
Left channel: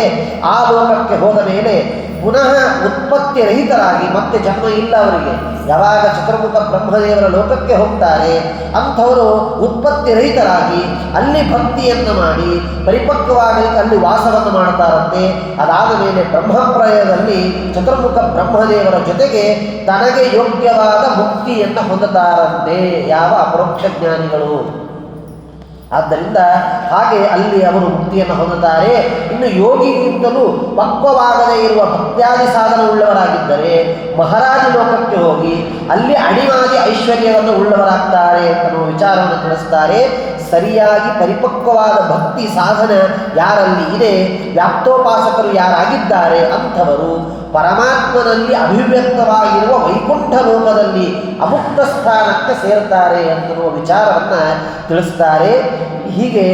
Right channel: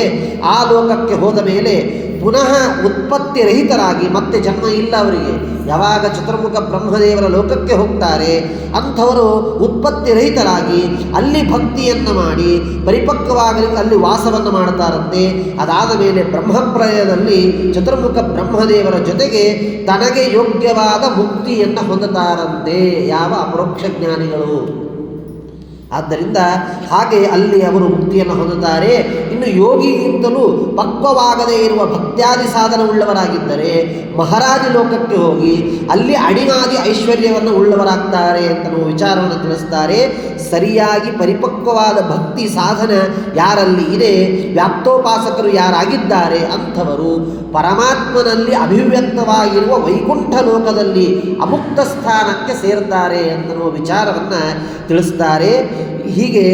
ಆ ಲೋಕಕ್ಕೆ ಹೋದ ಮೇಲೆ ಪುನಃ ಉತ್ಪತ್ತಿ ರಹಿತರಾಗಿ ಮತ್ತೆ ಜನ್ಮ ಇಲ್ಲ ಅವರಿಗೆ. ಯಾವಾಗ ಚತುರ್ಮುಖ ಬ್ರಹ್ಮದೇವರ ಲೋಕಕ್ಕೆ ಹೋಗ್ತಾರೆ ಅಂಥವರು ಉತ್ಪತ್ತಿ ರಹಿತರಾಗಿ ಅಲ್ಲಿ ಭಕ್ತಿಯನ್ನು ಮಾಡಿ ಪರಿಪಕ್ವವಾಗಲಿಕ್ಕೆ ಅಲ್ಲಿ ವಾಸವನ್ನು ಮಾಡ್ತಾರಂತೆ. ಅದಾದ ಮೇಲೆ ಬ್ರಹ್ಮಪ್ರಯದಲ್ಲಿ ಚತುರ್ಮುಖ ಬ್ರಹ್ಮದೇವರ ಜೊತೆಗೆ ತನಗೆ ಯೋಗ್ಯವಾದ ಮುಕ್ತಿಯನ್ನು ಹೊಂದುತ್ತಾರಂತೆ ಯಾವ ಅಪರೋಕ್ಷ ಜ್ಞಾನಿಗಳು. ಆದ್ದರಿಂದ ಹಾಗೆ ಅಲ್ಲಿ ಅವರು ಮುಕ್ತಿಯನ್ನು ಹೊಂದುತ್ತಾರೆ. ಇನ್ನು ಯೋಗಿಗಿಂತಲೂ ಪಕ್ವವಾಗದೇ ಇರುವ ಭಕ್ತ್ಯಾದಿ ಸಾಧನ ಉಳ್ಳವರಾಗಿದ್ದರೆ ಮಹಾರಾಜ ಲೋಕಕ್ಕೆ ಹೋಗಿ ಅಲ್ಲಿ ಅಡಿಮಾದಿ ಐಶ್ವರ್ಯವನ್ನು ಉಳ್ಳವರಾಗ್ತಾರೆ ಅಂತನ್ನುವ ವಿಚಾರವನ್ನು ತಿಳಿಸ್ತಾರೆ. ಸರಿಯಾಗಿ ಪರಿಪಕ್ವವಾದ ಭಕ್ತಿ ಸಾಧನ ಯಾರಲ್ಲಿ ಇದೆ, ವ್ಯಾಪ್ತೋಪಾಸಕರು ಯಾರಾಗಿದ್ದಾರೆ ಅಂಥವರು ಪರಮಾತ್ಮನಲ್ಲಿ ಅಭಿವ್ಯಕ್ತವಾಗಿರುವ ವೈಕುಂಠ ಲೋಕದಲ್ಲಿ ಅಮುಕ್ತ ಸ್ಥಾನಕ್ಕೆ ಸೇರ್ತಾರೆ ಅಂತನ್ನುವ ವಿಚಾರವನ್ನು ತಿಳಿಸ್ತಾರೆ. ಹೀಗೆ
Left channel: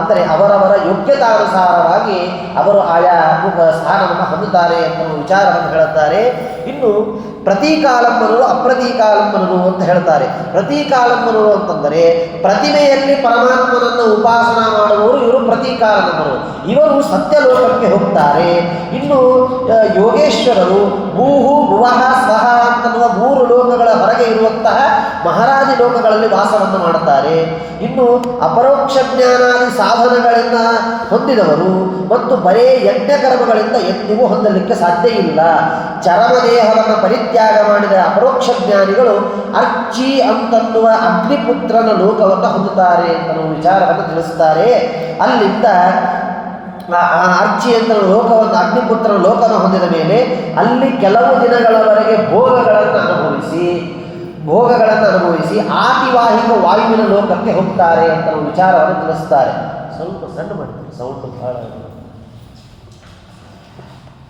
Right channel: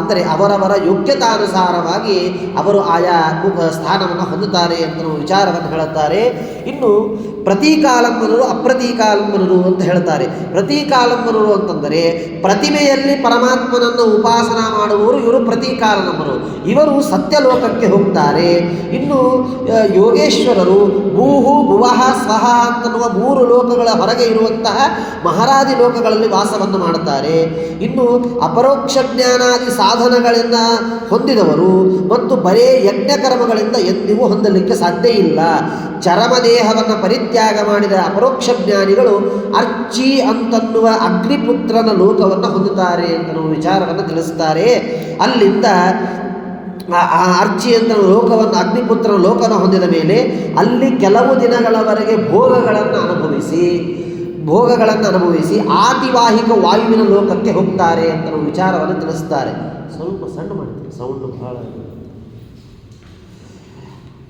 ಅಂದರೆ ಅವರವರ ಯೋಗ್ಯತಾನುಸಾರವಾಗಿ ಅವರು ಆಯಾ ಸ್ಥಾನವನ್ನು ಹೊಂದುತ್ತಾರೆ ಅಂತ ವಿಚಾರವನ್ನು ಹೇಳುತ್ತಾರೆ. ಇನ್ನು ಪ್ರತೀಕಾಲಂಬನರು ಅಪ್ರತೀಕಾಲಂಬನರು ಅಂತ ಹೇಳ್ತಾರೆ. ಪ್ರತೀಕಾಲಂಬನರು ಅಂತಂದರೆ ಪ್ರತಿಮೆಯಲ್ಲಿ ಪರಮಾತ್ಮನನ್ನು ಉಪಾಸನ ಮಾಡುವವರು ಇವರು ಪ್ರತೀಕಾಲಂಬನರು. ಇವರು ಸತ್ಯಲೋಕಕ್ಕೆ ಹೋಗ್ತಾರೆ. ಇನ್ನು ಯೋಗೇಶ್ವರರು ಭೂಹು ಭುವಃ ಸ್ವಹ ಅಂತನ್ನುವ 3 ಲೋಕಗಳ ಹೊರಗೆ ಇರುವಂತಹ ಮಹಾರಾಜ ಲೋಕಗಳಲ್ಲಿ ವಾಸವನ್ನು ಮಾಡುತ್ತಾರೆ. ಇನ್ನು ಅಪರೋಕ್ಷ ಜ್ಞಾನಾದಿ ಸಾಧನಗಳನ್ನು ಹೊಂದಿದವರು ಮತ್ತು ಬರೇ ಯಜ್ಞಕರ್ಮಗಳಿಂದ ಎಂದಿಗೂ ಹೊಂದಲಿಕ್ಕೆ ಸಾಧ್ಯ ಇಲ್ಲ. ಚರಮದೇಹವನ್ನು ಪರಿತ್ಯಾಗ ಮಾಡಿದ ಅಪರೋಕ್ಷ ಜ್ಞಾನಿಗಳು ಅರ್ಚಿ ಅಂತನ್ನುವ ಅಗ್ನಿಪುತ್ರನ ಲೋಕವನ್ನು ಹೊಂದುತ್ತಾರೆ ಅಂತ ವಿಚಾರವನ್ನು ತಿಳಿಸುತ್ತಾರೆ. ಅಲ್ಲಿಂದ ಆ ಅರ್ಚಿ ಅಂತ ಲೋಕವನ್ನು ಅಗ್ನಿಪುತ್ರನ ಲೋಕವನ್ನು ಹೊಂದಿದ ಮೇಲೆ ಅಲ್ಲಿ ಕೆಲವು ದಿನಗಳವರೆಗೆ ಭೋಗಗಳನ್ನು ಅನುಭವಿಸಿ ಆತಿವಾಹಿಕ ವಾಯುವಿನ ಲೋಕಕ್ಕೆ ಹೋಗ್ತಾರೆ ಅಂತ ವಿಚಾರವನ್ನು ತಿಳಿಸ್ತಾರೆ. ಸ್ವಲ್ಪ ಸಣ್ಣ ಮಾಡ್ತೀವಿ ಸೌಂಡ್ ಬಹಳ.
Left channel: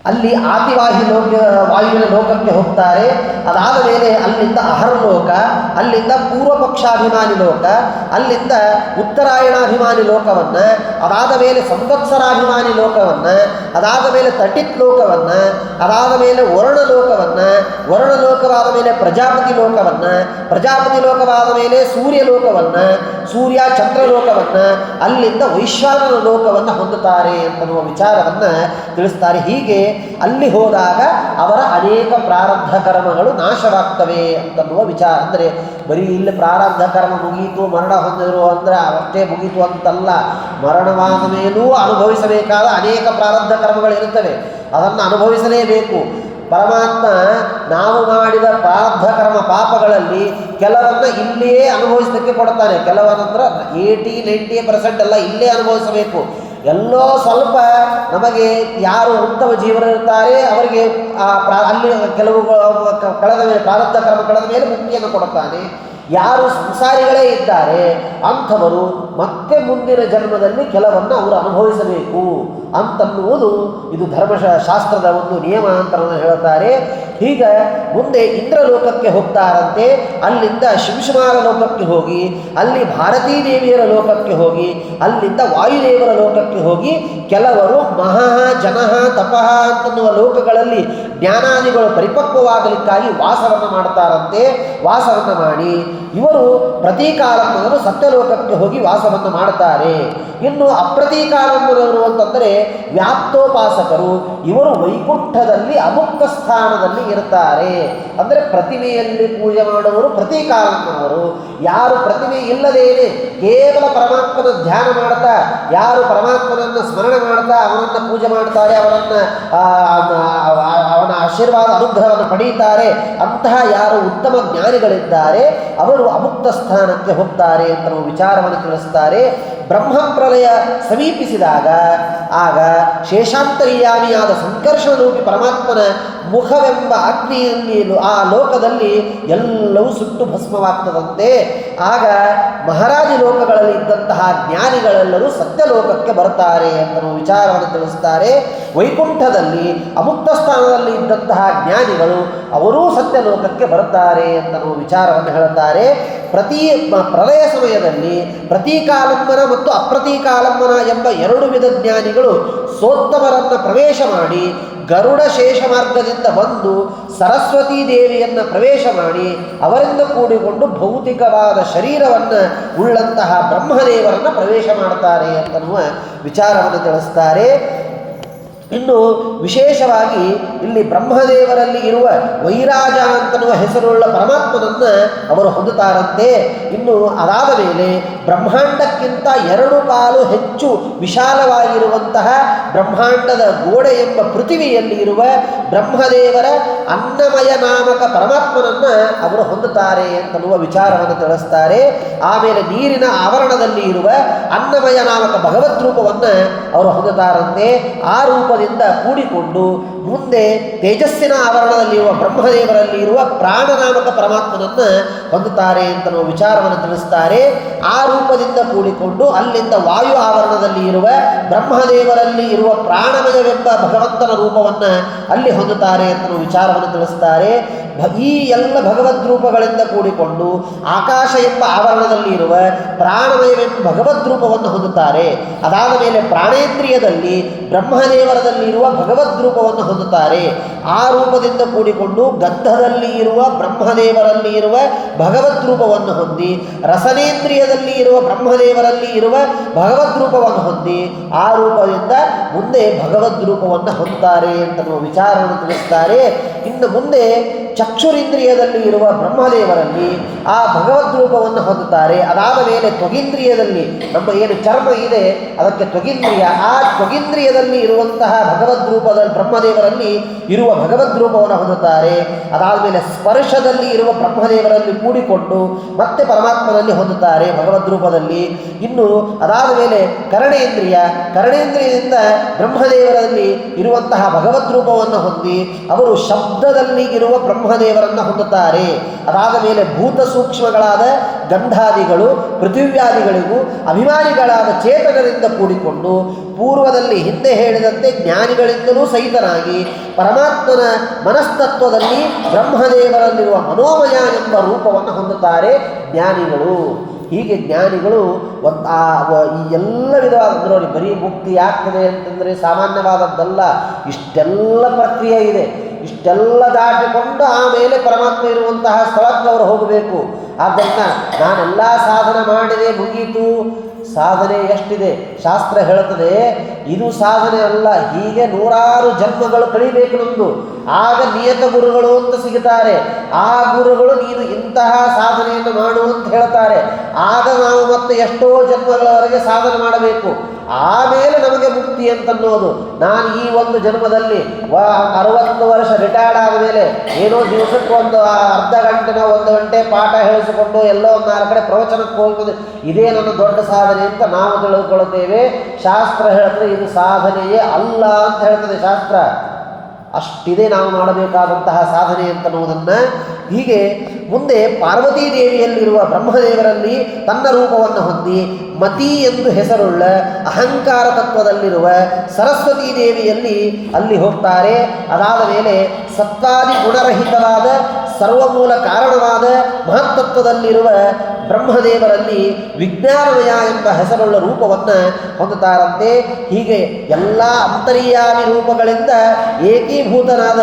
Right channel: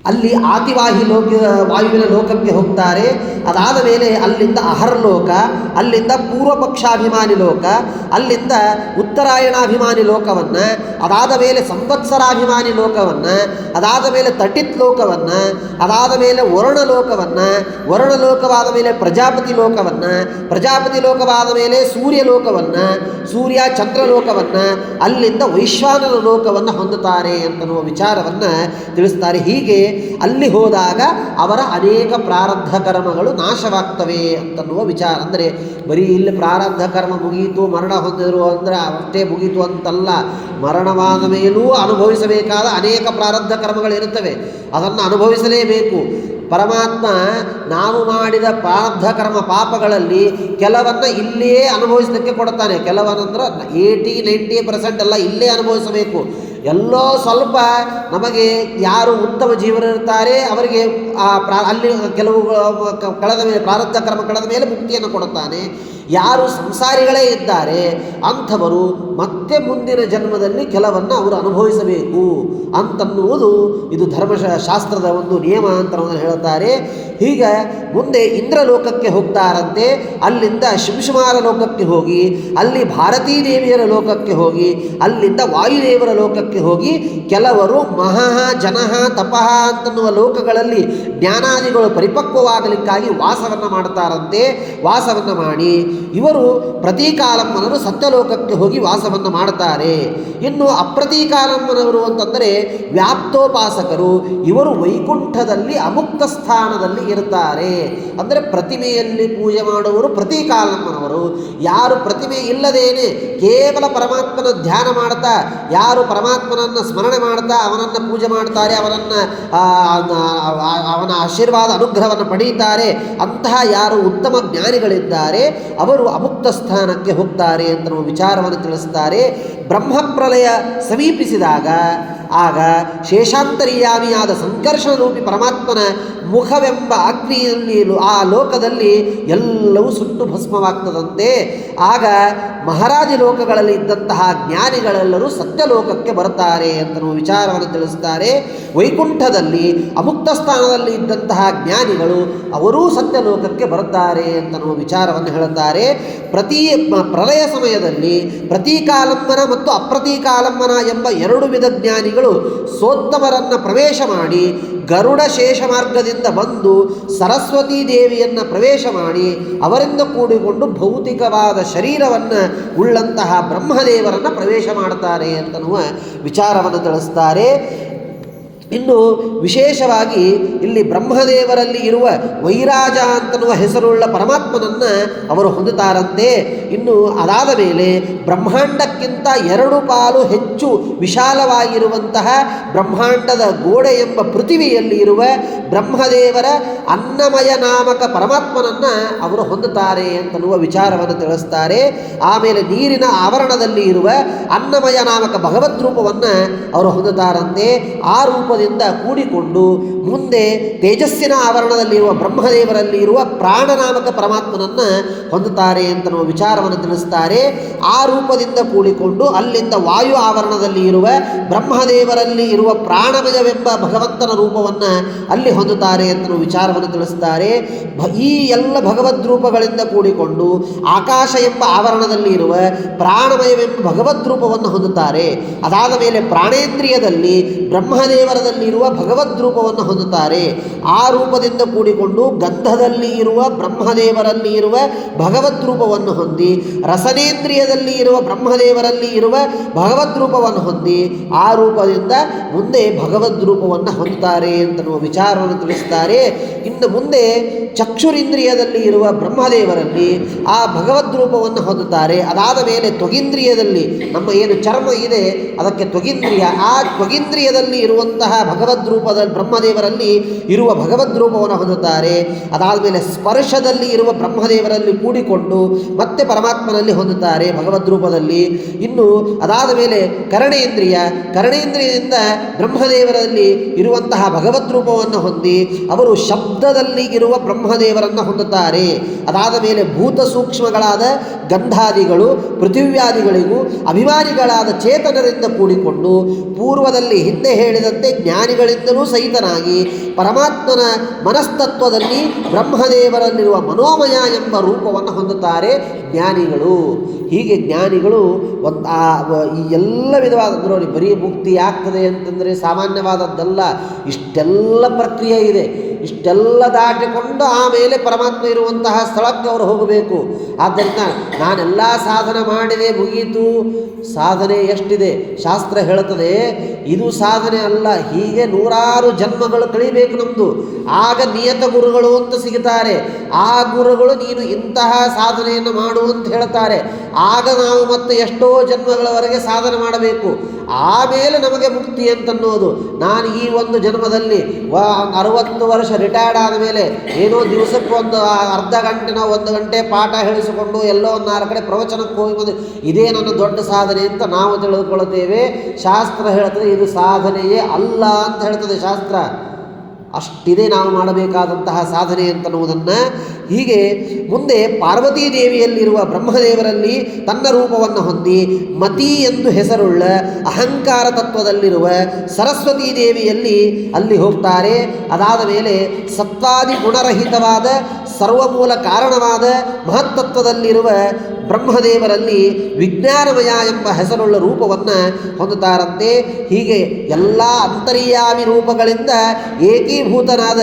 ಅಲ್ಲಿ ಆತಿವಾಹಿ ವಾಯುವಿನ ಲೋಕಕ್ಕೆ ಹೋಗ್ತಾರೆ. ಅದಾದ ಮೇಲೆ ಅಲ್ಲಿಂದ ಅಹರ್ಲೋಕ, ಅಲ್ಲಿಂದ ಪೂರ್ವ ಪಕ್ಷಾಭಿಮಾನಿ ಲೋಕ, ಅಲ್ಲಿಂದ ಉತ್ತರಾಯಣಾಭಿಮಾನಿ ಲೋಕವನ್ನು, ಅದಾದ ಮೇಲೆ ಸಂವತ್ಸರಾಭಿಮಾನಿ ಲೋಕವನ್ನು, ಅದಾದ ಮೇಲೆ ತಟಿತ್ ಲೋಕವನ್ನು, ಅದಾದ ಮೇಲೆ ವರ್ಣಲೋಕವಾದ ಮೇಲೆ ಪ್ರಜಾಪತಿ ಲೋಕವನ್ನು, ಪ್ರಜಾಪತಿ ಲೋಕವಾದ ಮೇಲೆ ಸೂರ್ಯಲೋಕವನ್ನು, ಸೂರ್ಯ ಚಂದ್ರಲೋಕವನ್ನು, ಅಲ್ಲಿಂದ ವೈಶ್ವಾನರ ಲೋಕವನ್ನು ಹೊಂದುತ್ತಾರೆ ಅಂತನ್ನುವ ವಿಚಾರವನ್ನು ತಿಳಿಸ್ತಾರೆ. ಹೀಗೆ ಅಲ್ಲಿ ಹೋದಾಗ ಅವರ ಅನೇಕ ಪ್ರಾರಬ್ಧ ಕರ್ಮಗಳು ನಾಶವಾಗ್ತವೆ ಅಂತನ್ನುವ ವಿಚಾರ. ಅಂದರೆ ಬರೀ ಇಲ್ಲಿ ಪ್ರಾರಬ್ಧ ಕರ್ಮ ಮುಗೀತು, ಮರಣ ಹೊಂದಿದ್ರು ಅಂದರೆ ಅಷ್ಟೇ ಮುಗೀತು ಅಂತಲ್ಲ. ಮರಣವಾದ ಮೇಲೂ ಅನುಭವಿಸಬೇಕಾದ ಅನೇಕ ಪ್ರಾರಬ್ಧ ಕರ್ಮಗಳಿರುತ್ತವೆ, ಅದನ್ನು ಅನುಭವಿಸಲೇಬೇಕು. ಪರಮಾತ್ಮ ನಾವು ಮಾಡಿದ ಪ್ರಾರಬ್ಧ ಕರ್ಮ ಪಾಪಗಳಲ್ಲಿ ಕೆಲವನ್ನು ಇಲ್ಲಿಯೇ ಅನುಭವಿಸಲಿಕ್ಕೆ ಕೊಡ್ತಾನೆ. ಕೆಲವನ್ನಂದ್ರೆ 80-90% ಎಲ್ಲ ಇಲ್ಲೇ ಅನುಭವಿಸಬೇಕು. ಎಲ್ಲೋ ಸ್ವಲ್ಪ ನಮಗೆ ಯಾರು ಉತ್ತಮ ಜೀವನರಿರ್ತಾರೆ ಅವರಿಗೆ ಅಲ್ಲಿ ಕೆಲವು ಕಳೆದ ಮೇಲೆ ಪ್ರಾರಬ್ಧ ಕರ್ಮ ಕಳೆದ ಮೇಲೆ ಮುಕ್ತಿಯನ್ನು ಕೊಡುತ್ತಾನೆ. ಯಾರು ಸಂಸಾರಿಗಳೇ ಇದ್ದಾರೆ ಅಂಥವರು ಮತ್ತೆ ಮುಂದಿನ ಜನ್ಮದಲ್ಲಿ ಕೆಲವನ್ನು ಅವರು ಅನುಭವಿಸಬೇಕು ಅಂತನ್ನುವುದು ಇದು ಧರ್ಮಶಾಸ್ತ್ರದ ಒಂದು ನಿಯಮ ಅಂತ ಹೇಳುತ್ತಾರೆ. ಹೀಗೆ ಮುಂದೆ ಇಂದ್ರಲೋಕಕ್ಕೆ ಹೋಗ್ತಾರಂತೆ. ಅಲ್ಲಿಂದ ಶಿಂಶುಮಾರ ಲೋಕಕ್ಕೆ ಹೋಗಿ ಅಲ್ಲಿ ಭಾರತೀ ದೇವಿಯರ ಲೋಕಕ್ಕೆ ಹೋಗಿ ಅಲ್ಲಿಂದ ವಾಯುದೇವರ ಲೋಕಕ್ಕೆ ಹೋಗಿ ಕೆಲವರು ಮಹಃ ಜನಃ ತಪಃ ಅಂತನ್ನುವ ಲೋಕಗಳಲ್ಲಿ ಜ್ಞಾನಾದಿಗಳು ಪರಿಪಕ್ವವಾಗಲಿಕ್ಕಾಗಿ ವಾಸವನ್ನು ಮಾಡ್ತಾರಂತೆ. ವಾಸವನ್ನು ಮಾಡಿ ಇವರು ಪ್ರತೀಕಾಲಂಬನರು ಸತ್ಯಲೋಕಕ್ಕೆ ಹೋಗಿ ವಾಸವನ್ನು ಮಾಡುತ್ತಾರೆ. ಇನ್ನು ಅಪ್ರತೀಕಾಲಂಬನವರು ಅಂತಂದರೆ ವ್ಯಾಪ್ತೋಪಾಸಕರು. ಇವರು ವೈಕುಂಠದಲ್ಲಿ ಅಮುಕ್ತ ಸ್ಥಾನದಲ್ಲಿ ಇರ್ತಾರೆ. ಅಂದರೆ ಪ್ರತಿಮೆಯಲ್ಲಿ ಪೂಜೆ ಮಾಡುವವರು ಪ್ರತೀಕಾಲಂಬನವರು. ಯಾರು ಪ್ರತಿಮೆ ಇಲ್ಲದೇನೆ ಕೇವಲ ಪರಮಾತ್ಮನ ಧ್ಯಾನ ಮಾಡ್ತಾ, ಯಾರು ಪರಮಾತ್ಮನನ್ನು ಸ್ಮರಣೆ ಮಾಡ್ತಾ ಅವನನ್ನು ಪೂಜೆ ಮಾಡ್ತಾರೆ, ಅವನ ಆಶೀರ್ವಾದ ಅನುಗ್ರಹವನ್ನು ಪಡೆಯುತ್ತಾರೆ, ಅಂತಹ ಯಾರು ಉತ್ತಮ ಜ್ಞಾನಿಗಳಿದ್ದಾರೆ ಅವರು ಅಮುಕ್ತ ಸ್ಥಾನಕ್ಕೆ ಹೋಗ್ತಾರೆ ಅಂತ ನಾವು ವಿಚಾರವನ್ನು ತಿಳಿಸ್ತಾರೆ. ಬ್ರಹ್ಮಪ್ರಲಯ ಸಮೀಪಿಸಿದಾಗ ಆಗ ಶೇಷಾಂತರ್ಯಾಮಿಯಾದ ಸಂಕರ್ಷಣ ರೂಪಿ ಪರಮಾತ್ಮನ ಮುಖವೆಂಬ ಅಗ್ನಿಯಲ್ಲಿ ಆ ಲೋಕದಲ್ಲಿ ಎಲ್ಲವೂ ಸುಟ್ಟು ಭಸ್ಮವಾಗ್ತದಂತೆ. ಆಗ ಮಹಾರಾಜ ಲೋಕಗಳಲ್ಲಿ ಇದ್ದಂತಹ ಜ್ಞಾನಿಗಳೆಲ್ಲರೂ ಸತ್ಯಲೋಕಕ್ಕೆ ಬರುತ್ತಾರೆ ಅಂತ ವಿಚಾರವನ್ನು ತಿಳಿಸ್ತಾರೆ. ವೈಕುಂಠದಲ್ಲಿ ಅಮುಕ್ತ ಸ್ಥಾನದಲ್ಲಿ ಇದ್ದಂತಹ ಜ್ಞಾನಿಗಳು ಅವರೂ ಸತ್ಯಲೋಕಕ್ಕೆ ಬರುತ್ತಾರೆ ಅಂತ ವಿಚಾರವನ್ನು ಹೇಳುತ್ತಾರೆ. ಪ್ರಲಯ ಸಮಯದಲ್ಲಿ ಪ್ರತೀಕಾಲಂಬನ ಮತ್ತು ಅಪ್ರತೀಕಾಲಂಬನ ಎಂಬ 2 ವಿಧ ಜ್ಞಾನಿಗಳು ಸೋತ್ತಮರನ್ನು ಪ್ರವೇಶ ಮಾಡಿ ಗರುಡ ಶೇಷ ಮಾರ್ಗದಿಂದ ಬಂದು ಸರಸ್ವತೀ ದೇವಿಯನ್ನು ಪ್ರವೇಶ ಮಾಡಿ ಅವರಿಂದ ಕೂಡಿಕೊಂಡು ಭೌತಿಕವಾದ ಶರೀರವನ್ನು ಉಳ್ಳಂತಹ ಬ್ರಹ್ಮದೇವರನ್ನು ಪ್ರವೇಶ ಮಾಡುತ್ತಾರೆ ಅಂತನ್ನುವ ವಿಚಾರವನ್ನು ತಿಳಿಸ್ತಾರೆ. ಇನ್ನು ವಿಶೇಷವಾಗಿ ಇಲ್ಲಿ ಬ್ರಹ್ಮದೇವರಲ್ಲಿ ಇರುವ ವೈರಾಜ ಅಂತನ್ನುವ ಹೆಸರುಳ್ಳ ಪರಮಾತ್ಮನನ್ನು ಅವರು ಹೊಂದುತ್ತಾರಂತೆ. ಇನ್ನು ಅದಾದ ಮೇಲೆ ಬ್ರಹ್ಮಾಂಡಕ್ಕಿಂತ 2 ಪಾಲು ಹೆಚ್ಚು ವಿಶಾಲವಾಗಿರುವಂತಹ ಬ್ರಹ್ಮಾಂಡದ ಗೋಡೆ ಎಂಬ ಪೃಥಿವಿಯಲ್ಲಿ ಇರುವ ಬ್ರಹ್ಮದೇವರ ಅನ್ನಮಯ ನಾಮಕ ಪರಮಾತ್ಮನನ್ನು ಅವರು ಹೊಂದುತ್ತಾರೆ ಅಂತನ್ನುವ ವಿಚಾರವನ್ನು ತಿಳಿಸ್ತಾರೆ. ಆಮೇಲೆ ನೀರಿನ ಆವರಣದಲ್ಲಿ ಇರುವ ಅನ್ನಮಯ ನಾಮಕ ಭಗವದ್ ರೂಪವನ್ನು ಅವರು ಹೊಂದುತ್ತಾರಂತೆ. ಆ ರೂಪ ಕೂಡಿಕೊಂಡು ಮುಂದೆ ತೇಜಸ್ಸಿನ ಆವರಣದಲ್ಲಿರುವ ಬ್ರಹ್ಮದೇವರಲ್ಲಿ ಇರುವ ಪ್ರಾಣನಾಮಕ ಪರಮಾತ್ಮನನ್ನು ಹೊಂದುತ್ತಾರೆ ಅಂತ ನಾವು ವಿಚಾರವನ್ನು ತಿಳಿಸ್ತಾರೆ. ಆ ರೂಪದಿಂದ ಕೂಡಿಕೊಂಡು ಅಲ್ಲಿಂದ ವಾಯು ಆವರಣದಲ್ಲಿ ಇರುವ ಬ್ರಹ್ಮದೇವರಲ್ಲಿ ಇರುವ ಪ್ರಾಣಮಯವೆಂಬ ಭಗವಂತನ ರೂಪವನ್ನು ಅಲ್ಲಿ ಹೊಂದುತ್ತಾರೆ ಅಂತ ನಾವು ವಿಚಾರವನ್ನು ತಿಳಿಸ್ತಾರೆ. ಈ ಎಲ್ಲ ಭಗವದ್ ರೂಪಗಳಿಂದ ಕೂಡಿಕೊಂಡು ಆಕಾಶ ಎಂಬ ಆವರಣದಲ್ಲಿ ಇರುವ ಪ್ರಾಣಮಯವೆಂಬ ಭಗವದ್ ರೂಪವನ್ನು ಹೊಂದುತ್ತಾರೆ. ಅದಾದ ಮೇಲೆ ಪ್ರಾಣೇಂದ್ರಿಯದಲ್ಲಿ ಬ್ರಹ್ಮದೇವರದಲ್ಲಿರುವ ಭಗವದ್ ರೂಪವನ್ನು ಹೊಂದುತ್ತಾರೆ. ಆ ರೂಪದಿಂದ ಕೂಡಿಕೊಂಡು ಗಂಧದಲ್ಲಿ ಇರುವ ಬ್ರಹ್ಮದೇವರಲ್ಲಿ ಇರುವ ಭಗವದ್ ರೂಪವನ್ನು ಹೊಂದಿ ರಸನೇಂದ್ರಿಯದಲ್ಲಿ ಇರುವ ಬ್ರಹ್ಮದೇವರಲ್ಲಿ ಇರುವ ಭಗವದ್ ರೂಪವನ್ನು ಹೊಂದಿ ಆ ರೂಪದಿಂದ ಮುಂದೆ ಭಗವದ್ ರೂಪವನ್ನು ಹೊಂದುತ್ತಾರೆ ಅಂತ ನಾವು ವಿಚಾರವನ್ನು ತಿಳಿಸ್ತಾರೆ. ಇನ್ನು ಮುಂದೆ ಚಕ್ಷುರಿಂದ್ರಿಯದಲ್ಲಿ ಇರುವ ಬ್ರಹ್ಮದೇವರಲ್ಲಿ ಆ ಭಗವದ್ ರೂಪವನ್ನು ಹೊಂದುತ್ತಾರೆ. ಅದಾದ ಮೇಲೆ ತ್ವಗಿಂದ್ರಿಯದಲ್ಲಿ ನಮ್ಮ ಏನು ಚರ್ಮ ಇದೆ ಅದಕ್ಕೆ ತ್ವಗಿಂದ್ರಿಯ, ಆ ತ್ವಗಿಂದ್ರಿಯದಲ್ಲಿ ಇರುವಂತಹ ಭಗವದ್ ರೂಪದ ಬ್ರಹ್ಮದೇವರಲ್ಲಿ ಇರುವ ಭಗವದ್ ರೂಪವನ್ನು ಹೊಂದುತ್ತಾರೆ. ಅದಾದ ಮೇಲೆ ಸ್ಪರ್ಶದಲ್ಲಿ ಇರುವ ಬ್ರಹ್ಮದೇವರಲ್ಲಿ ಕೂಡಿಕೊಂಡು ಮತ್ತೆ ಪರಮಾತ್ಮನಲ್ಲಿ ಹೊಂದುತ್ತಾರೆ ಭಗವದ್ ರೂಪದಲ್ಲಿ. ಇನ್ನು ಅದಾದ ಮೇಲೆ ಕರಣೇಂದ್ರಿಯದಿಂದ ಬ್ರಹ್ಮದೇವರಲ್ಲಿ ಇರುವಂತಹ ಭಗವದ್ ರೂಪವನ್ನು ಹೊಂದಿ ಅವರು ಶಬ್ದದಲ್ಲಿ ಇರುವ ಬ್ರಹ್ಮದೇವರನ್ನು ಹೊಂದುತ್ತಾರೆ. ಅದಾದ ಮೇಲೆ ಭೂತ ಸೂಕ್ಷ್ಮಗಳಾದ ಗಂಧಾದಿಗಳು ಪೃಥಿವ್ಯಾದಿಗಳಿಗೂ ಅಭಿಮಾನಿಗಳಾದ ಚೇತನರಿಂದ ಕೂಡಿಕೊಂಡು ಪೂರ್ವದಲ್ಲಿ ಹಿಂದೆ ಹೇಳಿದಂತೆ ಜ್ಞಾನಿಗಳಿಂದಲೂ ಸಹಿತನಾಗಿ ಪರಮಾತ್ಮನ ಮನಸ್ತತ್ವದಲ್ಲಿ ಬ್ರಹ್ಮದೇವರಲ್ಲಿರುವ ಮನೋಮಯ ಎಂಬ ರೂಪವನ್ನು ಹೊಂದುತ್ತಾರೆ ಜ್ಞಾನಿಗಳು. ಹೀಗೆ ಜ್ಞಾನಿಗಳು ಈ ಎಲ್ಲ ವಿಧವಾದ ನೋಡಿ, ಬರೀ ಮುಕ್ತಿ ಆಗ್ತದೆ ಅಂತಂದರೆ ಸಾಮಾನ್ಯವಾದದ್ದಲ್ಲ. ಇಷ್ಟೆಲ್ಲ ಪ್ರಕ್ರಿಯೆ ಇದೆ. ಇಷ್ಟೆಲ್ಲ ದಾಟಿಕೊಂಡು ಆಮೇಲೆ ಪರಮಾತ್ಮ ಇರುವಂತಹ ಸ್ಥಳಕ್ಕೆ ಅವರು ಹೋಗಬೇಕು. ಆದ್ದರಿಂದ ನಾನೆಲ್ಲ ಸಾಧನೆ ಮಾಡಿದೆ ಮುಗೀತು, ಸಾಧನೆ ಎಷ್ಟಿದೆ ಶಾಸ್ತ್ರ ಹೇಳುತ್ತದೆ. ಇದು ಸಾಧನೆ ಅಲ್ಲ, ಹೀಗೆ ನೂರಾರು ಜನ್ಮಗಳು ಕಳಿಬೇಕು ನಮ್ಮದು. ಆಗ ನಿಯತ ಗುರುಗಳು ಅಂತ ಸಿಗುತ್ತಾರೆ. ಆ ಗುರುಗಳು ನೀನು ಇಂತಹ ಸಾಧನೆಯನ್ನು ಮಾಡು ಅಂತ ಹೇಳ್ತಾರೆ. ಆಗ ನಾವು ಮತ್ತೆ ಎಷ್ಟೋ ಜನ್ಮಗಳವರೆಗೆ ಸಾಧನೆ ಮಾಡಬೇಕು. ಆಮೇಲೆ ನಮಗೆ ಮುಕ್ತಿ ಅಂತನ್ನೋದು. ನಾನು ಈ ಒಂದು ಜನ್ಮದಲ್ಲಿ 60 ವರ್ಷ ರಿಟೈರ್ಡ್ ಆದ ಮೇಲೆ ಏನೋ ದಿವಸಕ್ಕೆ ಒಂದು ಅರ್ಧ ಗಂಟೆನೋ 1 ಗಂಟೆ ಪಾಠ ಹೇಳಿಸಿಕೊಂಡು ಎಲ್ಲೋ ಒಂದು 4 ಕಡೆ ಪ್ರವಚನಕ್ಕೆ ಹೋಗ್ಬೋದು, ಇದೇ ನನ್ನ ದೊಡ್ಡ ಸಾಧನೆ ಅಂತ ನಾವು ತಿಳಿದುಕೊಳ್ಳುತ್ತೇವೆ. ಶಾಸ್ತ್ರ ಹೇಳ್ತದೆ ಇದು ಸಾಧನೆಯೇ ಅಲ್ಲ ಅಂತ ಹೇಳ್ತದೆ ಶಾಸ್ತ್ರ. ಅಷ್ಟಿದೆ ನಾವು ಮಾಡಬೇಕಾದಂತಹ ಸಾಧನೆ ಅಂತನ್ನುವುದನ್ನು. ಹೀಗೆ ಮುಂದೆ ಪಾರ್ವತೀ ದೇವಿಯಲ್ಲಿರುವ ಬ್ರಹ್ಮದೇವರಲ್ಲಿ ತನ್ನ ರೂಪವನ್ನು ಹೊಂದಿ ಮತಿ ಎಂದು ಹೆಸರುಳ್ಳ ಅಹಂಕಾರ ತತ್ವದಲ್ಲಿರುವ ಸರಸ್ವತೀ ದೇವಿಯಲ್ಲಿ ಅಲ್ಲಿ ಹೋಗ್ತಾರೆ. ಅದಾದ ಮೇಲೆ ಸತ್ವಾದಿ ಗುಣರಹಿತವಾದ ಸರ್ವಮೂಲ ಕಾರಣವಾದ ಮಹತ್ತತ್ವದಲ್ಲಿರುವ ಬ್ರಹ್ಮದೇವರಲ್ಲಿ ವಿಜ್ಞಾನಮಯ ಎಂಬ ಹೆಸರುಳ್ಳ ರೂಪವನ್ನು ಹೊಂದುತ್ತಾರಂತೆ. ಹೀಗೆ ಎಲ್ಲ ಅಂತರ್ಯಾಮಿ ರೂಪಗಳಿಂದ ಏಕೀಭೂತನಾದ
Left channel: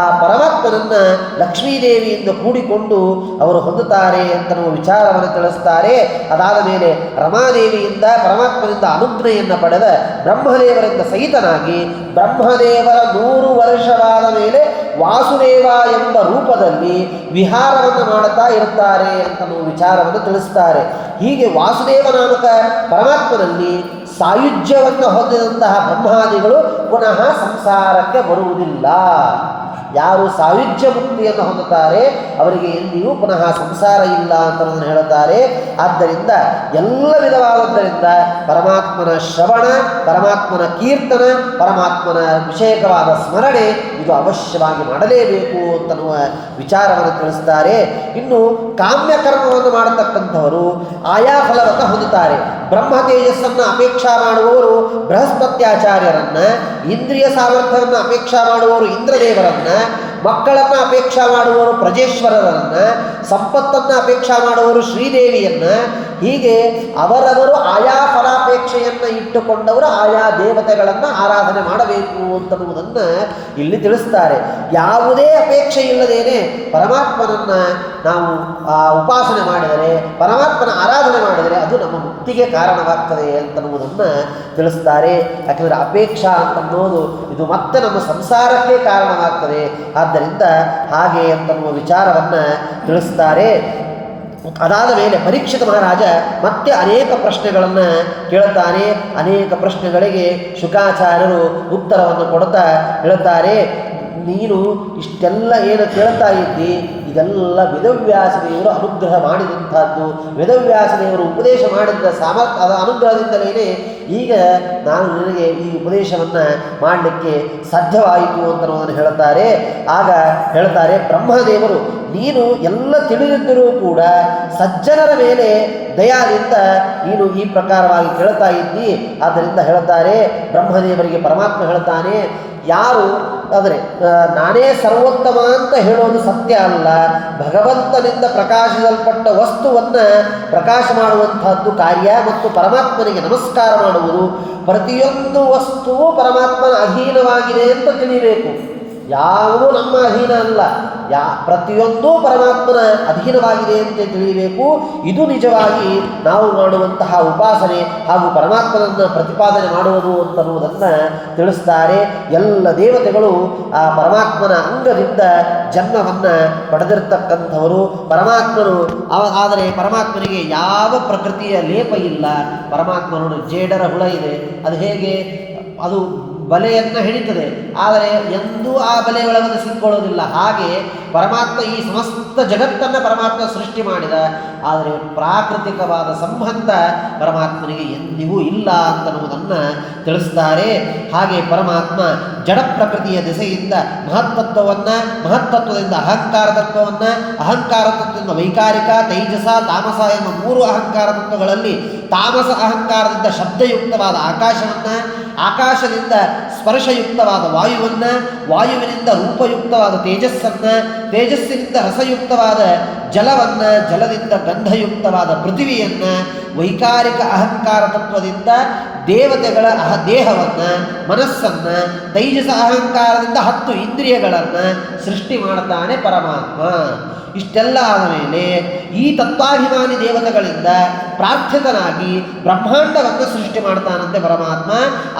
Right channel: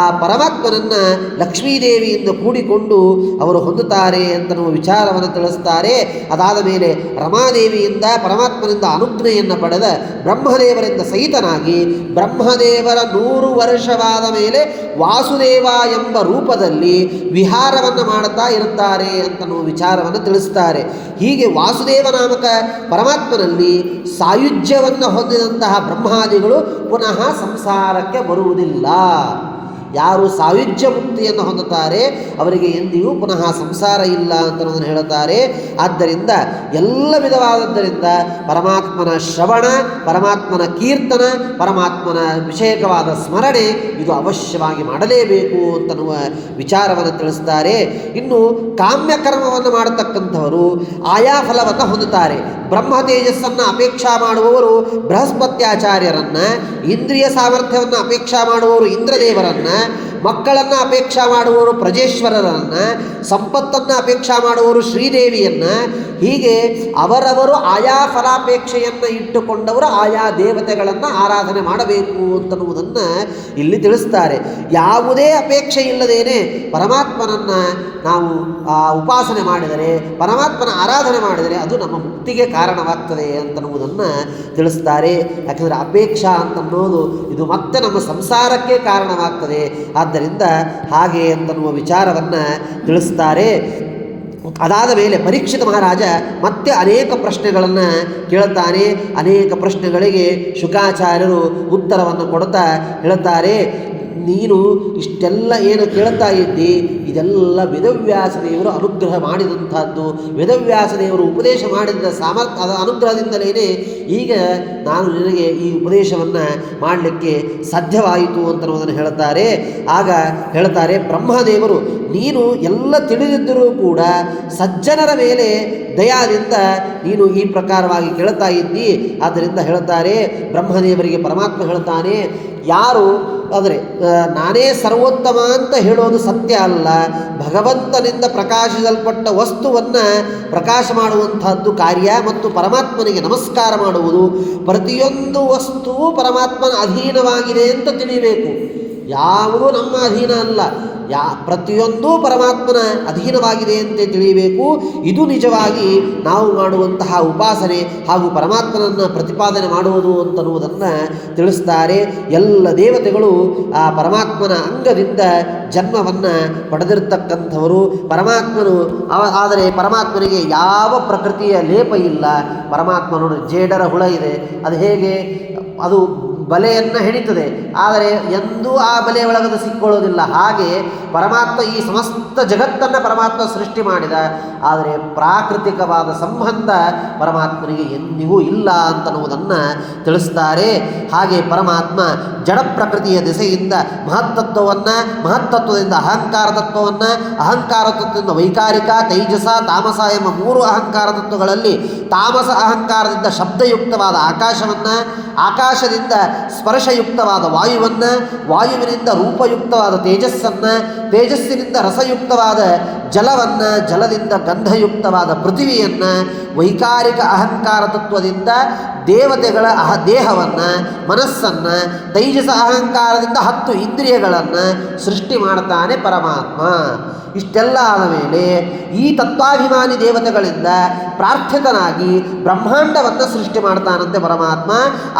ಆ ಪರಮಾತ್ಮನನ್ನು ಲಕ್ಷ್ಮೀದೇವಿಯಿಂದ ಕೂಡಿಕೊಂಡು ಅವರು ಹೊಂದುತ್ತಾರೆ ಅಂತ ನಾವು ವಿಚಾರವನ್ನು ತಿಳಿಸ್ತಾರೆ. ಅದಾದ ಮೇಲೆ ರಮಾದೇವಿಯಿಂದ ಪರಮಾತ್ಮನಿಂದ ಅನುಜ್ಞೆಯನ್ನು ಪಡೆದ ಬ್ರಹ್ಮದೇವರಿಂದ ಸಹಿತನಾಗಿ ಬ್ರಹ್ಮದೇವರ 100 ವರ್ಷವಾದ ಮೇಲೆ ವಾಸುದೇವ ಎಂಬ ರೂಪದಲ್ಲಿ ವಿಹಾರವನ್ನು ಮಾಡುತ್ತಾ ಇರುತ್ತಾರೆ ಅಂತ ನಾವು ವಿಚಾರವನ್ನು ತಿಳಿಸ್ತಾರೆ. ಹೀಗೆ ವಾಸುದೇವ ನಾಮಕ ಪರಮಾತ್ಮನಲ್ಲಿ ಸಾಯುಜ್ಯವನ್ನು ಹೊಂದಿದಂತಹ ಬ್ರಹ್ಮಾದಿಗಳು ಪುನಃ ಸಂಸಾರಕ್ಕೆ ಬರುವುದಿಲ್ಲ. ಯಾರು ಸಾಯುಜ್ಯ ಮುಕ್ತಿಯನ್ನು ಹೊಂದುತ್ತಾರೆ ಅವರಿಗೆ ಎಂದಿಗೂ ಪುನಃ ಸಂಸಾರ ಇಲ್ಲ ಅಂತ ಹೇಳುತ್ತಾರೆ. ಆದ್ದರಿಂದ ಎಲ್ಲ ವಿಧವಾದದ್ದರಿಂದ ಪರಮಾತ್ಮನ ಶ್ರವಣ, ಪರಮಾತ್ಮನ ಕೀರ್ತನ, ಪರಮಾತ್ಮನ ವಿಷಯಕವಾದ ಸ್ಮರಣೆ ಇದು ಅವಶ್ಯವಾಗಿ ಮಾಡಲೇಬೇಕು ಅಂತನ್ನುವ ವಿಚಾರವನ್ನು ತಿಳಿಸ್ತಾರೆ. ಇನ್ನು ಕಾಮ್ಯ ಕರ್ಮವನ್ನು ಮಾಡತಕ್ಕಂಥವರು ಆಯಾ ಫಲವನ್ನು ಹೊಂದುತ್ತಾರೆ. ಬ್ರಹ್ಮ ತೇಜಸ್ಸನ್ನು ಅಪೇಕ್ಷಾ ಮಾಡುವವರು ಬೃಹಸ್ಪತ್ಯಾಚಾರ್ಯರನ್ನು, ಇಂದ್ರಿಯ ಸಾಮರ್ಥ್ಯವನ್ನು ಅಪೇಕ್ಷಾ ಮಾಡುವವರು ಇಂದ್ರದೇವರನ್ನು, ಮಕ್ಕಳನ್ನು ಅಪೇಕ್ಷಾ ಮಾಡುವವರು ಪ್ರಜೇಶ್ವರರನ್ನು, ಸಂಪತ್ತನ್ನು ಅಪೇಕ್ಷಾ ಮಾಡುವವರು ಶ್ರೀದೇವಿಯನ್ನು, ಹೀಗೆ ಅವರವರು ಆಯಾ ಫಲಾಪೇಕ್ಷೆಯನ್ನು ಇಟ್ಟುಕೊಂಡವರು ಆಯಾ ದೇವತೆಗಳನ್ನು ಆರಾಧನೆ ಮಾಡಬೇಕು ಅಂತನ್ನುವುದನ್ನು ಇಲ್ಲಿ ತಿಳಿಸ್ತಾರೆ. ಯಾವುದೇ ಅಪೇಕ್ಷೆ ಇಲ್ಲದೇನೆ ಪರಮಾತ್ಮನನ್ನು ನಾವು ಉಪಾಸನೆ ಮಾಡಿದರೆ, ಪರಮಾತ್ಮನ ಆರಾಧನೆ ಮಾಡಿದರೆ ಅದು ನಮ್ಮ ಮುಕ್ತಿಗೆ ಕಾರಣವಾಗ್ತದೆ ಅಂತನ್ನುವುದನ್ನು ತಿಳಿಸ್ತಾರೆ. ಯಾಕಂದರೆ ಅಪೇಕ್ಷಾ ಅಂತನ್ನೋದು ಇದು ಮತ್ತೆ ನಮ್ಮ ಸಂಸಾರಕ್ಕೆ ಕಾರಣವಾಗ್ತದೆ. ಆದ್ದರಿಂದ ಹಾಗೆ ಅಂತನ್ನುವ ವಿಚಾರವನ್ನು ತಿಳಿಸ್ತಾರೆ. ಅದಾದ ಮೇಲೆ ಪರೀಕ್ಷಿತ ಮಹಾರಾಜ ಮತ್ತೆ ಅನೇಕ ಪ್ರಶ್ನೆಗಳನ್ನು ಕೇಳುತ್ತಾನೆ. ಅನೇಕ ಪ್ರಶ್ನೆಗಳಿಗೆ ಶುಕಾಚಾರ್ಯರು ಉತ್ತರವನ್ನು ಕೊಡುತ್ತಾ ಹೇಳುತ್ತಾರೆ. ನೀನು ಇಷ್ಟೆಲ್ಲ ಏನು ಕೇಳ್ತಾ ಇದ್ದಿ ಇದೆಲ್ಲ ವೇದವ್ಯಾಸ ದೇವರು ಅನುಗ್ರಹ ಮಾಡಿದಂಥದ್ದು, ವೇದವ್ಯಾಸ ದೇವರು ಉಪದೇಶ ಮಾಡಿದ ಸಾಮರ್ಥ್ಯ ಅದ ಅನುಗ್ರಹದಿಂದಲೇ ಈಗ ನಾನು ನಿನಗೆ ಈ ಉಪದೇಶವನ್ನು ಮಾಡಲಿಕ್ಕೆ ಸಾಧ್ಯವಾಯಿತು ಅಂತನ್ನೋದನ್ನು ಹೇಳ್ತಾರೆ. ಆಗ ಹೇಳ್ತಾರೆ ಬ್ರಹ್ಮದೇವರು, ನೀನು ಎಲ್ಲ ತಿಳಿದಿದ್ದರೂ ಕೂಡ ಸಜ್ಜನರ ಮೇಲೆ ದಯಾದಿಂದ ನೀನು ಈ ಪ್ರಕಾರವಾಗಿ ಕೇಳ್ತಾ ಇದ್ದಿ. ಆದ್ದರಿಂದ ಹೇಳ್ತಾರೆ ಬ್ರಹ್ಮದೇವರಿಗೆ ಪರಮಾತ್ಮ ಹೇಳ್ತಾನೆ, ಯಾರು ಅಂದರೆ ನಾನೇ ಸರ್ವೋತ್ತಮ ಅಂತ ಹೇಳೋದು ಸತ್ಯ ಅಲ್ಲ, ಭಗವಂತನಿಂದ ಪ್ರಕಾಶಿಸಲ್ಪಟ್ಟ ವಸ್ತುವನ್ನು ಪ್ರಕಾಶ ಮಾಡುವಂತಹದ್ದು ಕಾರ್ಯ ಮತ್ತು ಪರಮಾತ್ಮನಿಗೆ ನಮಸ್ಕಾರ ಮಾಡುವುದು. ಪ್ರತಿಯೊಂದು ವಸ್ತುವು ಪರಮಾತ್ಮನ ಅಧೀನವಾಗಿದೆ ಅಂತ ತಿಳಿಬೇಕು. ಯಾವುದೂ ನಮ್ಮ ಅಧೀನ ಅಲ್ಲ, ಪ್ರತಿಯೊಂದೂ ಪರಮಾತ್ಮನ ಅಧೀನವಾಗಿದೆ ಅಂತ ತಿಳಿಯಬೇಕು. ಇದು ನಿಜವಾಗಿ ನಾವು ಮಾಡುವಂತಹ ಉಪಾಸನೆ ಹಾಗೂ ಪರಮಾತ್ಮನನ್ನು ಪ್ರತಿಪಾದನೆ ಮಾಡುವುದು ಅಂತನ್ನುವುದನ್ನು ತಿಳಿಸ್ತಾರೆ. ಎಲ್ಲ ದೇವತೆಗಳು ಆ ಪರಮಾತ್ಮನ ಅಂಗದಿಂದ ಜನ್ಮವನ್ನು ಪಡೆದಿರ್ತಕ್ಕಂಥವರು ಪರಮಾತ್ಮನು. ಆದರೆ ಪರಮಾತ್ಮನಿಗೆ ಯಾವ ಪ್ರಕೃತಿಯ ಲೇಪ ಇಲ್ಲ. ಪರಮಾತ್ಮ ನೋಡಿ, ಜೇಡರ ಹುಳ ಇದೆ, ಅದು ಹೇಗೆ ಅದು ಬಲೆಯನ್ನು ಹಿಡಿತದೆ, ಆದರೆ ಎಂದೂ ಆ ಬಲೆಯ ಒಳಗದು ಸಿಕ್ಕೊಳ್ಳೋದಿಲ್ಲ. ಹಾಗೆ ಪರಮಾತ್ಮ ಈ ಸಮಸ್ತ ಜಗತ್ತನ್ನು ಪರಮಾತ್ಮ ಸೃಷ್ಟಿ ಮಾಡಿದ, ಆದರೆ ಪ್ರಾಕೃತಿಕವಾದ ಸಂಬಂಧ ಪರಮಾತ್ಮನಿಗೆ ಎಂದಿಗೂ ಇಲ್ಲ ಅಂತನ್ನುವುದನ್ನು ತಿಳಿಸ್ತಾರೆ. ಹಾಗೆ ಪರಮಾತ್ಮ ಜಡ ಪ್ರಕೃತಿಯ ದಿಸೆಯಿಂದ ಮಹತ್ತತ್ವವನ್ನು, ಮಹತ್ತತ್ವದಿಂದ ಅಹಂಕಾರ ತತ್ವವನ್ನು, ಅಹಂಕಾರ ತತ್ವದಿಂದ ವೈಕಾರಿಕ, ತೈಜಸ, ತಾಮಸ ಎಂಬ 3 ಅಹಂಕಾರ ತತ್ವಗಳಲ್ಲಿ ತಾಮಸ ಅಹಂಕಾರದಿಂದ ಶಬ್ದಯುಕ್ತವಾದ ಆಕಾಶವನ್ನು, ಆಕಾಶದಿಂದ ಸ್ಪರ್ಶಯುಕ್ತವಾದ ವಾಯುವನ್ನು, ವಾಯುವಿನಿಂದ ರೂಪಯುಕ್ತವಾದ ತೇಜಸ್ಸನ್ನು, ತೇಜಸ್ಸಿನಿಂದ ರಸಯುಕ್ತವಾದ ಜಲವನ್ನು, ಜಲದಿಂದ ಗಂಧಯುಕ್ತವಾದ ಪೃಥ್ವಿಯನ್ನು, ವೈಕಾರಿಕ ಅಹಂಕಾರ ತತ್ವದಿಂದ ದೇವತೆಗಳ ದೇಹವನ್ನು, ಮನಸ್ಸನ್ನು, ತೈಜಸ ಅಹಂಕಾರದಿಂದ 10 ಇಂದ್ರಿಯಗಳನ್ನು ಸೃಷ್ಟಿ ಮಾಡ್ತಾನೆ ಪರಮಾತ್ಮ. ಇಷ್ಟೆಲ್ಲ ಆದ ಮೇಲೆ ಈ ತತ್ವಾಭಿಮಾನಿ ದೇವತೆಗಳಿಂದ ಪ್ರಾರ್ಥಿತನಾಗಿ ಬ್ರಹ್ಮಾಂಡವನ್ನು ಸೃಷ್ಟಿ ಮಾಡ್ತಾನಂತೆ ಪರಮಾತ್ಮ.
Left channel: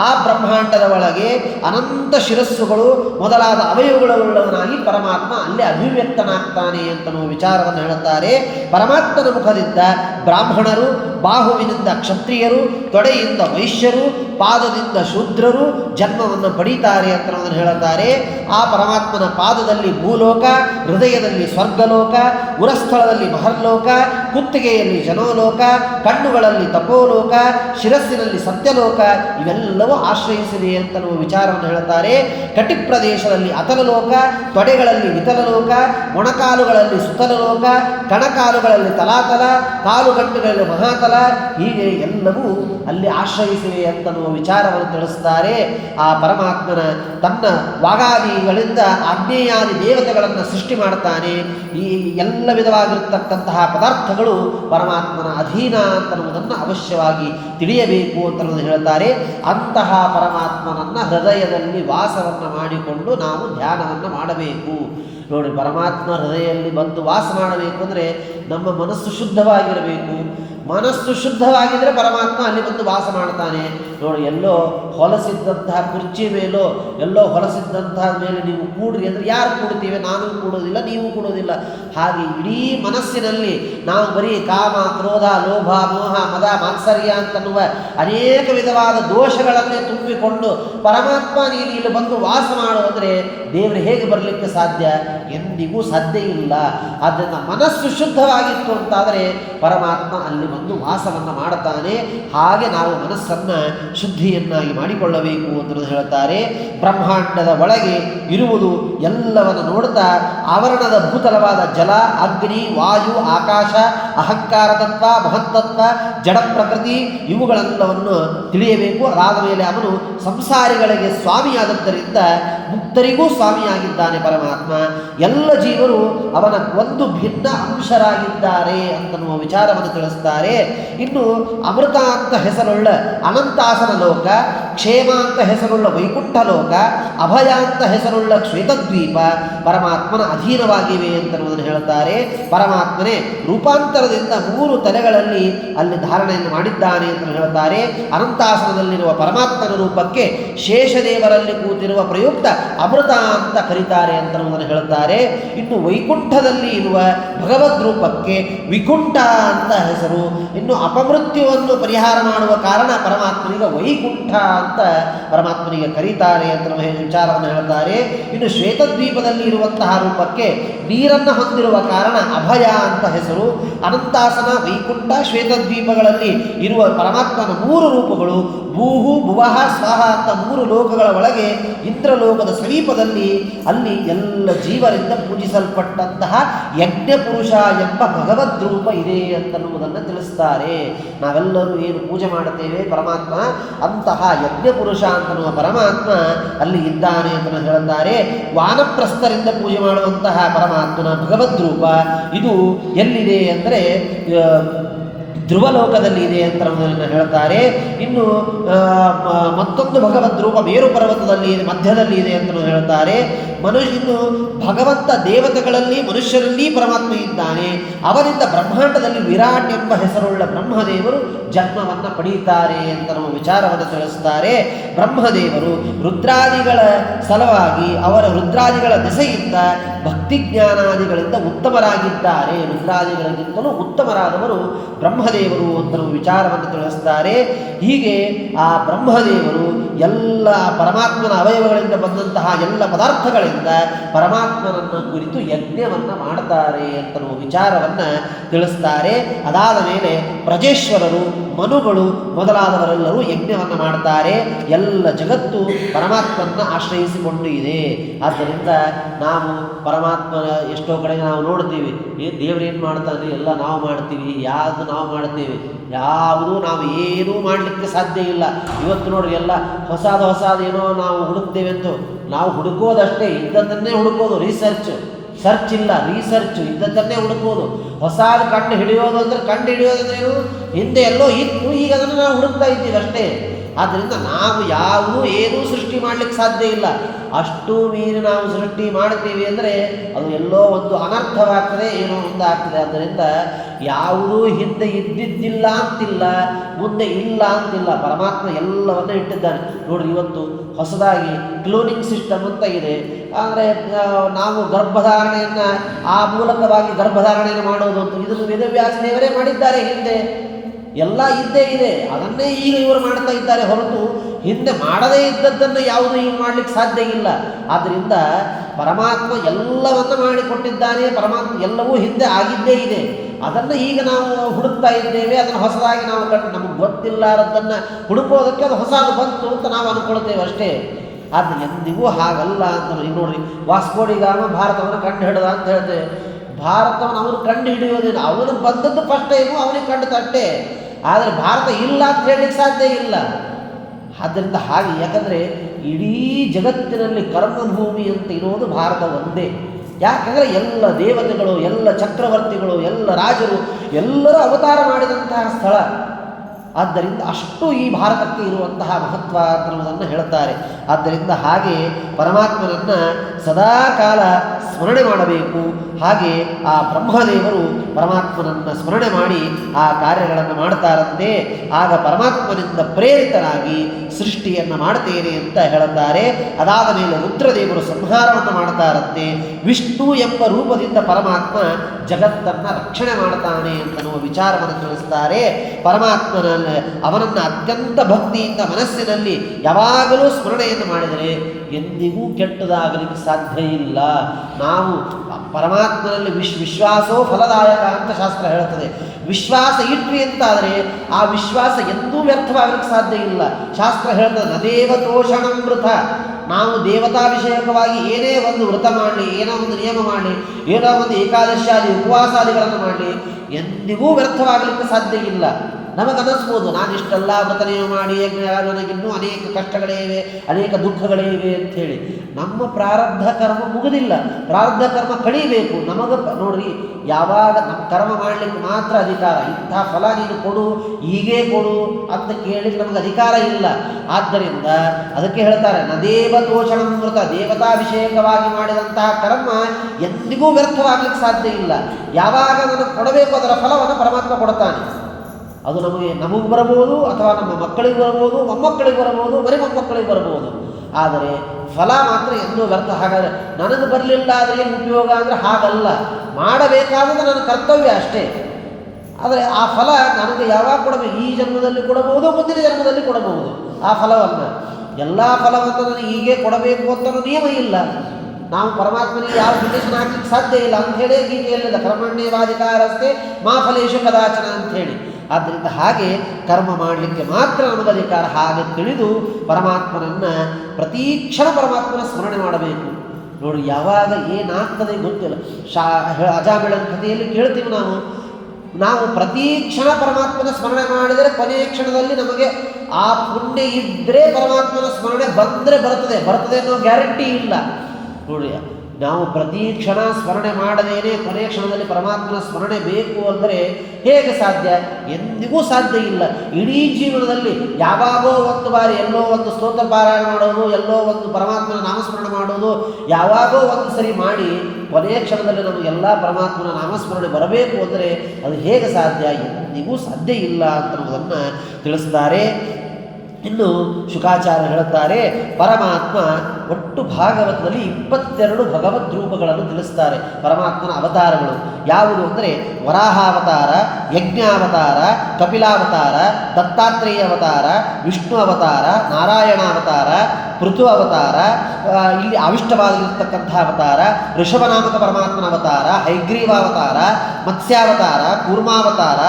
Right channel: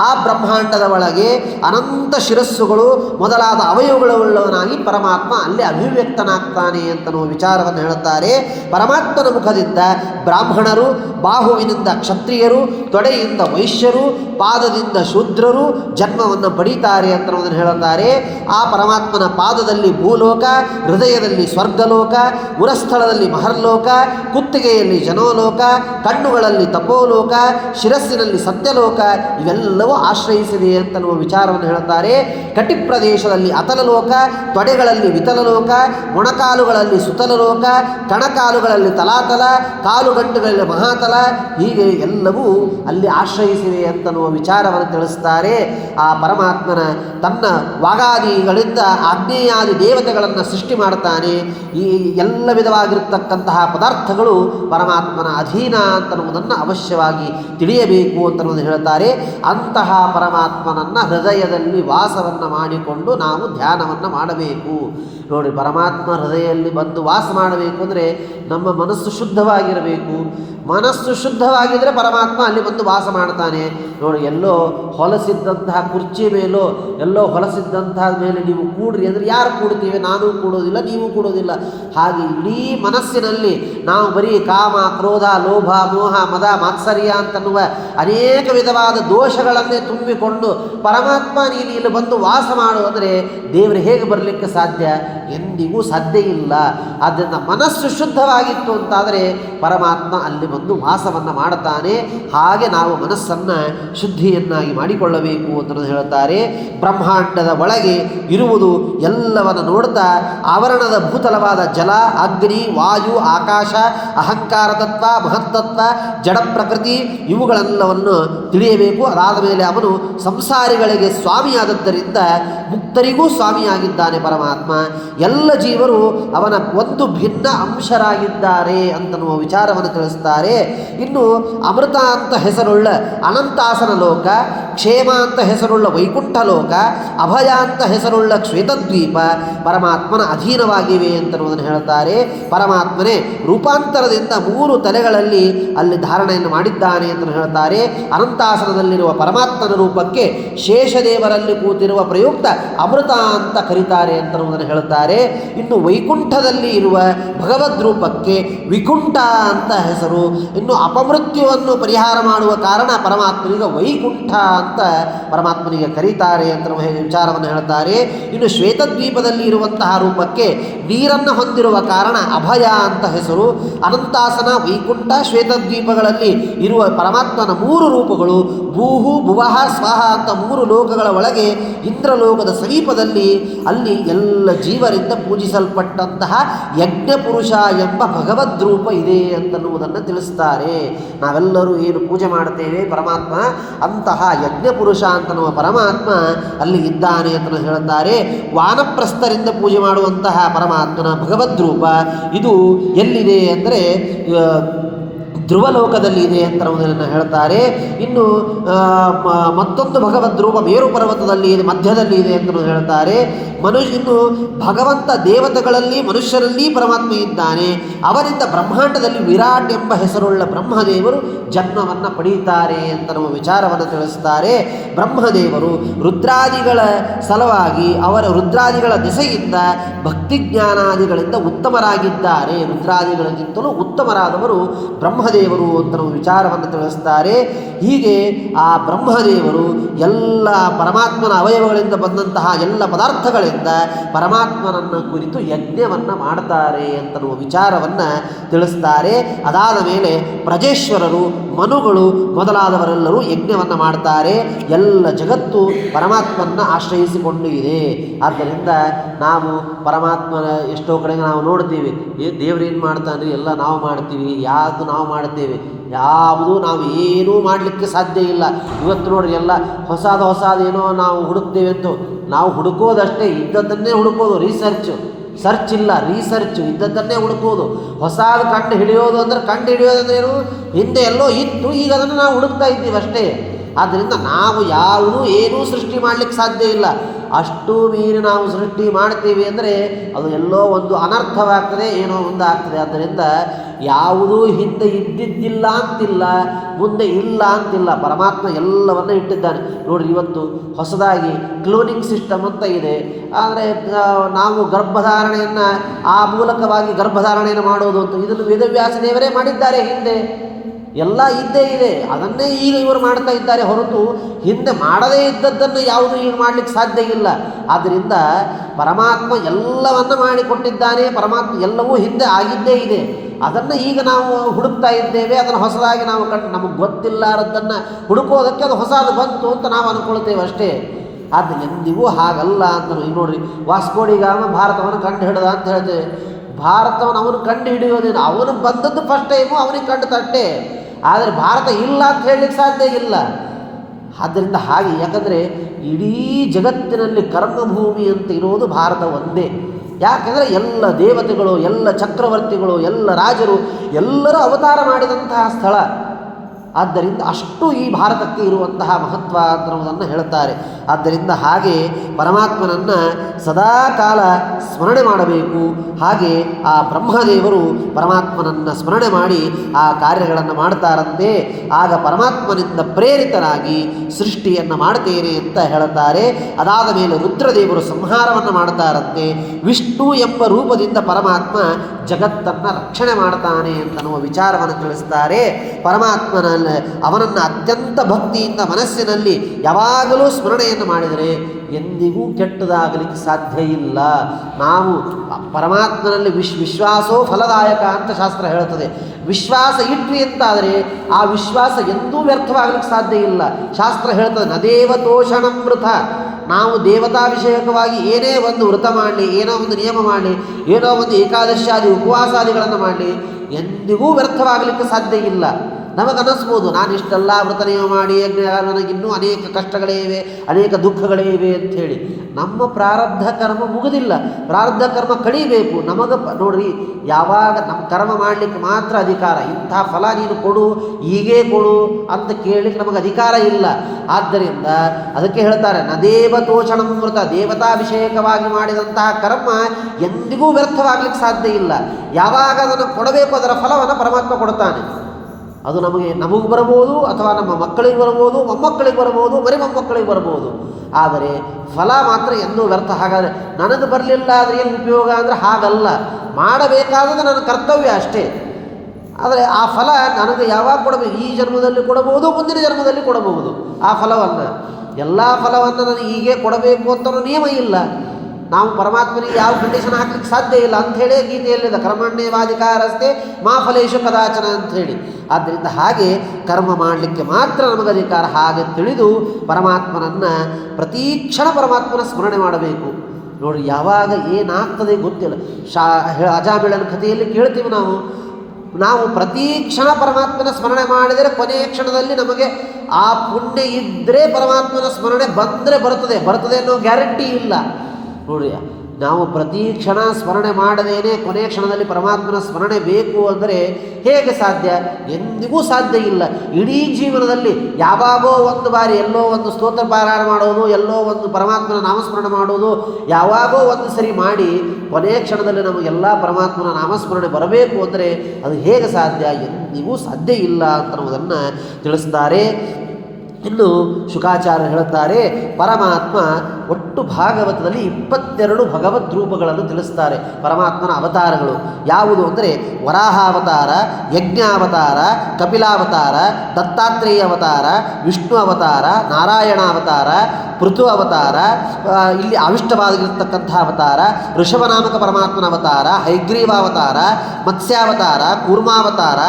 ಆ ಬ್ರಹ್ಮಾಂಡದ ಒಳಗೆ ಅನಂತ ಶಿರಸ್ಸುಗಳು ಮೊದಲಾದ ಅವಯವಗಳುಳ್ಳವನಾಗಿ ಪರಮಾತ್ಮ ಅಲ್ಲಿ ಅಭಿವ್ಯಕ್ತನಾಗ್ತಾನೆ ಅಂತನೋ ವಿಚಾರವನ್ನು ಹೇಳುತ್ತಾರೆ. ಪರಮಾತ್ಮನ ಮುಖದಿಂದ ಬ್ರಾಹ್ಮಣರು, ಬಾಹುವಿನಿಂದ ಕ್ಷತ್ರಿಯರು, ತೊಡೆಯಿಂದ ವೈಶ್ಯರು, ಪಾದದಿಂದ ಶೂದ್ರರು ಜನ್ಮವನ್ನು ಪಡೀತಾರೆ ಅಂತನ್ನೋದನ್ನು ಹೇಳುತ್ತಾರೆ. ಆ ಪರಮಾತ್ಮನ ಪಾದದಲ್ಲಿ ಭೂಲೋಕ, ಹೃದಯದಲ್ಲಿ ಸ್ವರ್ಗಲೋಕ, ಉರಸ್ಥಳದಲ್ಲಿ ಮಹರ್ಲೋಕ, ಕುತ್ತಿಗೆಯಲ್ಲಿ ಜನೋಲೋಕ, ಕಣ್ಣುಗಳಲ್ಲಿ ತಪೋಲೋಕ, ಶಿರಸ್ಸಿನಲ್ಲಿ ಸತ್ಯಲೋಕ ಇವೆಲ್ಲವೂ ಆಶ್ರಯಿಸಿದೆ ಅಂತನ್ನುವ ವಿಚಾರವನ್ನು ಹೇಳುತ್ತಾರೆ. ಕಟಿ ಪ್ರದೇಶದಲ್ಲಿ ಅತಲಲೋಕ, ತೊಡೆಗಳಲ್ಲಿ ವಿತಲಲೋಕ, ಮೊಣಕಾಲುಗಳಲ್ಲಿ ಸುತಲಲೋಕ, ಕಣಕಾಲುಗಳಲ್ಲಿ ತಲಾತಲ, ಕಾಲುಗಂಟುಗಳಲ್ಲಿ ಮಹಾತಲ, ಹೀಗೆ ಎಲ್ಲವೂ ಅಲ್ಲಿ ಆಶ್ರಯಿಸಿವೆ ಅಂತನ್ನುವ ವಿಚಾರವನ್ನು ತಿಳಿಸ್ತಾರೆ. ಆ ಪರಮಾತ್ಮನ ತನ್ನ ವಾಗಾದಿಗಳಿಂದ ಆಗ್ನೇಯಾದಿ ದೇವತೆಗಳನ್ನು ಸೃಷ್ಟಿ ಮಾಡ್ತಾನೆ. ಈ ಎಲ್ಲ ವಿಧವಾಗಿರ್ತಕ್ಕಂತಹ ಪದಾರ್ಥಗಳು ಪರಮಾತ್ಮನ ಅಧೀನ ಅಂತನ್ನುವುದನ್ನು ಅವಶ್ಯವಾಗಿ ತಿಳಿಯಬೇಕು ಅಂತನ್ನುವುದನ್ನು ಹೇಳ್ತಾರೆ. ಅಂತಹ ಪರಮಾತ್ಮನನ್ನು ಹೃದಯದಲ್ಲಿ ವಾಸವನ್ನು ಮಾಡಿಕೊಂಡು ನಾವು ಧ್ಯಾನವನ್ನು ಮಾಡಬೇಕು. ನೋಡಿ, ಪರಮಾತ್ಮ ಹೃದಯದಲ್ಲಿ ಬಂದು ವಾಸ ಮಾಡಬೇಕು ಅಂದರೆ ನಮ್ಮ ಮನಸ್ಸು ಶುದ್ಧವಾಗಿರಬೇಕು. ಮನಸ್ಸು ಶುದ್ಧವಾಗಿದ್ದರೆ ಪರಮಾತ್ಮ ಅಲ್ಲಿ ಬಂದು ವಾಸ ಮಾಡ್ತಾನೆ. ನೋಡಿ, ಎಲ್ಲೋ ಹೊಲಸಿದ್ದಂತಹ ಕುರ್ಚಿ ಮೇಲೋ ಎಲ್ಲೋ ಹೊಲಸಿದ್ದಂತಹ ಮೇಲೆ ನೀವು ಕೂಡ್ರಿ ಅಂದರೆ ಯಾರು ಕೂಡ್ತೀವಿ? ನಾನು ಕೂಡೋದಿಲ್ಲ, ನೀವು ಕೂಡೋದಿಲ್ಲ. ಹಾಗೆ ಇಡೀ ಮನಸ್ಸಿನಲ್ಲಿ ನಾವು ಬರೀ ಕಾಮ, ಕ್ರೋಧ, ಲೋಭ, ಮೋಹ, ಮದ, ಮಾತ್ಸರ್ಯ ಅಂತನ್ನುವ ಅನೇಕ ವಿಧವಾದ ದೋಷಗಳನ್ನೇ ತುಂಬಿಕೊಂಡು ಪರಮಾತ್ಮ ನೀನು ಇಲ್ಲಿ ಬಂದು ವಾಸ ಮಾಡು ಅಂದರೆ ದೇವರು ಹೇಗೆ ಬರಲಿಕ್ಕೆ ಸಾಧ್ಯ? ಎಂದಿಗೂ ಸಾಧ್ಯ ಇಲ್ಲ. ಆದ್ದರಿಂದ ಮನಸ್ಸು ಶುದ್ಧವಾಗಿತ್ತು ಅಂತಾದರೆ ಪರಮಾತ್ಮ ಅಲ್ಲಿ ಬಂದು ವಾಸವನ್ನು ಮಾಡುತ್ತಾನೆ. ಹಾಗೆ ನಾವು ಮನಸ್ಸನ್ನು ಶುದ್ಧಿಯನ್ನಾಗಿ ಮಾಡಿಕೊಳ್ಳಬೇಕು ಅಂತ ಹೇಳುತ್ತಾರೆ. ಬ್ರಹ್ಮಾಂಡದ ಒಳಗೆ ಇರುವುದು ಎಲ್ಲವನ್ನು ನೋಡುತ್ತಾ ಆವರಣದ ಭೂತಲವಾದ ಜಲ, ಅಗ್ನಿ, ವಾಯು, ಆಕಾಶ, ಅಹಂಕಾರ ತತ್ವ, ಮಹತ್ತತ್ವ, ಜಡ ಪ್ರಕೃತಿ ಇವುಗಳೆಲ್ಲವನ್ನು ತಿಳಿಯಬೇಕು. ಅದಾದ ಮೇಲೆ ಅವನು ಸಂಸಾರಿಗಳಿಗೆ ಸ್ವಾಮಿಯಾದದ್ದರಿಂದ ಮುಕ್ತರಿಗೂ ಸ್ವಾಮಿಯಾಗಿದ್ದಾನೆ ಪರಮಾತ್ಮ. ಎಲ್ಲ ಜೀವರು ಅವನ ಒಂದು ಭಿನ್ನ ಅಂಶರಾಗಿದ್ದಾರೆ ಅಂತನ್ನುವ ವಿಚಾರವನ್ನು ತಿಳಿಸುತ್ತಾರೆ. ಇನ್ನು ಅಮೃತ ಅಂತ ಹೆಸರುಳ್ಳ ಅನಂತಾಸನ ಲೋಕ, ಕ್ಷೇಮ ಅಂತ ಹೆಸರುಳ್ಳ ವೈಕುಂಠ ಲೋಕ, ಅಭಯ ಅಂತ ಹೆಸರುಳ್ಳ ಶ್ವೇತದ್ವೀಪ ಪರಮಾತ್ಮನ ಅಧೀನವಾಗಿವೆ ಅಂತನ್ನುವುದನ್ನು ಹೇಳುತ್ತಾರೆ. ಪರಮಾತ್ಮನೇ ರೂಪಾಂತರದಿಂದ 3 ತಲೆಗಳಲ್ಲಿ ಅಲ್ಲಿ ಧಾರಣೆಯನ್ನು ಮಾಡಿದ್ದಾನೆ ಅಂತ ಹೇಳುತ್ತಾರೆ. ಅನಂತಾಸನದಲ್ಲಿರುವ ಪರಮಾತ್ಮನ ರೂಪಕ್ಕೆ ಶೇಷದೇವರಲ್ಲಿ ಕೂತಿರುವ ಪ್ರಯುಕ್ತ ಅಮೃತ ಅಂತ ಕರೀತಾರೆ ಅಂತನ್ನುವುದನ್ನು ಹೇಳುತ್ತಾರೆ. ಇನ್ನು ವೈಕುಂಠದಲ್ಲಿ ಇರುವ ಭಗವದ್ ರೂಪಕ್ಕೆ ರೂಪಕ್ಕೆ ವಿಕುಂಠ ಅಂತ ಹೆಸರು. ಇನ್ನು ಅಪಮೃತ್ಯುವನ್ನು ಪರಿಹಾರ ಮಾಡುವ ಕಾರಣ ಪರಮಾತ್ಮನಿಗೆ ವೈಕುಂಠ ಅಂತ ಪರಮಾತ್ಮನಿಗೆ ಕರೀತಾರೆ ಅಂತ ನಮ್ಮ ವಿಚಾರವನ್ನು ಹೇಳ್ತಾರೆ. ಇನ್ನು ಶ್ವೇತದ್ವೀಪದಲ್ಲಿ ಇರುವಂತಹ ರೂಪಕ್ಕೆ ನೀರನ್ನು ಹೊಂದಿರುವ ಕಾರಣ ಅಭಯ ಅಂತ ಹೆಸರು. ಅನಂತಾಸನ, ವೈಕುಂಠ, ಶ್ವೇತದ್ವೀಪಗಳಲ್ಲಿ ಇರುವ ಪರಮಾತ್ಮನ 3 ರೂಪಗಳು ಭೂಹು, ಭುವಃ, ಸ್ವಹ ಅಂತ 3 ಲೋಕಗಳ ಒಳಗೆ ಇಂದ್ರಲೋಕದ ಸಮೀಪದಲ್ಲಿ ಅಲ್ಲಿ ಎಲ್ಲ ಜೀವರಿಂದ ಪೂಜಿಸಲ್ಪಟ್ಟಂತಹ ಯಜ್ಞಪುರುಷ ಎಂಬ ಭಗವದ್ರೂಪ ಇದೆ ಅಂತನ್ನುವುದನ್ನು ತಿಳಿಸ್ತಾರೆ. ನಾವೆಲ್ಲರೂ ಏನು ಪೂಜೆ ಮಾಡ್ತೇವೆ ಪರಮಾತ್ಮ, ಅಂತಹ ಯಜ್ಞಪುರುಷ ಅಂತನ್ನುವ ಪರಮಾತ್ಮ ಅಲ್ಲಿ ಇದ್ದಾನೆ ಅಂತ ಹೇಳುತ್ತಾರೆ. ವಾನಪ್ರಸ್ಥರಿಂದ ಪೂಜೆ ಮಾಡುವಂತಹ ಪರಮಾತ್ಮನ ಭಗವದ್ರೂಪ ಇದು ಎಲ್ಲಿದೆ ಅಂದರೆ ಧ್ರುವಲೋಕದಲ್ಲಿ ಇದೆ ಅಂತ ಹೇಳ್ತಾರೆ. ಇನ್ನು ಮತ್ತೊಂದು ಭಗವದ್ರೂಪ ಮೇರು ಪರ್ವತದಲ್ಲಿ ಇದೆ, ಮಧ್ಯದಲ್ಲಿ ಇದೆ ಅಂತ ಹೇಳ್ತಾರೆ. ಇನ್ನು ಭಗವಂತ ದೇವತೆಗಳಲ್ಲಿ ಮನುಷ್ಯರಲ್ಲಿ ಪರಮಾತ್ಮ ಇದ್ದಾನೆ. ಅವರಿಂದ ಬ್ರಹ್ಮಾಂಡದಲ್ಲಿ ವಿರಾಟ್ ಎಂಬ ಹೆಸರುಳ್ಳ ಬ್ರಹ್ಮದೇವರು ಜನ್ಮವನ್ನು ಪಡೆಯುತ್ತಾರೆ ಅಂತ ನಮ್ಮ ವಿಚಾರವನ್ನು ತಿಳಿಸ್ತಾರೆ. ಬ್ರಹ್ಮದೇವರು ರುದ್ರಾದಿಗಳ ಸಲುವಾಗಿ ಅವರ ರುದ್ರಾದಿಗಳ ದೆಸೆಯಿಂದ ಭಕ್ತಿಜ್ಞಾನಾದಿಗಳಿಂದ ಉತ್ತಮರಾಗಿದ್ದಾರೆ. ರುದ್ರಾದಿಗಳಿಗಿಂತಲೂ ಉತ್ತಮರಾದವರು ಬ್ರಹ್ಮದೇವರು ಅಂತ ನಮ್ಮ ವಿಚಾರವನ್ನು ತಿಳಿಸ್ತಾರೆ. ಹೀಗೆ ಆ ಬ್ರಹ್ಮದೇವರು ಎಲ್ಲ ಪರಮಾತ್ಮನ ಅವಯವಗಳಿಂದ ಬಂದಂತಹ ಎಲ್ಲ ಪದಾರ್ಥಗಳಿಂದ ಪರಮಾತ್ಮನನ್ನು ಕುರಿತು ಯಜ್ಞವನ್ನು ಮಾಡ್ತಾರೆ ಅಂತ ನಮ್ಮ ವಿಚಾರವನ್ನು ತಿಳಿಸ್ತಾರೆ. ಅದಾದ ಮೇಲೆ ಪ್ರಜೇಶ್ವರರು, ಮನುಗಳು ಮೊದಲಾದವರೆಲ್ಲರೂ ಯಜ್ಞವನ್ನು ಮಾಡ್ತಾರೆ. ಎಲ್ಲ ಜಗತ್ತು ಪರಮಾತ್ಮನ ಆಶ್ರಯಿಸಿಕೊಂಡು ಇದೆ. ಆದ್ದರಿಂದ ನಾವು ಪರಮಾತ್ಮನ ಎಷ್ಟೋ ಕಡೆ ನಾವು ನೋಡ್ತೀವಿ, ದೇವರೇನು ಮಾಡ್ತಾನೆ, ಎಲ್ಲ ನಾವು ಮಾಡ್ತೀವಿ, ಯಾವುದು ನಾವು ಮಾಡ್ತೇವೆ, ಯಾವುದು ನಾವು ಏನೂ ಮಾಡಲಿಕ್ಕೆ ಸಾಧ್ಯ ಇಲ್ಲ. ಇವತ್ತು ನೋಡ್ರಿ ಎಲ್ಲ ಹೊಸದು ಏನೋ ನಾವು ಹುಡುಕ್ತೇವೆ ಅಂತೂ ನಾವು ಹುಡುಕೋದಷ್ಟೇ, ಇದ್ದದ್ದನ್ನೇ ಹುಡುಕೋದು. ಸರ್ಚ್ ಇಲ್ಲ, ರಿಸರ್ಚ್, ಇದ್ದದ್ದನ್ನೇ ಹುಡುಕೋದು. ಹೊಸದು ಕಂಡು ಹಿಡಿಯೋದು ಏನು, ಹಿಂದೆ ಎಲ್ಲೋ ಇತ್ತು, ಈಗ ಅದನ್ನು ನಾವು ಹುಡುಕ್ತಾ ಇದ್ದೀವಿ ಅಷ್ಟೇ. ಆದ್ದರಿಂದ ನಾವು ಏನೂ ಸೃಷ್ಟಿ ಮಾಡಲಿಕ್ಕೆ ಸಾಧ್ಯ ಇಲ್ಲ. ಅಷ್ಟು ಮೀರಿ ನಾವು ಸೃಷ್ಟಿ ಮಾಡ್ತೀವಿ ಅಂದರೆ ಅದು ಎಲ್ಲೋ ಒಂದು ಅನರ್ಥವಾಗ್ತದೆ, ಏನೋ ಒಂದು ಆಗ್ತದೆ. ಆದ್ದರಿಂದ ಯಾವುದೂ ಹಿಂದೆ ಇದ್ದಿದ್ದಿಲ್ಲ ಅಂತಿಲ್ಲ, ಮುಂದೆ ಇಲ್ಲ ಅಂತಿಲ್ಲ. ಪರಮಾತ್ಮ ಎಲ್ಲವನ್ನ ಇಟ್ಟಿದ್ದಾನೆ. ನೋಡ್ರಿ, ಇವತ್ತು ಹೊಸದಾಗಿ ಕ್ಲೋನಿಂಗ್ ಸಿಸ್ಟಮ್ ಅಂತ ಇದೆ. ಅಂದರೆ ನಾವು ಗರ್ಭಧಾರಣೆಯನ್ನು ಆ ಮೂಲಕವಾಗಿ ಗರ್ಭಧಾರಣೆಯನ್ನು ಮಾಡೋದು ಅಂತ ಇದನ್ನು ವೇದವ್ಯಾಸ ದೇವರೇ ಮಾಡಿದ್ದಾರೆ. ಹಿಂದೆ ಎಲ್ಲ ಇದ್ದೇ ಇದೆ, ಅದನ್ನೇ ಈಗ ಇವರು ಮಾಡ್ತಾ ಇದ್ದಾರೆ ಹೊರತು ಹಿಂದೆ ಮಾಡದೇ ಇದ್ದದ್ದನ್ನು ಯಾವುದು ಈಗ ಮಾಡಲಿಕ್ಕೆ ಸಾಧ್ಯ ಇಲ್ಲ. ಆದ್ದರಿಂದ ಪರಮಾತ್ಮ ಎಲ್ಲವನ್ನ ಮಾಡಿಕೊಟ್ಟಿದ್ದಾನೆ. ಪರಮಾತ್ಮ ಎಲ್ಲವೂ ಹಿಂದೆ ಆಗಿದ್ದೇ ಇದೆ, ಅದನ್ನು ಈಗ ನಾವು ಹುಡುಕ್ತಾ ಇದ್ದೇವೆ. ಅದನ್ನು ಹೊಸದಾಗಿ ನಾವು ನಮಗೆ ಗೊತ್ತಿಲ್ಲಾರದ್ದನ್ನು ಹುಡುಕೋದಕ್ಕೆ ಅದು ಹೊಸದು ಬಂತು ಅಂತ ನಾವು ಅಂದ್ಕೊಳ್ತೇವೆ ಅಷ್ಟೇ. ಅದು ಎಂದಿಗೂ ಹಾಗಲ್ಲ ಅಂತ ನೋಡ್ರಿ, ವಾಸ್ಕೋಡಿಗಾಮ ಭಾರತವನ್ನು ಕಂಡು ಹಿಡಿದ ಅಂತ ಹೇಳ್ತೇವೆ. ಭಾರತವನ್ನು ಅವನು ಕಂಡು ಹಿಡಿಯೋದೇನು, ಅವನು ಬಂದದ್ದು ಫಸ್ಟ್ ಟೈಮು, ಅವನಿಗೆ ಕಂಡು ತಟ್ಟೆ. ಆದರೆ ಭಾರತ ಇಲ್ಲ ಅಂತ ಹೇಳಲಿಕ್ಕೆ ಸಾಧ್ಯ ಇಲ್ಲ. ಆದ್ದರಿಂದ ಹಾಗೆ, ಯಾಕಂದರೆ ಇಡೀ ಜಗತ್ತಿನಲ್ಲಿ ಕರ್ಮಭೂಮಿ ಅಂತ ಇರೋದು ಭಾರತ ಒಂದೇ. ಯಾಕಂದರೆ ಎಲ್ಲ ದೇವತೆಗಳು, ಎಲ್ಲ ಚಕ್ರವರ್ತಿಗಳು, ಎಲ್ಲ ರಾಜರು ಎಲ್ಲರೂ ಅವತಾರ ಮಾಡಿದಂತಹ ಸ್ಥಳ. ಆದ್ದರಿಂದ ಅಷ್ಟು ಈ ಭಾರತಕ್ಕೆ ಇರುವಂತಹ ಮಹತ್ವ ಅನ್ನೋದನ್ನು ಹೇಳುತ್ತಾರೆ. ಆದ್ದರಿಂದ ಹಾಗೆ ಪರಮಾತ್ಮನನ್ನು ಸದಾ ಕಾಲ ಸ್ಮರಣೆ ಮಾಡಬೇಕು. ಹಾಗೆ ಆ ಬ್ರಹ್ಮದೇವರು ಪರಮಾತ್ಮನನ್ನು ಸ್ಮರಣೆ ಮಾಡಿ ಆ ಕಾರ್ಯಗಳನ್ನು ಮಾಡ್ತಾರಂತೆ. ಆಗ ಪರಮಾತ್ಮನಿಂದ ಪ್ರೇರಿತರಾಗಿ ಸೃಷ್ಟಿಯನ್ನು ಮಾಡ್ತೇನೆ ಅಂತ ಹೇಳುತ್ತಾರೆ. ಅದಾದ ಮೇಲೆ ರುದ್ರದೇವರು ಸಂಹಾರವನ್ನು ಮಾಡ್ತಾರಂತೆ. ವಿಷ್ಣು ಎಂಬ ರೂಪದಿಂದ ಪರಮಾತ್ಮ ಜಗತ್ತನ್ನು ರಕ್ಷಣೆ ಮಾಡ್ತಾನೆ ಅಂತನ್ನುವ ವಿಚಾರವನ್ನು ತಿಳಿಸ್ತಾರೆ. ಅವನನ್ನು ಅತ್ಯಂತ ಭಕ್ತಿಯಿಂದ ಮನಸ್ಸಿನಲ್ಲಿ ಯಾವಾಗಲೂ ಸ್ಮರಣೆಯನ್ನು ಮಾಡಿದರೆ ಎಂದಿಗೂ ಕೆಟ್ಟದಾಗಲಿಕ್ಕೆ ಸಾಧ್ಯ ಇಲ್ಲ. ನಾವು ಪರಮಾತ್ಮನಲ್ಲಿ ವಿಶ್ವಾಸೋ ಫಲದಾಯಕ ಅಂತ ಶಾಸ್ತ್ರ ಹೇಳುತ್ತದೆ. ವಿಶ್ವಾಸ ಇಟ್ವಿ ಅಂತಾದರೆ ಆ ವಿಶ್ವಾಸ ಎಂದೂ ವ್ಯರ್ಥವಾಗಲಿಕ್ಕೆ ಸಾಧ್ಯ ಇಲ್ಲ. ಶಾಸ್ತ್ರ ಹೇಳ್ತದೆ, ನದೇವ ತೋಷಣಂ ವೃಥ. ನಾವು ದೇವತಾ ವಿಷಯಕವಾಗಿ ಏನೇ ಒಂದು ವ್ರತ ಮಾಡಲಿ, ಏನೋ ಒಂದು ನಿಯಮ ಮಾಡಲಿ, ಏನೋ ಒಂದು ಏಕಾದಶಾದಿ ಉಪವಾಸಾದಿಗಳನ್ನು ಮಾಡಲಿ, ಎಂದಿಗೂ ವ್ಯರ್ಥವಾಗಲಿಕ್ಕೆ ಸಾಧ್ಯ ಇಲ್ಲ. ನಮಗನ್ನಿಸ್ಬೋದು, ನಾನು ಇಷ್ಟೆಲ್ಲ ವ್ರತ ನಿಯಮ ಮಾಡಿ ನನಗಿನ್ನೂ ಅನೇಕ ಕಷ್ಟಗಳೇ ಇವೆ, ಅನೇಕ ದುಃಖಗಳೇ ಇವೆ ಅಂಥೇಳಿ. ನಮ್ಮ ಪ್ರಾರಬ್ಧ ಕರ್ಮ ಮುಗಿದಿಲ್ಲ, ಪ್ರಾರಬ್ಧ ಕರ್ಮ ಕಡಿಬೇಕು. ನೋಡ್ರಿ, ಯಾವಾಗ ನಮ್ಮ ಕರ್ಮ ಮಾಡಲಿಕ್ಕೆ ಮಾತ್ರ ಅಧಿಕಾರ. ಇಂಥ ಫಲ ನೀನು ಕೊಡು, ಹೀಗೇ ಕೊಡು ಅಂತ ಕೇಳಲಿಕ್ಕೆ ನಮಗೆ ಅಧಿಕಾರ ಇಲ್ಲ. ಆದ್ದರಿಂದ ಅದಕ್ಕೆ ಹೇಳ್ತಾರೆ, ನದೇವ ತೋಷಣಂ ವೃತ. ದೇವತಾಭಿಷೇಕವಾಗಿ ಮಾಡಿದಂತಹ ಕರ್ಮ ಎಂದಿಗೂ ವ್ಯರ್ಥವಾಗಲಿಕ್ಕೆ ಸಾಧ್ಯ ಇಲ್ಲ. ಯಾವಾಗ ಅದನ್ನು ಕೊಡಬೇಕು ಅದರ ಫಲವನ್ನು ಪರಮಾತ್ಮ ಕೊಡ್ತಾನೆ. ಅದು ನಮಗೆ ಬರಬಹುದು, ಅಥವಾ ನಮ್ಮ ಮಕ್ಕಳಿಗೆ ಬರಬಹುದು, ಮೊಮ್ಮಕ್ಕಳಿಗೆ ಬರಬಹುದು, ಬರೀ ಮೊಮ್ಮಕ್ಕಳಿಗೆ ಬರಬಹುದು. ಆದರೆ ಫಲ ಮಾತ್ರ ಎಂದೂ ವ್ಯರ್ಥ. ಹಾಗಾದರೆ ನನಗೆ ಬರಲಿಲ್ಲ ಆದರೆ ಏನು ಉಪಯೋಗ ಅಂದರೆ ಹಾಗಲ್ಲ, ಮಾಡಬೇಕಾದದ್ದು ನನ್ನ ಕರ್ತವ್ಯ ಅಷ್ಟೇ. ಆದರೆ ಆ ಫಲ ನನಗೆ ಯಾವಾಗ ಕೊಡಬೇಕು? ಈ ಜನ್ಮದಲ್ಲಿ ಕೊಡಬಹುದು, ಮುಂದಿನ ಜನ್ಮದಲ್ಲಿ ಕೊಡಬಹುದು. ಆ ಫಲವನ್ನು, ಎಲ್ಲ ಫಲವನ್ನು ನನಗೆ ಹೀಗೆ ಕೊಡಬೇಕು ಅಂತ ನಿಯಮ ಇಲ್ಲ. ನಾವು ಪರಮಾತ್ಮನಿಗೆ ಯಾವ ಕಂಡೀಷನ್ ಹಾಕ್ಲಿಕ್ಕೆ ಸಾಧ್ಯ ಇಲ್ಲ ಅಂಥೇಳಿ ಗೀತೆಯಲ್ಲಿದೆ, ಕರ್ಮಣ್ಯೇವಾಧಿಕಾರಸ್ತೆ ಮಾ ಫಲೇಶು ಕದಾಚನ ಅಂಥೇಳಿ. ಆದ್ದರಿಂದ ಹಾಗೆ ಕರ್ಮ ಮಾಡಲಿಕ್ಕೆ ಮಾತ್ರ ನಮಗೆ ಅಧಿಕಾರ. ಹಾಗೆ ತಿಳಿದು ಪರಮಾತ್ಮನನ್ನು ಪ್ರತಿ ಕ್ಷಣ ಪರಮಾತ್ಮನ ಸ್ಮರಣೆ ಮಾಡಬೇಕು. ನೋಡಿ, ಯಾವಾಗ ಏನಾಗ್ತದೆ ಗೊತ್ತಿಲ್ಲ. ಅಜಾಮಿಳನ ಕಥೆಯಲ್ಲಿ ಕೇಳ್ತೀವಿ ನಾವು ಪ್ರತಿ ಕ್ಷಣ ಪರಮಾತ್ಮನ ಸ್ಮರಣೆ ಮಾಡಿದರೆ ಕೊನೆಯ ಕ್ಷಣದಲ್ಲಿ ನಮಗೆ ಆ ಪುಣ್ಯ ಇದ್ದರೆ ಪರಮಾತ್ಮನ ಸ್ಮರಣೆ ಬರ್ತದೆ ಅನ್ನೋ ಗ್ಯಾರಂಟಿ ಇಲ್ಲ. ನೋಡಿ, ನಾವು ಪ್ರತಿ ಕ್ಷಣ ಸ್ಮರಣೆ ಮಾಡದೇನೆ ಕೊನೆಯ ಕ್ಷಣದಲ್ಲಿ ಪರಮಾತ್ಮನ ಸ್ಮರಣೆ ಬೇಕು ಅಂದರೆ ಹೇಗೆ ಸಾಧ್ಯ? ಎಂದಿಗೂ ಸಾಧ್ಯ ಇಲ್ಲ. ಇಡೀ ಜೀವನದಲ್ಲಿ ಯಾವಾಗೋ ಒಂದು ಬಾರಿ ಎಲ್ಲೋ ಒಂದು ಸ್ತೋತ್ರ ಪಾರಾಯಣ ಮಾಡೋದು, ಎಲ್ಲೋ ಒಂದು ಪರಮಾತ್ಮನ ನಾಮಸ್ಮರಣೆ ಮಾಡೋದು, ಯಾವಾಗೋ ಒಂದು ಸರಿ ಮಾಡಿ ಕೊನೆಯ ಕ್ಷಣದಲ್ಲಿ ನಮಗೆಲ್ಲ ಪರಮಾತ್ಮನ ನಾಮಸ್ಮರಣೆ ಬರಬೇಕು ಅಂದರೆ ಅದು ಹೇಗೆ ಸಾಧ್ಯ? ಎಂದಿಗೂ ಸಾಧ್ಯ ಇಲ್ಲ ಅಂತನ್ನುವುದನ್ನು ತಿಳಿಸ್ತಾರೆ. ಇನ್ನು ಶುಕಾಚಾರ್ಯ ಹೇಳುತ್ತಾರೆ, ಪರಮಾತ್ಮ ಒಟ್ಟು ಭಾಗವತದಲ್ಲಿ 22 ಭಗವದ್ ರೂಪಗಳನ್ನು ತಿಳಿಸ್ತಾರೆ. ಪರಮಾತ್ಮನ ಅವತಾರಗಳು ಯಾವುದು ಅಂದರೆ ವರಾಹಾವತಾರ, ಯಜ್ಞಾವತಾರ, ಕಪಿಲಾವತಾರ, ದತ್ತಾತ್ರೇಯ ಅವತಾರ, ವಿಷ್ಣು ಅವತಾರ, ನಾರಾಯಣಾವತಾರ, ಪೃಥು ಅವತಾರ, ಇಲ್ಲಿ ಅವಿಷ್ಟವಾಗಿರತಕ್ಕಂಥ ಅವತಾರ, ಋಷಭನಾಮಕ ಪರಮಾತ್ಮನ ಅವತಾರ, ಹೈಗ್ರೀವಾವತಾರ, ಮತ್ಸ್ಯಾವತಾರ, ಕೂರ್ಮಾವತಾರ,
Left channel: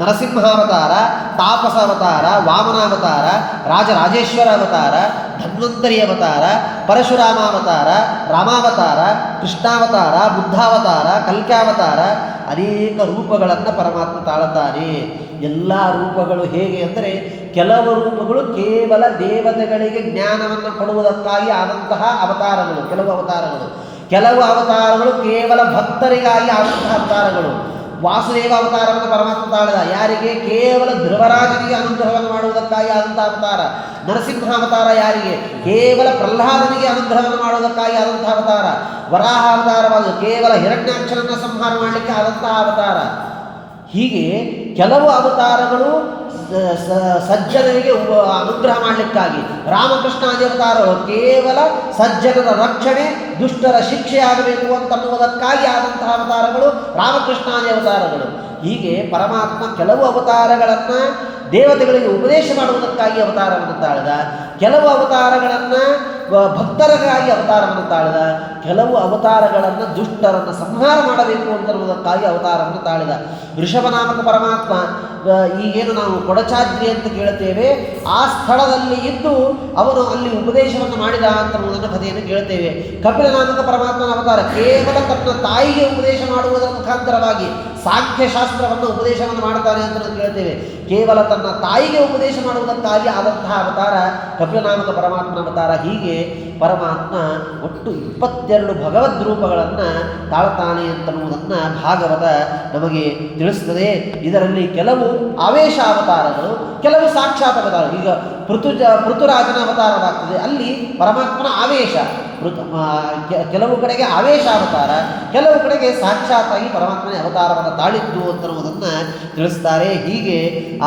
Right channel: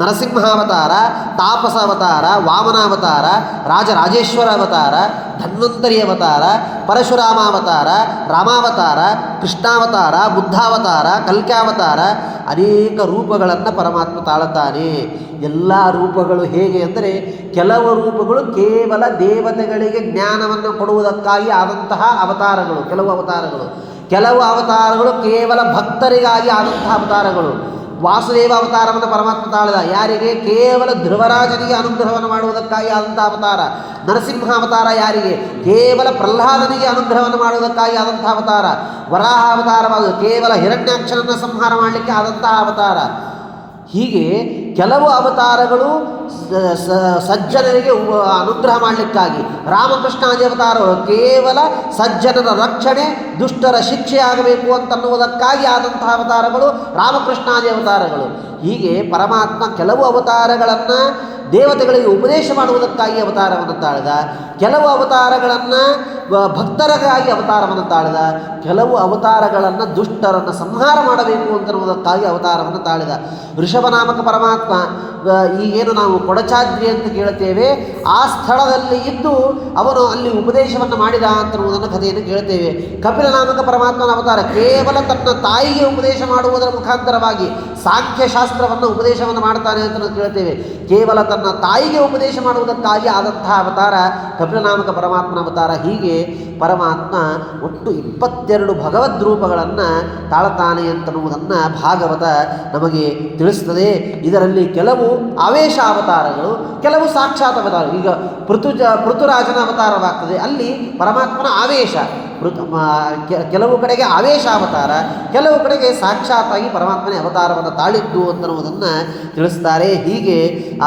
ನರಸಿಂಹಾವತಾರ, ತಾಪಸ ಅವತಾರ, ವಾಮನಾವತಾರ, ರಾಜರಾಜೇಶ್ವರ ಅವತಾರ, ಧನ್ವಂತರಿ ಅವತಾರ, ಪರಶುರಾಮಾವತಾರ, ರಾಮಾವತಾರ, ಕೃಷ್ಣಾವತಾರ, ಬುದ್ಧಾವತಾರ, ಕಲ್ಕ್ಯಾವತಾರ, ಅನೇಕ ರೂಪಗಳನ್ನು ಪರಮಾತ್ಮ ತಾಳುತ್ತಾನೆ. ಎಲ್ಲ ರೂಪಗಳು ಹೇಗೆ ಅಂದರೆ ಕೆಲವು ರೂಪಗಳು ಕೇವಲ ದೇವತೆಗಳಿಗೆ ಜ್ಞಾನವನ್ನು ಕೊಡುವುದಕ್ಕಾಗಿ ಆದಂತಹ ಅವತಾರಗಳು, ಕೆಲವು ಅವತಾರಗಳು ಕೇವಲ ಭಕ್ತರಿಗಾಗಿ ಆದಂತಹ ಅವತಾರಗಳು. ವಾಸುದೇವ ಅವತಾರವನ್ನು ಪರಮಾತ್ಮ ತಾಳಿದ ಯಾರಿಗೆ? ಕೇವಲ ಧ್ರುವರಾಜನಿಗೆ ಅನುಗ್ರಹವನ್ನು ಮಾಡುವುದಕ್ಕಾಗಿ ಆದಂಥ ಅವತಾರ. ನರಸಿಂಹ ಅವತಾರ ಯಾರಿಗೆ? ಕೇವಲ ಪ್ರಹ್ಲಾದನಿಗೆ ಅನುಗ್ರಹವನ್ನು ಮಾಡುವುದಕ್ಕಾಗಿ ಆದಂಥ ಅವತಾರ. ವರಾಹ ಅವತಾರವಾದ ಕೇವಲ ಹಿರಣ್ಯಾಕ್ಷರನ್ನು ಸಂಹಾರ ಮಾಡಲಿಕ್ಕೆ ಆದಂತಹ ಅವತಾರ. ಹೀಗೆ ಕೆಲವು ಅವತಾರಗಳು ಸಜ್ಜನರಿಗೆ ಅನುಗ್ರಹ ಮಾಡಲಿಕ್ಕಾಗಿ, ರಾಮಕೃಷ್ಣಾದಿ ಅವತಾರಗಳು ಕೇವಲ ಸಜ್ಜನರ ರಕ್ಷಣೆ, ದುಷ್ಟರ ಶಿಕ್ಷೆ ಆಗಬೇಕು ಅಂತನ್ನುವುದಕ್ಕಾಗಿ ಆದಂತಹ ಅವತಾರಗಳು ರಾಮಕೃಷ್ಣಾದಿ ಅವತಾರಗಳು. ಹೀಗೆ ಪರಮಾತ್ಮ ಕೆಲವು ಅವತಾರಗಳನ್ನು ದೇವತೆಗಳಿಗೆ ಉಪದೇಶ ಮಾಡುವುದಕ್ಕಾಗಿ ಅವತಾರವನ್ನು ತಾಳಿದ, ಕೆಲವು ಅವತಾರಗಳನ್ನು ಭಕ್ತರಿಗಾಗಿ ಅವತಾರವನ್ನು ತಾಳಿದ, ಕೆಲವು ಅವತಾರಗಳನ್ನು ದುಷ್ಟರನ್ನು ಸಂಹಾರ ಮಾಡಬೇಕು ಅಂತನ್ನುವುದಕ್ಕಾಗಿ ಅವತಾರವನ್ನು ತಾಳಿದ. ಋಷಭನಾಮಕ ಪರಮಾತ್ಮ ಈಗೇನು ನಾವು ಕೊಡಚಾದ್ರಿ ಅಂತ ಕೇಳ್ತೇವೆ, ಆ ಸ್ಥಳದಲ್ಲಿ ಇದ್ದು ಅವನು ಅಲ್ಲಿ ಉಪದೇಶವನ್ನು ಮಾಡಿದ ಅಂತನ್ನುವುದನ್ನು ಕಥೆಯನ್ನು ಕೇಳ್ತೇವೆ. ಕಪಿಲನಾಮಕ ಪರಮಾತ್ಮನ ಅವತಾರ ಕೇವಲ ತನ್ನ ತಾಯಿಗೆ ಉಪದೇಶ ಮಾಡುವುದರ ಮುಖಾಂತರವಾಗಿ ಸಾಂಖ್ಯಶಾಸ್ತ್ರವನ್ನು ಉಪದೇಶವನ್ನು ಮಾಡ್ತಾನೆ ಅಂತ ಕೇಳ್ತೇವೆ. ಕೇವಲ ತನ್ನ ತಾಯಿಗೆ ಉಪದೇಶ ಮಾಡುವುದಕ್ಕಾಗಿ ಆದಂತಹ ಅವತಾರ ಕಪಿಲನಾಮಕ ಪರಮಾತ್ಮನ ಅವತಾರ. ಹೀಗೆ ಪರಮಾತ್ಮ ಒಟ್ಟು 22 ಭಗವದ್ ರೂಪಗಳನ್ನು ತಾಳ್ತಾನೆ ಅಂತನ್ನುವುದನ್ನು ಭಾಗವತ ನಮಗೆ ತಿಳಿಸ್ತದೆ. ಇದರಲ್ಲಿ ಕೆಲವು ಆವೇಶ ಅವತಾರಗಳು, ಕೆಲವು ಸಾಕ್ಷಾತ್ ಅವತಾರ. ಈಗ ಪೃಥುರಾಜನ ಅವತಾರವಾಗ್ತದೆ, ಅಲ್ಲಿ ಪರಮಾತ್ಮನ ಆವೇಶ. ಕೆಲವು ಕಡೆಗೆ ಆವೇಶ ಅವತಾರ, ಕೆಲವು ಕಡೆಗೆ ಸಾಕ್ಷಾತ್ತಾಗಿ ಪರಮಾತ್ಮನ ಅವತಾರವನ್ನು ತಾಳಿದ್ದು ಅಂತನ್ನುವುದನ್ನು ತಿಳಿಸ್ತಾರೆ. ಹೀಗೆ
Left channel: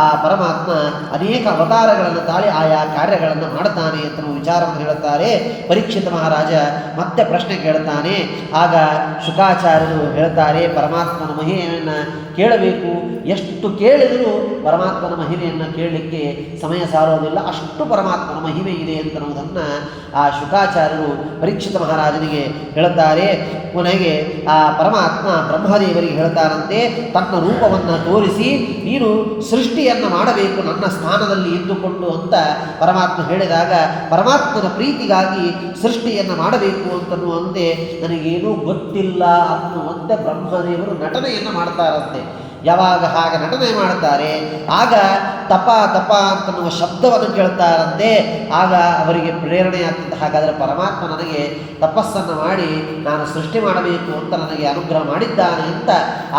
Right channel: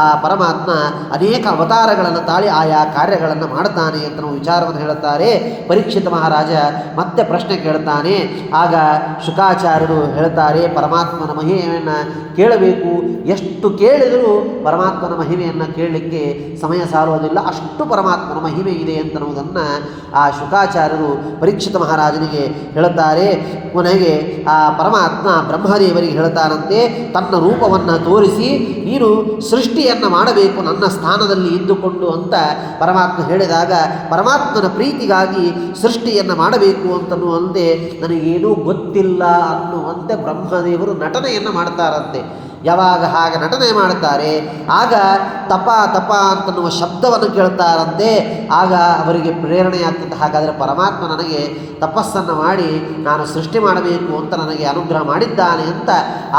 ಆ ಪರಮಾತ್ಮ ಅನೇಕ ಅವತಾರಗಳನ್ನು ತಾಳಿ ಆಯಾ ಕಾರ್ಯಗಳನ್ನು ಮಾಡ್ತಾನೆ ಅಂತ ವಿಚಾರವನ್ನು ಹೇಳುತ್ತಾರೆ. ಪರೀಕ್ಷಿತ ಮಹಾರಾಜ ಮತ್ತೆ ಪ್ರಶ್ನೆ ಕೇಳ್ತಾನೆ. ಆಗ ಶುಕಾಚಾರ್ಯರು ಹೇಳ್ತಾರೆ, ಪರಮಾತ್ಮನ ಮಹಿಮೆಯನ್ನು ಕೇಳಬೇಕು, ಎಷ್ಟು ಕೇಳಿದರೂ ಪರಮಾತ್ಮನ ಮಹಿಮೆಯನ್ನು ಕೇಳಲಿಕ್ಕೆ ಸಮಯ ಸಾರೋದಿಲ್ಲ, ಅಷ್ಟು ಪರಮಾತ್ಮನ ಮಹಿಮೆ ಇದೆ ಅಂತನ್ನುವುದನ್ನು ಆ ಶುಕಾಚಾರ್ಯರು ಪರೀಕ್ಷಿತ ಮಹಾರಾಜನಿಗೆ ಹೇಳುತ್ತಾರೆ. ಕೊನೆಗೆ ಆ ಪರಮಾತ್ಮ ಬ್ರಹ್ಮದೇವರಿಗೆ ಹೇಳ್ತಾನಂತೆ, ತನ್ನ ರೂಪವನ್ನು ತೋರಿಸಿ ನೀನು ಸೃಷ್ಟಿಯನ್ನು ಮಾಡಬೇಕು ನನ್ನ ಸ್ಥಾನದಲ್ಲಿ ಇದ್ದುಕೊಂಡು ಅಂತ ಪರಮಾತ್ಮ ಹೇಳಿದಾಗ, ಪರಮಾತ್ಮನ ಪ್ರೀತಿಗಾಗಿ ಸೃಷ್ಟಿಯನ್ನು ಮಾಡಬೇಕು ಅಂತನ್ನುವಂತೆ ನನಗೇನೂ ಗೊತ್ತಿಲ್ಲ ಅನ್ನುವಂತೆ ಬ್ರಹ್ಮದೇವರು ನಟನೆಯನ್ನು ಮಾಡ್ತಾರಂತೆ. ಯಾವಾಗ ಹಾಗೆ ನಟನೆ ಮಾಡ್ತಾರೆ ಆಗ ತಪ ಅಂತನ್ನುವ ಶಬ್ದವನ್ನು ಕೇಳ್ತಾರಂತೆ. ಆಗ ಅವರಿಗೆ ಪ್ರೇರಣೆ ಆಗ್ತದೆ, ಹಾಗಾದರೆ ಪರಮಾತ್ಮ ನನಗೆ ತಪಸ್ಸನ್ನು ಮಾಡಿ ನಾನು ಸೃಷ್ಟಿ ಮಾಡಬೇಕು ಅಂತ ನನಗೆ ಅನುಗ್ರಹ ಮಾಡಿದ್ದಾನೆ ಅಂತ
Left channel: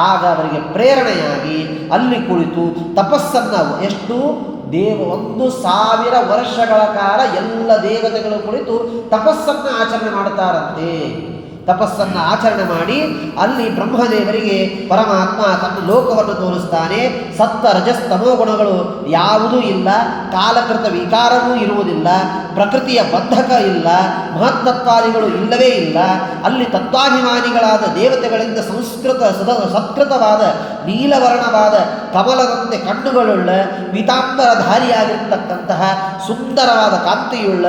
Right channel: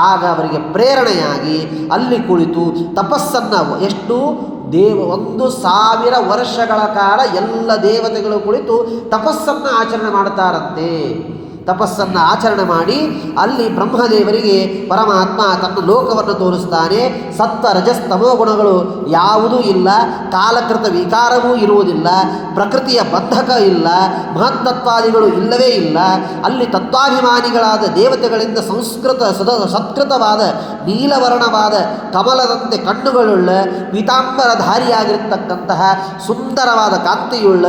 ಆಗ ಅವರಿಗೆ ಪ್ರೇರಣೆಯಾಗಿ ಅಲ್ಲಿ ಕುಳಿತು ತಪಸ್ಸನ್ನು ಎಷ್ಟು 1000 ವರ್ಷಗಳ ಕಾಲ ಎಲ್ಲ ದೇವತೆಗಳು ಕುಳಿತು ತಪಸ್ಸನ್ನು ಆಚರಣೆ ಮಾಡ್ತಾರಂತೆ. ತಪಸ್ಸನ್ನು ಆಚರಣೆ ಮಾಡಿ ಅಲ್ಲಿ ಬ್ರಹ್ಮದೇವರಿಗೆ ಪರಮಾತ್ಮ ತನ್ನ ಲೋಕವನ್ನು ತೋರಿಸ್ತಾನೆ. ಸತ್ವ ರಜಸ್ತಮೋ ಗುಣಗಳು ಯಾವುದೂ ಇಲ್ಲ, ಕಾಲಕೃತ ವಿಕಾರವೂ ಇರುವುದಿಲ್ಲ, ಪ್ರಕೃತಿಯ ಬಂಧಕ ಇಲ್ಲ, ಮಹತ್ತತ್ವಾದಿಗಳು ಇಲ್ಲವೇ ಇಲ್ಲ. ಅಲ್ಲಿ ತತ್ವಾಭಿಮಾನಿಗಳಾದ ದೇವತೆಗಳಿಂದ ಸತ್ಕೃತವಾದ ನೀಲವರ್ಣವಾದ ಕಮಲದಂತೆ ಕಣ್ಣುಗಳುಳ್ಳ ಪೀತಾಂಬರಧಾರಿಯಾಗಿರ್ತಕ್ಕಂತಹ ಸುಂದರವಾದ ಕಾಂತಿಯುಳ್ಳ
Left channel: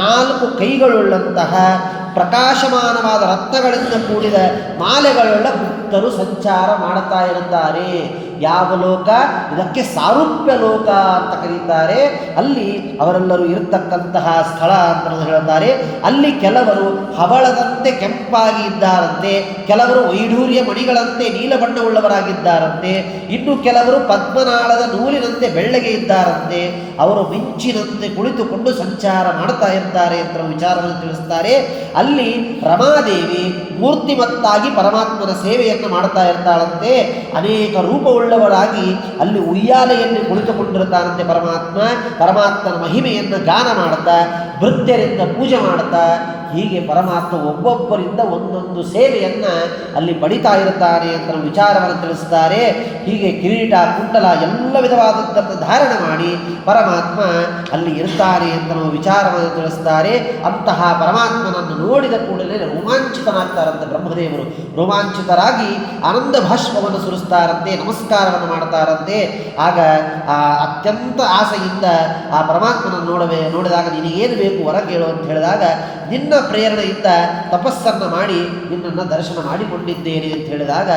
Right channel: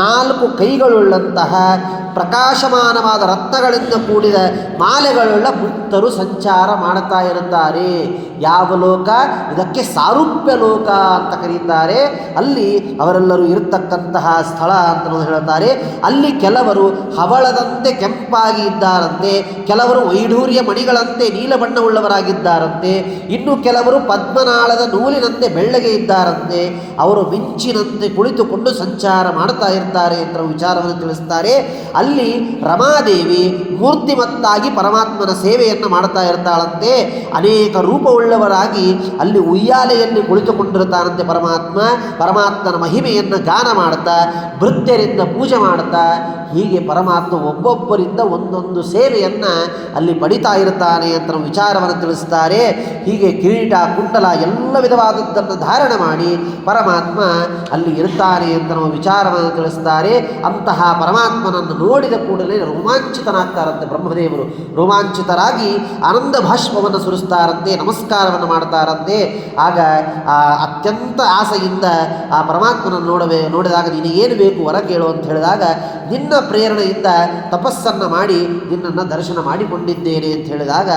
4 ಕೈಗಳುಳ್ಳಂತಹ ಪ್ರಕಾಶಮಾನವಾದ ರತ್ನಗಳಿಂದ ಕೂಡಿದ ಮಾಲೆಗಳುಳ್ಳ ಮುಕ್ತರು ಸಂಚಾರ ಮಾಡುತ್ತಾ ಇರುತ್ತಾರೆ. ಯಾವ ಲೋಕ? ಇದಕ್ಕೆ ಸಾರೂಪ್ಯ ಲೋಕ ಅಂತ ಕರೀತಾರೆ. ಅಲ್ಲಿ ಅವರೆಲ್ಲರೂ ಇರತಕ್ಕಂತಹ ಸ್ಥಳ ಅಂತ ಹೇಳುತ್ತಾರೆ. ಅಲ್ಲಿ ಕೆಲವರು ಹವಳದಂತೆ ಕೆಂಪಾಗಿ ಇದ್ದಾರಂತೆ, ಕೆಲವರು ವೈಢೂರ್ಯ ಮಣಿಗಳಂತೆ ನೀಲ ಬಣ್ಣವುಳ್ಳವರಾಗಿದ್ದಾರಂತೆ, ಇನ್ನು ಕೆಲವರು ಪದ್ಮನಾಳದ ನೂಲಿನಂತೆ ಬೆಳ್ಳಗೆ ಇದ್ದಾರಂತೆ. ಅವರು ಮಿಂಚಿನಂತೆ ಕುಳಿತುಕೊಂಡು ಸಂಚಾರ ಮಾಡ್ತಾ ಇರ್ತಾರೆ ಅಂತ ವಿಚಾರವನ್ನು ತಿಳಿಸ್ತಾರೆ. ಅಲ್ಲಿ ರಮಾದೇವಿ ಮೂರ್ತಿಮತ್ತಾಗಿ ಪರಮಾತ್ಮನ ಸೇವೆಯನ್ನು ಮಾಡ್ತಾ ಇರ್ತಾಳಂತೆ. ಅನೇಕ ರೂಪವುಳ್ಳವರಾಗಿ ಅಲ್ಲಿ ಉಯ್ಯಾಲೆಯಲ್ಲಿ ಕುಳಿತುಕೊಂಡಿರ್ತಾರಂತೆ ಪರಮಾತ್ಮನ ಮಹಿಮೆಯನ್ನು ಗಾನ ಮಾಡ್ತಾ ಭೃತ್ಯರಿಂದ ಪೂಜೆ ಮಾಡ್ತಾ ಹೀಗೆ ಪರಮಾತ್ಮ ಒಬ್ಬೊಬ್ಬರಿಂದ ಒಂದೊಂದು ಸೇವೆಯನ್ನು ಅಲ್ಲಿ ಪಡಿತಾ ಇರ್ತಾನೆ ಅಂತ ವಿಚಾರವನ್ನು ತಿಳಿಸ್ತಾರೆ. ಹೀಗೆ ಕಿರೀಟ ಕುಂಡಲ ಎಲ್ಲ ವಿಧವಾದದ್ದನ್ನು ಧಾರಣ ಮಾಡಿ ಪರಮಾತ್ಮ ಅಲ್ಲಿ ಇರ್ತಾನೆ ಅಂತ ನಾವು ವಿಚಾರವನ್ನು ತಿಳಿಸ್ತಾರೆ. ಅಂತಹ ಪರಮಾತ್ಮನನ್ನು ನೋಡಿದ ಕೂಡಲೇ ರೋಮಾಂಚಿತನಾಗ್ತಾರಂತೆ ಬ್ರಹ್ಮದೇವರು. ರೋಮಾಂಚಿತರಾಗಿ ಆನಂದ ಭಾಷ್ಪವನ್ನು ಸುರಿಸ್ತಾರಂತೆ, ನಮಸ್ಕಾರವನ್ನು ಮಾಡ್ತಾರಂತೆ. ಆಗ ಆ ಅತ್ಯಂತ ಆಸೆಯಿಂದ ಆ ಪರಮಾತ್ಮನನ್ನು ನೋಡಿದಾಗ ನಿನಗೇನು ಬೇಕು ವರ ಕೇಳು ಅಂತ ಹೇಳಿದಾಗ, ನಿನ್ನ ಪ್ರೇರಣೆಯಿಂದ ತಪಸ್ಸನ್ನು ಮಾಡಿ ನಿನ್ನನ್ನು ದರ್ಶನ ಮಾಡಿಕೊಂಡಿದ್ದೇನೆ ಅಂತ ಹೇಳಿದಾಗ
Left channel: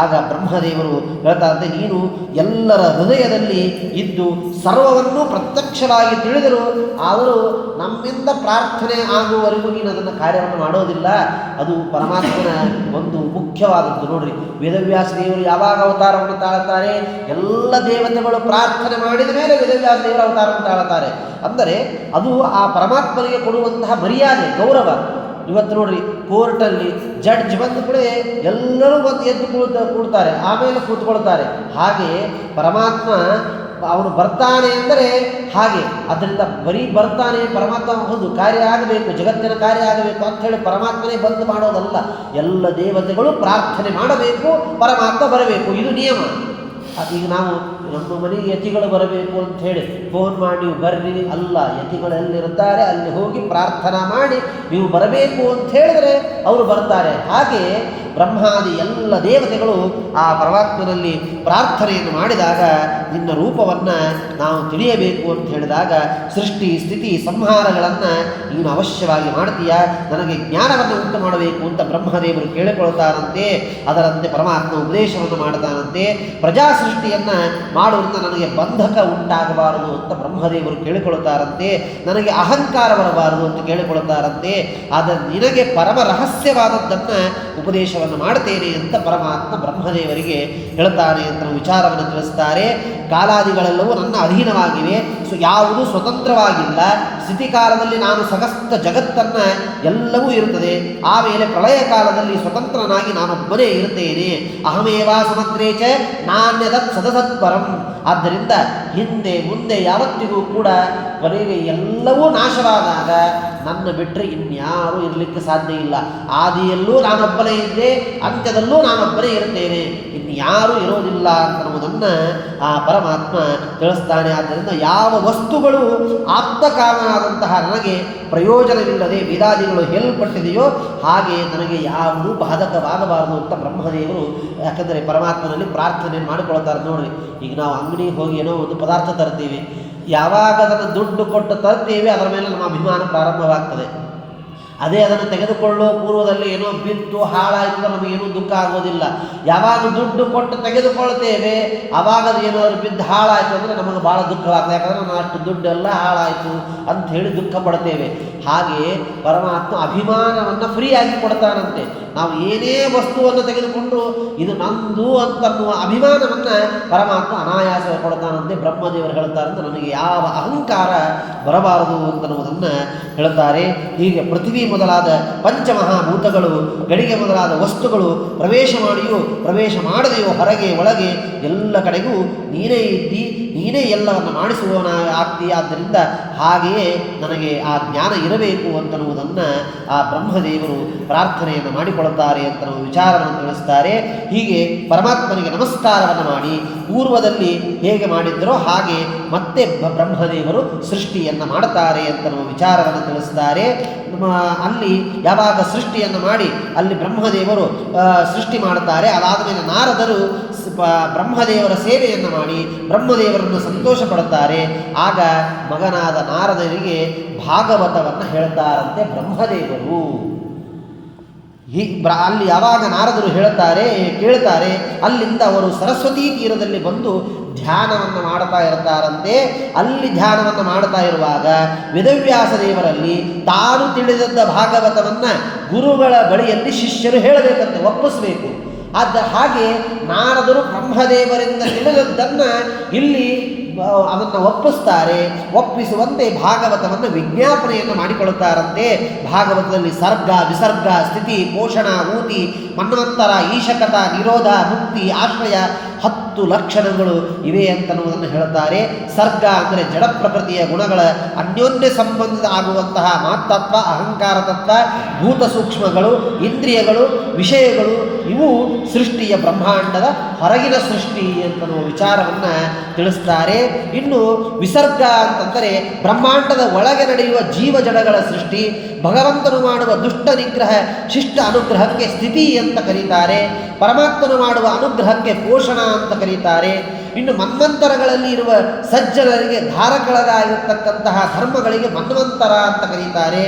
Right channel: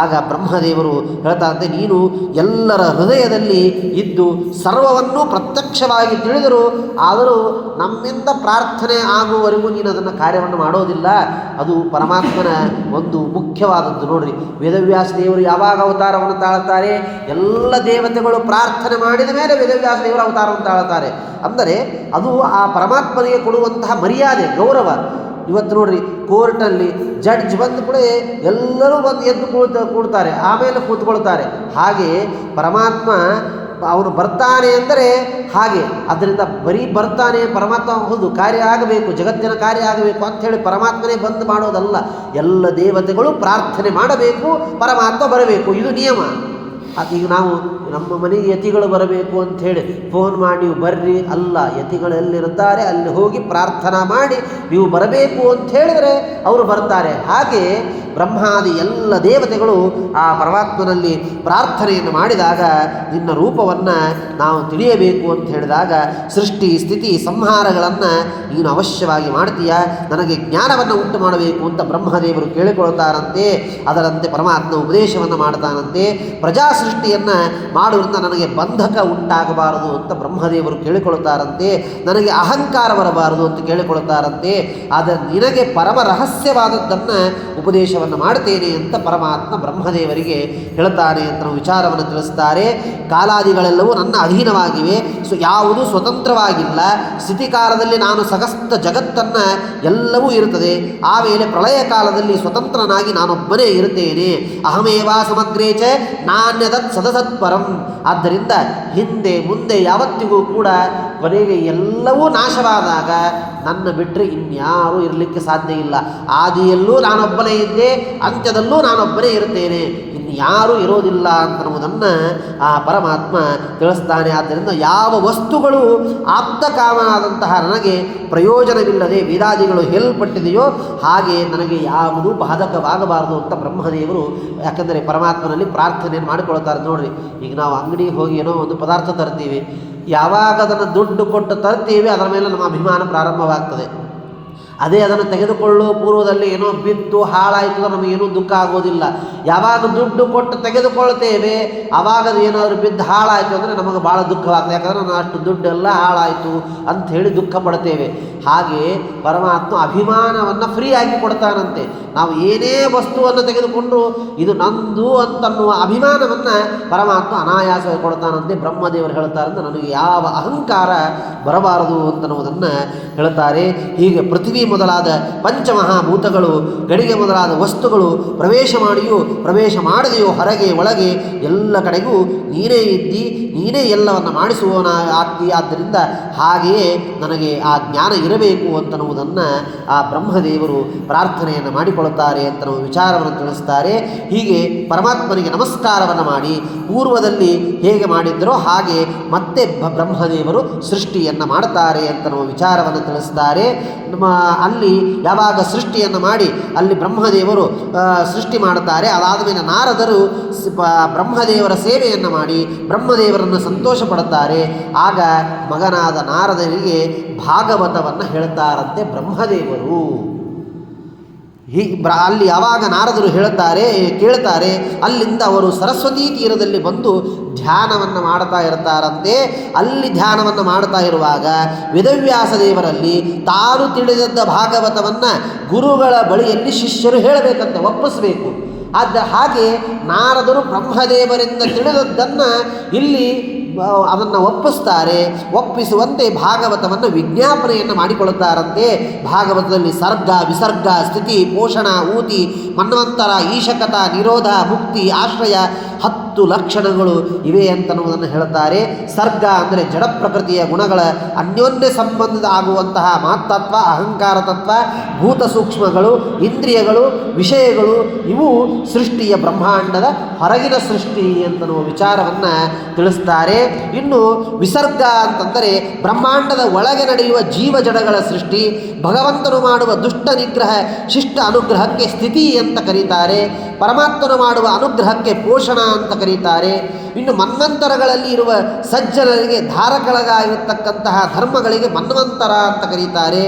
ಆಗ ಬ್ರಹ್ಮದೇವರು ಹೇಳ್ತಾರಂತೆ, ನೀನು ಎಲ್ಲರ ಹೃದಯದಲ್ಲಿ ಇದ್ದು ಸರ್ವವನ್ನೂ ಪ್ರತ್ಯಕ್ಷವಾಗಿ ತಿಳಿದರು, ಆದರೂ ನಮ್ಮಿಂದ ಪ್ರಾರ್ಥನೆ ಆಗುವವರೆಗೂ ನೀನು ಅದನ್ನು ಕಾರ್ಯವನ್ನು ಮಾಡೋದಿಲ್ಲ. ಅದು ಪರಮಾತ್ಮನ ಒಂದು ಮುಖ್ಯವಾದದ್ದು. ನೋಡ್ರಿ, ವೇದವ್ಯಾಸ ದೇವರು ಯಾವಾಗ ಅವತಾರವನ್ನು ತಾಳುತ್ತಾರೆ? ಎಲ್ಲ ದೇವತೆಗಳು ಪ್ರಾರ್ಥನೆ ಮಾಡಿದ ಮೇಲೆ ವೇದವ್ಯಾಸ ದೇವರು ಅವತಾರವನ್ನು ತಾಳುತ್ತಾರೆ. ಅಂದರೆ ಅದು ಆ ಪರಮಾತ್ಮನಿಗೆ ಕೊಡುವಂತಹ ಮರ್ಯಾದೆ, ಗೌರವ. ಇವತ್ತು ನೋಡ್ರಿ, ಕೋರ್ಟಲ್ಲಿ ಜಡ್ಜ್ ಬಂದ ಕೂಡ ಎಲ್ಲರೂ ಬಂದು ಎದ್ದು ಕೂಡ್ತಾರೆ, ಆಮೇಲೆ ಕೂತ್ಕೊಳ್ತಾರೆ. ಹಾಗೆ ಪರಮಾತ್ಮ ಅವನು ಬರ್ತಾನೆ ಎಂದರೆ ಹಾಗೆ. ಅದರಿಂದ ಬರೀ ಬರ್ತಾನೆ ಪರಮಾತ್ಮ ಒಂದು ಕಾರ್ಯ ಆಗಬೇಕು, ಜಗತ್ತಿನ ಕಾರ್ಯ ಆಗಬೇಕು ಅಂಥೇಳಿ ಪರಮಾತ್ಮನೇ ಬಂದು ಮಾಡೋದಲ್ಲ. ಎಲ್ಲ ದೇವತೆಗಳು ಪ್ರಾರ್ಥನೆ ಮಾಡಬೇಕು, ಪರಮಾತ್ಮ ಬರಬೇಕು, ಇದು ನಿಯಮ. ಈಗ ನಾವು ನಮ್ಮ ಮನೆಗೆ ಯತಿಗಳು ಬರಬೇಕು ಅಂಥೇಳಿ ಫೋನ್ ಮಾಡಿ ನೀವು ಬರ್ರಿ ಅಲ್ಲ, ಯತಿಗಳೆಲ್ಲಿರ್ತಾರೆ ಅಲ್ಲಿ ಹೋಗಿ ಪ್ರಾರ್ಥನಾ ಮಾಡಿ ನೀವು ಬರಬೇಕು ಅಂತ ಹೇಳಿದರೆ ಅವರು ಬರ್ತಾರೆ. ಹಾಗೆ ಬ್ರಹ್ಮಾದಿ ಎಲ್ಲ ದೇವತೆಗಳು ಆ ಪರಮಾತ್ಮನಲ್ಲಿ ಪ್ರಾರ್ಥನೆಯನ್ನು ಮಾಡಿದಾಗ ನಿನ್ನ ರೂಪವನ್ನು ನಾವು ತಿಳಿಯಬೇಕು ಅಂತ ಹೇಳಿದಾಗ ಸೃಷ್ಟಿ ಸ್ಥಿತಿ ಸಂಹಾರಗಳನ್ನು ನೀನು ಅವಶ್ಯವಾಗಿ ಮಾಡ್ತೀಯ, ನನಗೆ ಜ್ಞಾನವನ್ನು ಉಂಟು ಮಾಡಬೇಕು ಅಂತ ಬ್ರಹ್ಮದೇವರು ಕೇಳಿಕೊಳ್ತಾರಂತೆ. ಅದರಂತೆ ಪರಮಾತ್ಮ ಉಪದೇಶವನ್ನು ಮಾಡ್ತಾನಂತೆ. ಪ್ರಜಾ ಸೃಷ್ಟಿಯನ್ನು ಮಾಡುವುದರಿಂದ ನನಗೆ ಬಂಧಕ ಉಂಟಾಗಬಾರದು ಅಂತ ಬ್ರಹ್ಮದೇವರು ಕೇಳಿಕೊಳ್ತಾರಂತೆ. ನನಗೆ ಅಹಂಕಾರ ಬರಬಾರದು ಅಂತ ಕೇಳಿಕೊಳ್ತಾರಂತೆ. ಆದರೆ ನಿನಗೆ ಪರಮ ರಹಸ್ಯವಾದದ್ದನ್ನು ಉಪದೇಶವನ್ನು ಮಾಡ್ತೇನೆ ಅಂತ ಪರಮಾತ್ಮ ಬ್ರಹ್ಮದೇವರಿಗೆ ಹೇಳ್ತಾನೆ ಅಂತ ವಿಚಾರವನ್ನು ತಿಳಿಸ್ತಾರೆ. ಕಾಲಾದಿಗಳೆಲ್ಲವೂ ನನ್ನ ಅಧೀನವಾಗಿವೆ, ಯಾವುದು ಸ್ವತಂತ್ರವಾಗಿಲ್ಲ. ಸ್ಥಿತಿಕಾಲದಲ್ಲಿ ನಾನು ಸಗಸ್ತ ಜಗತ್ತನ್ನು ಎಲ್ಲವೂ ಇರುತ್ತದೆ, ಆಮೇಲೆ ಪ್ರಳಯ ಕಾಲದಲ್ಲಿ ಸ್ವತಂತ್ರನಾಗಿ ನಾನೊಬ್ಬನೇ ಇರುತ್ತೇನೆ. ಅಹಮೇವಾ ಸಮಗ್ರೇಚ ನಾಣ್ಯದತ್ ಸದಸತ್ಪರಂ. ಆದ್ದರಿಂದ ಹಿಂದೆ ಮುಂದೆ ಯಾವತ್ತಿಗೂ ಕೂಡ ಕೊನೆಗೆ ಎಲ್ಲವೂ ನಾಶವಾದಾಗ ನನ್ನ ಬಿಟ್ಟರೆ ಇನ್ಯಾರೂ ಇರಲಿಕ್ಕೆ ಸಾಧ್ಯ ಇಲ್ಲ. ಆದಿಯಲ್ಲೂ ನಾನೊಬ್ಬನೇ ಇದ್ದೆ, ಅಂತ್ಯದಲ್ಲೂ ನಾನೊಬ್ಬನೇ ಇರುತ್ತೇನೆ, ಇನ್ಯಾರೂ ಇರೋದಿಲ್ಲ ಅಂತನ್ನುವುದನ್ನು ಆ ಪರಮಾತ್ಮ ತಿಳಿಸ್ತಾನೆ. ಆದ್ದರಿಂದ ಯಾವ ವಸ್ತುಗಳು ಆಪ್ತಕಾಮನಾದಂತಹ ನನಗೆ ಪ್ರಯೋಜನವಿಲ್ಲದೆ ವೇದಾದಿಗಳು ಹೇಳಲ್ಪಟ್ಟಿದೆಯೋ ಹಾಗೆ ನನಗೆ ಯಾವುದೂ ಬಾಧಕವಾಗಬಾರದು ಅಂತ ಬ್ರಹ್ಮದೇವರು, ಯಾಕಂದರೆ ಪರಮಾತ್ಮನಲ್ಲಿ ಪ್ರಾರ್ಥನೆಯನ್ನು ಮಾಡಿಕೊಳ್ತಾರೆ. ನೋಡ್ರಿ, ಈಗ ನಾವು ಅಂಗಡಿಗೆ ಹೋಗಿ ಏನೋ ಒಂದು ಪದಾರ್ಥ ತರ್ತೀವಿ, ಯಾವಾಗ ಅದನ್ನು ದುಡ್ಡು ಕೊಟ್ಟು ತರ್ತೀವಿ ಅದರ ಮೇಲೆ ನಮ್ಮ ಅಭಿಮಾನ ಪ್ರಾರಂಭವಾಗ್ತದೆ. ಅದೇ ಅದನ್ನು ತೆಗೆದುಕೊಳ್ಳೋ ಪೂರ್ವದಲ್ಲಿ ಏನೋ ಬಿದ್ದು ಹಾಳಾಯಿತು ನಮಗೇನೂ ದುಃಖ ಆಗೋದಿಲ್ಲ. ಯಾವಾಗ ದುಡ್ಡು ಕೊಟ್ಟು ತೆಗೆದುಕೊಳ್ತೇವೆ ಆವಾಗ ಏನಾದರೂ ಬಿದ್ದು ಹಾಳಾಯಿತು ಅಂದರೆ ನಮಗೆ ಭಾಳ ದುಃಖವಾಗ್ತದೆ. ಯಾಕಂದರೆ ನಾನು ಅಷ್ಟು ದುಡ್ಡೆಲ್ಲ ಹಾಳಾಯಿತು ಅಂಥೇಳಿ ದುಃಖ ಪಡ್ತೇವೆ. ಹಾಗೆ ಪರಮಾತ್ಮ ಅಭಿಮಾನವನ್ನು ಫ್ರೀಯಾಗಿ ಕೊಡ್ತಾನಂತೆ. ನಾವು ಏನೇ ವಸ್ತುವನ್ನು ತೆಗೆದುಕೊಂಡು ಇದು ನಂದು ಅಂತನ್ನುವ ಅಭಿಮಾನವನ್ನು ಪರಮಾತ್ಮ ಅನಾಯಾಸವಾಗಿ ಕೊಡ್ತಾನಂತೆ. ಬ್ರಹ್ಮದೇವರು ಹೇಳ್ತಾರಂತೆ, ನನಗೆ ಯಾವ ಅಹಂಕಾರ ಬರಬಾರದು ಅಂತನ್ನುವುದನ್ನು ಹೇಳುತ್ತಾರೆ. ಹೀಗೆ ಪೃಥ್ವಿ ಮೊದಲಾದ ಪಂಚಮಹಾಭೂತಗಳು, ಗಡಿಗೆ ಮೊದಲಾದ ವಸ್ತುಗಳು ಪ್ರವೇಶ ಮಾಡಿಯೂ ಪ್ರವೇಶ ಮಾಡದೆಯೋ ಹೊರಗೆ ಒಳಗೆ ಎಲ್ಲ ಕಡೆಗೂ ನೀನೇ ಇದ್ದಿ, ನೀನೇ ಎಲ್ಲವನ್ನು ಮಾಡಿಸುವವನ ಆಗ್ತಿ. ಆದ್ದರಿಂದ ಹಾಗೆಯೇ ನನಗೆ ಆ ಜ್ಞಾನ ಇರಬೇಕು ಅಂತನ್ನುವುದನ್ನು ಆ ಬ್ರಹ್ಮದೇವರು ಪ್ರಾರ್ಥನೆಯನ್ನು ಮಾಡಿಕೊಳ್ಳುತ್ತಾರೆ ಅಂತ ನಾವು ವಿಚಾರವನ್ನು ತಿಳಿಸ್ತಾರೆ. ಹೀಗೆ ಪರಮಾತ್ಮನಿಗೆ ನಮಸ್ಕಾರವನ್ನು ಮಾಡಿ ಪೂರ್ವದಲ್ಲಿ ಹೇಗೆ ಮಾಡಿದ್ದರೋ ಹಾಗೆ ಮತ್ತೆ ಬ್ರಹ್ಮದೇವರು ಸೃಷ್ಟಿಯನ್ನು ಮಾಡುತ್ತಾರೆ ಅಂತ ನಾವು ವಿಚಾರವನ್ನು ತಿಳಿಸ್ತಾರೆ. ಅಲ್ಲಿ ಯಾವಾಗ ಸೃಷ್ಟಿಯನ್ನು ಮಾಡಿ ಅಲ್ಲಿ ಬ್ರಹ್ಮದೇವರು ಸೃಷ್ಟಿ ಮಾಡುತ್ತಾರೆ. ಅದಾದ ಮೇಲೆ ನಾರದರು ಬ್ರಹ್ಮದೇವರ ಸೇವೆಯನ್ನು ಮಾಡಿ ಬ್ರಹ್ಮದೇವರನ್ನು ಸಂತೋಷ ಪಡುತ್ತಾರೆ. ಆಗ ಮಗನಾದ ನಾರದರಿಗೆ ಭಾಗವತವನ್ನು ಹೇಳ್ತಾರಂತೆ ಬ್ರಹ್ಮದೇವರು. ಅಲ್ಲಿ ಯಾವಾಗ ನಾರದರು ಕೇಳ್ತಾರೆ, ಅಲ್ಲಿಂದ ಅವರು ಸರಸ್ವತೀ ತೀರದಲ್ಲಿ ಬಂದು ಧ್ಯಾನವನ್ನು ಮಾಡ್ತಾ ಇರ್ತಾರಂತೆ. ಅಲ್ಲಿ ಧ್ಯಾನವನ್ನು ಮಾಡ್ತಾ ಇರುವಾಗ ವೇದವ್ಯಾಸ ದೇವರಲ್ಲಿ ತಾನು ತಿಳಿದದ್ದ ಭಾಗವತವನ್ನು ಗುರುಗಳ ಬಳಿಯಲ್ಲಿ ಶಿಷ್ಯರು ಹೇಳಬೇಕಂತ ಒಪ್ಪಿಸಬೇಕು. ಹಾಗೆ ನಾರದರು ಬ್ರಹ್ಮದೇವರಿಂದ ತಿಳಿದದ್ದನ್ನು ಇಲ್ಲಿ ಅದನ್ನು ಒಪ್ಪಿಸುವಂತೆ ಭಾಗವತವನ್ನು ವಿಜ್ಞಾಪನೆಯನ್ನು ಮಾಡಿಕೊಳ್ಳುತ್ತಾರಂತೆ. ಭಾಗವತದಲ್ಲಿ ಸರ್ಗ, ವಿಸರ್ಗ, ಸ್ಥಿತಿ, ಪೋಷಣ, ಊತಿ, ಮನ್ವಂತರ, ಈಶಕತ, ನಿರೋಧ, ಮುಕ್ತಿ, ಆಶ್ರಯ 10 ಲಕ್ಷಣಗಳು ಇವೆ ಅಂತನ್ನುವುದನ್ನು ಹೇಳುತ್ತಾರೆ. ಸರ್ಗ ಅಂದರೆ ಜಡ ಪ್ರಕೃತಿಯ ಗುಣಗಳ ಅನ್ಯೋನ್ಯ ಸಂಬಂಧ ಆಗುವಂತಹ ಮಾತತ್ವ, ಅಹಂಕಾರ ತತ್ವ, ಭೂತ ಸೂಕ್ಷ್ಮಗಳು, ಇಂದ್ರಿಯಗಳು, ವಿಷಯಗಳು ಇವು ಸೃಷ್ಟಿಯ ಬ್ರಹ್ಮಾಂಡದ ಹೊರಗಿನ ಸೃಷ್ಟಿ ಅಂತನ್ನುವ ವಿಚಾರವನ್ನು ತಿಳಿಸ್ತಾರೆ. ಇನ್ನು ವಿಸರ್ಗ ಅಂತಂದರೆ ಬ್ರಹ್ಮಾಂಡದ ಒಳಗೆ ನಡೆಯುವ ಜೀವ ಜಡಗಳ ಸೃಷ್ಟಿ, ಭಗವಂತನು ಮಾಡುವ ದುಷ್ಟ ನಿಗ್ರಹ ಶಿಷ್ಟ ಅನುಗ್ರಹಕ್ಕೆ ಸ್ಥಿತಿ ಅಂತ ಕರೀತಾರೆ. ಪರಮಾತ್ಮನು ಮಾಡುವ ಅನುಗ್ರಹಕ್ಕೆ ಪೋಷಣ ಅಂತ ಕರೀತಾರೆ. ಇನ್ನು ಮನ್ವಂತರಗಳಲ್ಲಿ ಇರುವ ಸಜ್ಜನರಿಗೆ ಧಾರಕಳಗಾಗಿರತಕ್ಕಂತಹ ಧರ್ಮಗಳಿಗೆ ಮನ್ವಂತರ ಅಂತ ಕರೀತಾರೆ.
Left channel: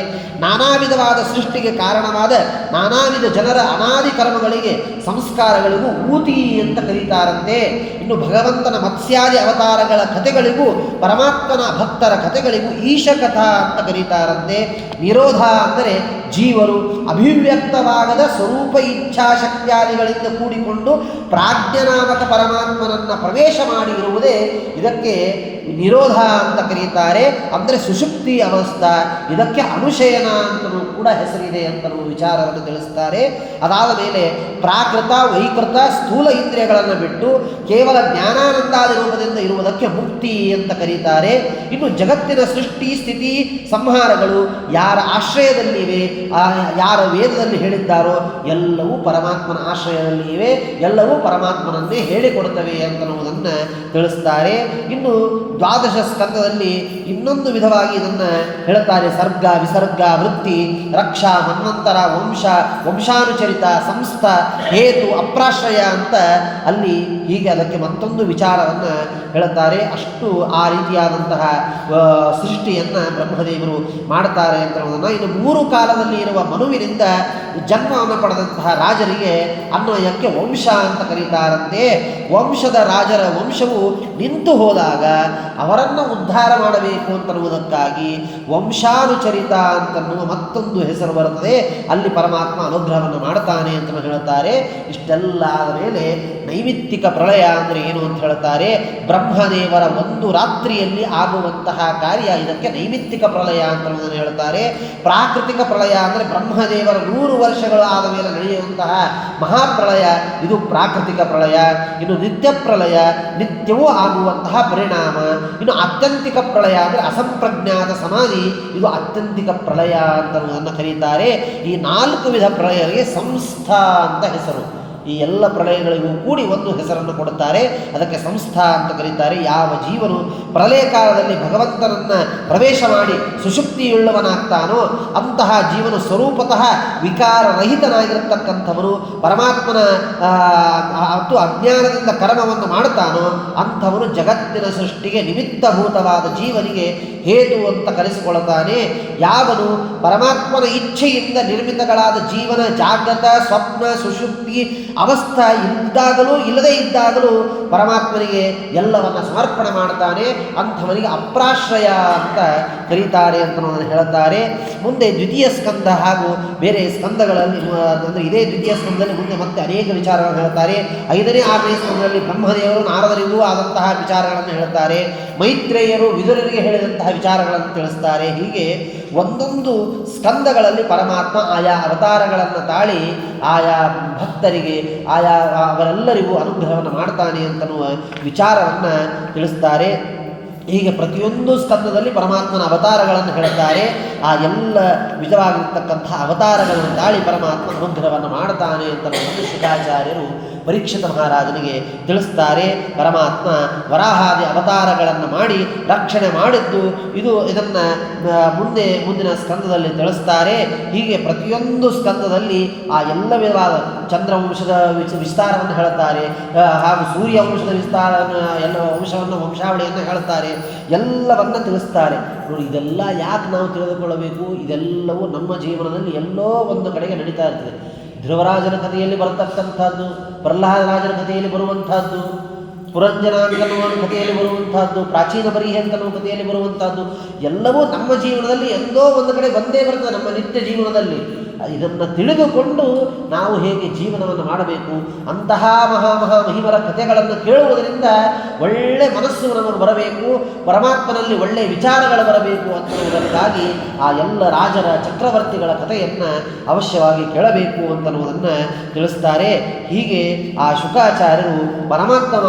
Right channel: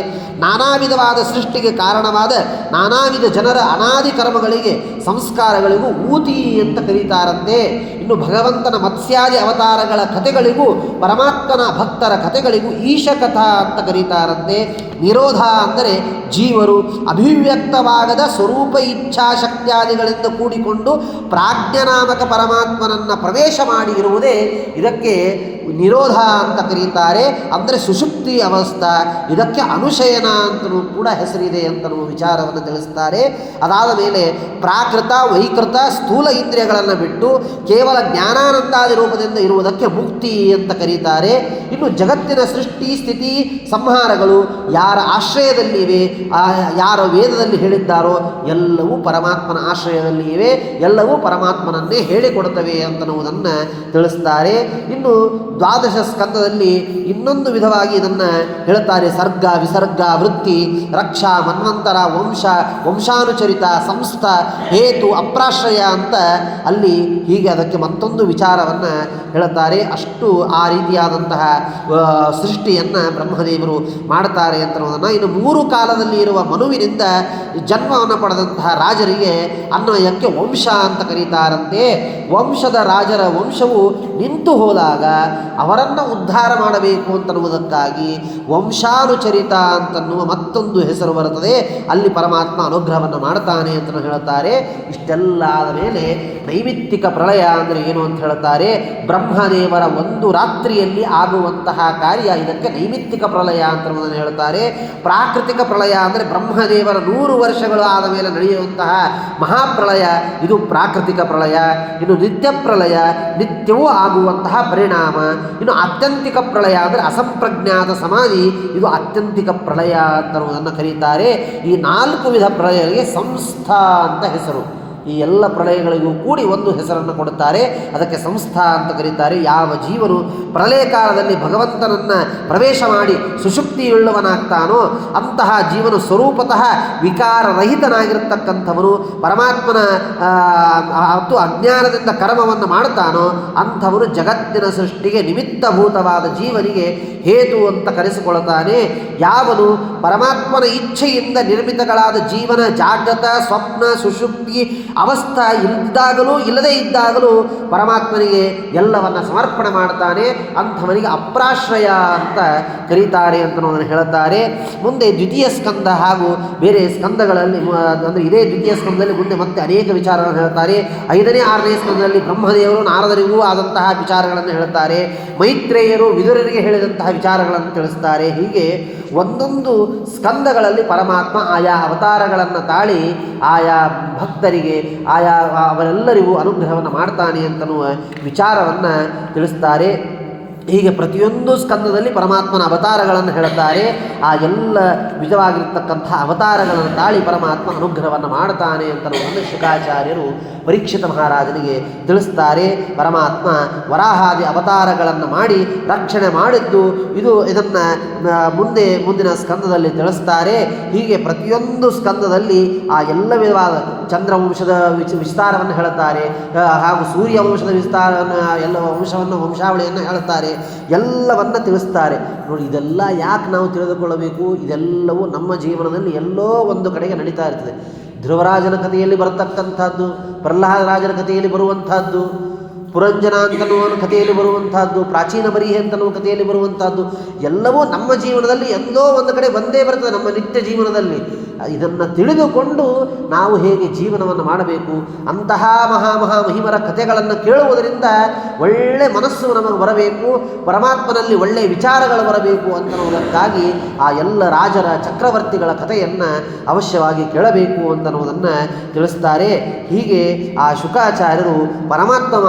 ನಾನಾ ವಿಧವಾದ ಸೃಷ್ಟಿಗೆ ಕಾರಣವಾದ ನಾನಾ ವಿಧ ಜನರ ಅನಾದಿ ಕರ್ಮಗಳಿಗೆ ಸಂಸ್ಕಾರಗಳಿಗೂ ಊತಿ ಅಂತ ಕರೀತಾರಂತೆ. ಇನ್ನು ಭಗವಂತನ ಮತ್ಸ್ಯಾದಿ ಅವತಾರಗಳ ಕಥೆಗಳಿಗೂ ಪರಮಾತ್ಮನ ಭಕ್ತರ ಕಥೆಗಳಿಗೂ ಈಶಕಥಾ ಅಂತ ಕರೀತಾರಂತೆ. ನಿರೋಧ ಅಂದರೆ ಜೀವರು ಅಭಿವ್ಯಕ್ತವಾಗದ ಸ್ವರೂಪ ಇಚ್ಛಾಶಕ್ತಿಯಾದಿಗಳಿಂದ ಕೂಡಿಕೊಂಡು ಪ್ರಾಜ್ಞನಾಮಕ ಪರಮಾತ್ಮನನ್ನು ಪ್ರವೇಶ ಮಾಡಿ ಇರುವುದೇ ಇದಕ್ಕೆ ನಿರೋಧ ಅಂತ ಕರೀತಾರೆ. ಅಂದರೆ ಸುಷುಪ್ತಿ ಅವಸ್ಥಾ. ಇದಕ್ಕೆ ಅನುಶಯನ ಅಂತಲೂ ಕೂಡ ಹೆಸರಿದೆ ಅಂತಲೂ ವಿಚಾರವನ್ನು ತಿಳಿಸ್ತಾರೆ. ಅದಾದ ಮೇಲೆ ಪ್ರಾಕೃತ, ವೈಕೃತ, ಸ್ಥೂಲ ಇಂದ್ರಿಯಗಳನ್ನು ಬಿಟ್ಟು ಕೇವಲ ಜ್ಞಾನಾನಂದಾದಿ ರೂಪದಿಂದ ಇರುವುದಕ್ಕೆ ಮುಕ್ತಿ ಅಂತ ಕರೀತಾರೆ. ಇನ್ನು ಜಗತ್ತಿನ ಸೃಷ್ಟಿ, ಸ್ಥಿತಿ, ಸಂಹಾರಗಳು ಯಾರ ಆಶ್ರಯದಲ್ಲಿವೆ, ಯಾರ ವೇದದಲ್ಲಿ ಹೇಳಿದ್ದಾರೋ ಎಲ್ಲವೂ ಪರಮಾತ್ಮನ ಆಶ್ರಯದಲ್ಲಿ ಇವೆ, ಎಲ್ಲವೂ ಪರಮಾತ್ಮನನ್ನೇ ಹೇಳಿಕೊಡುತ್ತವೆ ಅಂತನ್ನುವುದನ್ನು ತಿಳಿಸ್ತಾರೆ. ಇನ್ನು ದ್ವಾದಶ ಸ್ಕಂದದಲ್ಲಿ ಇನ್ನೊಂದು ವಿಧವಾಗಿ ಇದನ್ನು ಹೇಳುತ್ತಾರೆ. ಸರ್ಗ, ವಿಸರ್ಗ, ವೃತ್ತಿ, ರಕ್ಷಾ, ಮನ್ವಂತರ, ವಂಶಾನುಚರಿತ, ಸಂಸ್ಥ, ಹೇತು, ಅಪ್ರಾಶ್ರಯ ಅಂತ ಅಲ್ಲಿ ಹೀಗೆ ಅದಕ್ಕೆ ಮತ್ತೊಂದು ವಿಚಾರವನ್ನು ಹೇಳುತ್ತಾರೆ. ಅಷ್ಟು ಆ ರೀತಿಯಾದಂತಹ ಸೃಷ್ಟಿಯನ್ನು ಬ್ರಹ್ಮದೇವರು ಮಾಡುತ್ತಾರೆ ಅಂತನ್ನೋದನ್ನು. ಇನ್ನು 3 ಕಾಲದಲ್ಲಿ ಇರುವ ಮನುವಿನಿಂದ ಜನ್ಮವನ್ನು ಪಡೆದಂತಹ ರಾಜರಿಗೆ ಅನ್ವಯಕ್ಕೆ ವಂಶ ಅಂತ ಕರೀತಾರಂತೆ. ವಂಶದ ರಾಜರ ವಂಶವು ನಿಂತು ಹೋದಾಗ ಅವರನ್ನು ಉದ್ಧಾರ ಮಾಡಬೇಕು ಅಂತನ್ನುವುದಕ್ಕಾಗಿ ವಂಶಾನುಚರಿತ ಅಂತನ್ನುವ ಮತ್ತೊಂದು ಹೆಸರು ಬರುತ್ತದೆ. ಅಲ್ಲಿ ಪರಮಾತ್ಮ ಅನುಗ್ರಹವನ್ನು ಮಾಡ್ತಾನೆ ಅಂತ ಹೇಳುತ್ತಾರೆ. ಇಷ್ಟೆಲ್ಲ ಆದ ಮೇಲೆ ನೈಮಿತ್ತಿಕ ಪ್ರಳಯ ಅಂದರೆ ಏನು ಅಂತ ಹೇಳುತ್ತಾರೆ. ಬ್ರಹ್ಮದೇವರ ಒಂದು ರಾತ್ರಿಯಲ್ಲಿ ಆಗುವಂತಹ ಕಾರ್ಯ ಇದಕ್ಕೆ ನೈಮಿತ್ತಿಕ ಪ್ರಳಯ ಅಂತನ್ನುವುದನ್ನು ಹೇಳುತ್ತಾರೆ. ಪ್ರಾಕೃತಿಕ ಪ್ರಳಯ ಅಂದರೆ ಬ್ರಹ್ಮದೇವರ 100 ವರ್ಷಗಳು ಆದ ಮೇಲೆ ನಡೆಯುವಂತಹ ಮಹಾಪ್ರಳಯ, ಇದು ಪ್ರಾಕೃತಿಕ ಪ್ರಳಯ. ಇನ್ನು ನಿತ್ಯ ಪ್ರಳಯ, ನಿತ್ಯವೂ ಆಗುವಂತಹ ಪರಿಣಾಮ. ಇನ್ನು ಆತ್ಯಂತಿಕ ಪ್ರಳಯ ಅಂದರೆ ಅಸಂಪ್ರಜ್ಞಾತ ಸಮಾಧಿ, ಇದು ಆತ್ಯಂತಿಕ ಪ್ರಳಯ ಅಂತನ್ನುವುದನ್ನು ಕರೀತಾರೆ. ಈ 4 ವಿಧ ಪ್ರಳಯಗಳಿಗೆ ಸಂಸ್ಥಾ ಅಂತ ಹೆಸರು. ಈ ಎಲ್ಲ ಪ್ರಳಯಗಳಿಗೂ ಕೂಡಿ ಒಂದು ಹೆಸರನ್ನು ಕೊಡುತ್ತಾರೆ, ಅದಕ್ಕೆ ಸಂಸ್ಥಾ ಅಂತ ಕರೀತಾರೆ. ಯಾವ ಜೀವನು ಪ್ರಳಯ ಕಾಲದಲ್ಲಿ ಭಗವಂತನನ್ನು ಪ್ರವೇಶ ಮಾಡಿ ಸುಷುಪ್ತಿಯುಳ್ಳವನಾಗ್ತಾನೋ ಅಂತಹ ಜೀವನು ಸ್ವರೂಪತಃ ವಿಕಾರರಹಿತನಾಗಿರತಕ್ಕಂಥವನು, ಪರಮಾತ್ಮನ ಮತ್ತು ಅಜ್ಞಾನದಿಂದ ಕರ್ಮವನ್ನು ಮಾಡುತ್ತಾನೋ ಅಂಥವನು ಜಗತ್ತಿನ ಸೃಷ್ಟಿಗೆ ನಿಮಿತ್ತಭೂತವಾದ ಜೀವನಿಗೆ ಹೇತು ಅಂತ ಕರೆಸಿಕೊಳ್ಳುತ್ತಾನೆ. ಯಾವನು ಪರಮಾತ್ಮನ ಇಚ್ಛೆಯಿಂದ ನಿರ್ಮಿತಗಳಾದ ಜೀವನ ಜಾಗೃತ, ಸ್ವಪ್ನ, ಸುಷುಪ್ತಿ ಅವಸ್ಥಾ ಇದ್ದಾಗಲೂ ಇಲ್ಲದೇ ಇದ್ದಾಗಲೂ ಪರಮಾತ್ಮನಿಗೆ ಎಲ್ಲವನ್ನ ಸಮರ್ಪಣೆ ಮಾಡ್ತಾನೆ, ಅಂಥವನಿಗೆ ಅಪ್ರಾಶ್ರಯ ಅಂತ ಕರೀತಾರೆ ಅಂತನ್ನೋದನ್ನು ಹೇಳುತ್ತಾರೆ. ಮುಂದೆ ದ್ವಿತೀಯ ಸ್ಕಂದ ಹಾಗೂ ಬೇರೆ ಸ್ಕಂದಗಳಲ್ಲಿ ಅಂದರೆ ಇದೇ ದ್ವಿತೀಯ ಸ್ಕಂದದಲ್ಲಿ ಮುಂದೆ ಮತ್ತೆ ಅನೇಕ ವಿಚಾರಗಳನ್ನು ಹೇಳ್ತಾರೆ. 5ನೇ 6ನೇ ಸ್ಕಂದದಲ್ಲಿ ಬ್ರಹ್ಮದೇವರು ನಾರದರಿಗೂ ಆದಂತಹ ವಿಚಾರಗಳನ್ನು ಹೇಳುತ್ತಾರೆ. ಮೈತ್ರೇಯರು ವಿದುರರಿಗೆ ಹೇಳಿದಂತಹ ವಿಚಾರಗಳನ್ನು ತಿಳಿಸ್ತಾರೆ. ಹೀಗೆ ಒಂದೊಂದು ಸ್ಕಂದಗಳಲ್ಲಿ ಪರಮಾತ್ಮ ಆಯಾ ಅವತಾರಗಳನ್ನು ತಾಳಿ ಆಯಾ ಭಕ್ತರಿಗೆ ಆಯಾ ಅವರೆಲ್ಲರಿಗೂ ಅನುಗ್ರಹವನ್ನು ಮಾಡ್ತಾನೆ ಅಂತನ್ನುವ ವಿಚಾರವನ್ನು ತಿಳಿಸ್ತಾರೆ. ಹೀಗೆ ಪ್ರತಿಯೊಂದು ಸ್ಕಂದದಲ್ಲಿ ಪರಮಾತ್ಮನ ಅವತಾರಗಳನ್ನು ಹೇಳುತ್ತಾರೆ. ಆ ಎಲ್ಲ ವಿಧವಾಗಿರ್ತಕ್ಕಂಥ ಅವತಾರಗಳನ್ನು ತಾಳಿ ಪರಮಾತ್ಮ ಅನುಗ್ರಹವನ್ನು ಮಾಡ್ತಾನೆ ಅಂತ ಶುಕಾಚಾರ್ಯರು ಪರೀಕ್ಷಿತ ಮಹಾರಾಜನಿಗೆ ತಿಳಿಸ್ತಾರೆ. ಪರಮಾತ್ಮ ವರಾಹಾದಿ ಅವತಾರಗಳನ್ನು ಮಾಡಿ ರಕ್ಷಣೆ ಮಾಡಿದ್ದು ಇದನ್ನು ಮುಂದಿನ ಸ್ಕಂದದಲ್ಲಿ ತಿಳಿಸ್ತಾರೆ. ಹೀಗೆ ಪ್ರತಿಯೊಂದು ಸ್ಕಂದದಲ್ಲಿ ಆ ಎಲ್ಲ ವಿಧವಾದ ಚಂದ್ರವಂಶದ ವಿಸ್ತಾರವನ್ನು ಹೇಳುತ್ತಾರೆ, ಹಾಗೂ ಸೂರ್ಯವಂಶದ ಎಲ್ಲ ವಂಶಾವಳಿಯನ್ನು ಹೇಳುತ್ತಾರೆ, ಎಲ್ಲವನ್ನ ತಿಳಿಸ್ತಾರೆ. ನೋಡಿ, ಇದೆಲ್ಲ ಯಾಕೆ ನಾವು ತಿಳಿದುಕೊಳ್ಳಬೇಕು? ಇದೆಲ್ಲವೂ ನಮ್ಮ ಜೀವನದಲ್ಲಿ ಎಲ್ಲೋ ಒಂದು ಕಡೆಗೆ ನಡೀತಾ ಇರ್ತದೆ. ಧ್ರುವರಾಜನ ಕಥೆಯಲ್ಲಿ ಬರತಕ್ಕಂಥದ್ದು, ಪ್ರಹ್ಲಾದರಾಜನ ಕಥೆಯಲ್ಲಿ ಬರುವಂತಹದ್ದು, ಪುರಂಜನ ಅಂತನ್ನುವ ಕಥೆಯಲ್ಲಿ ಬರುವಂತಹದ್ದು, ಪ್ರಾಚೀನ ಬರಿಹೆ ಅಂತನ್ನುವ ಕಥೆಯಲ್ಲಿ ಬರುವಂತಹದ್ದು ಎಲ್ಲವೂ ನಮ್ಮ ಜೀವನದಲ್ಲಿ ಎಲ್ಲೋ ಒಂದು ಕಡೆ ಬಂದೇ ಬರ್ತದೆ. ನಮ್ಮ ನಿತ್ಯ ಜೀವನದಲ್ಲಿ ಇದನ್ನು ತಿಳಿದುಕೊಂಡು ನಾವು ಹೇಗೆ ಜೀವನವನ್ನು ಮಾಡಬೇಕು, ಅಂತಹ ಮಹಿಮರ ಕಥೆಗಳನ್ನು ಕೇಳುವುದರಿಂದ ಒಳ್ಳೆ ಮನಸ್ಸು ನಮಗೆ ಬರಬೇಕು, ಪರಮಾತ್ಮನಲ್ಲಿ ಒಳ್ಳೆಯ ವಿಚಾರಗಳು ಬರಬೇಕು ಅಂತನ್ನುವುದಕ್ಕಾಗಿ ಆ ಎಲ್ಲ ರಾಜರ ಚಕ್ರವರ್ತಿಗಳ ಕಥೆಯನ್ನು ಅವಶ್ಯವಾಗಿ ಕೇಳಬೇಕು ಅಂತನ್ನುವುದನ್ನು ತಿಳಿಸ್ತಾರೆ. ಹೀಗೆ ಆ ಶುಕಾಚಾರ್ಯರು ಪರಮಾತ್ಮ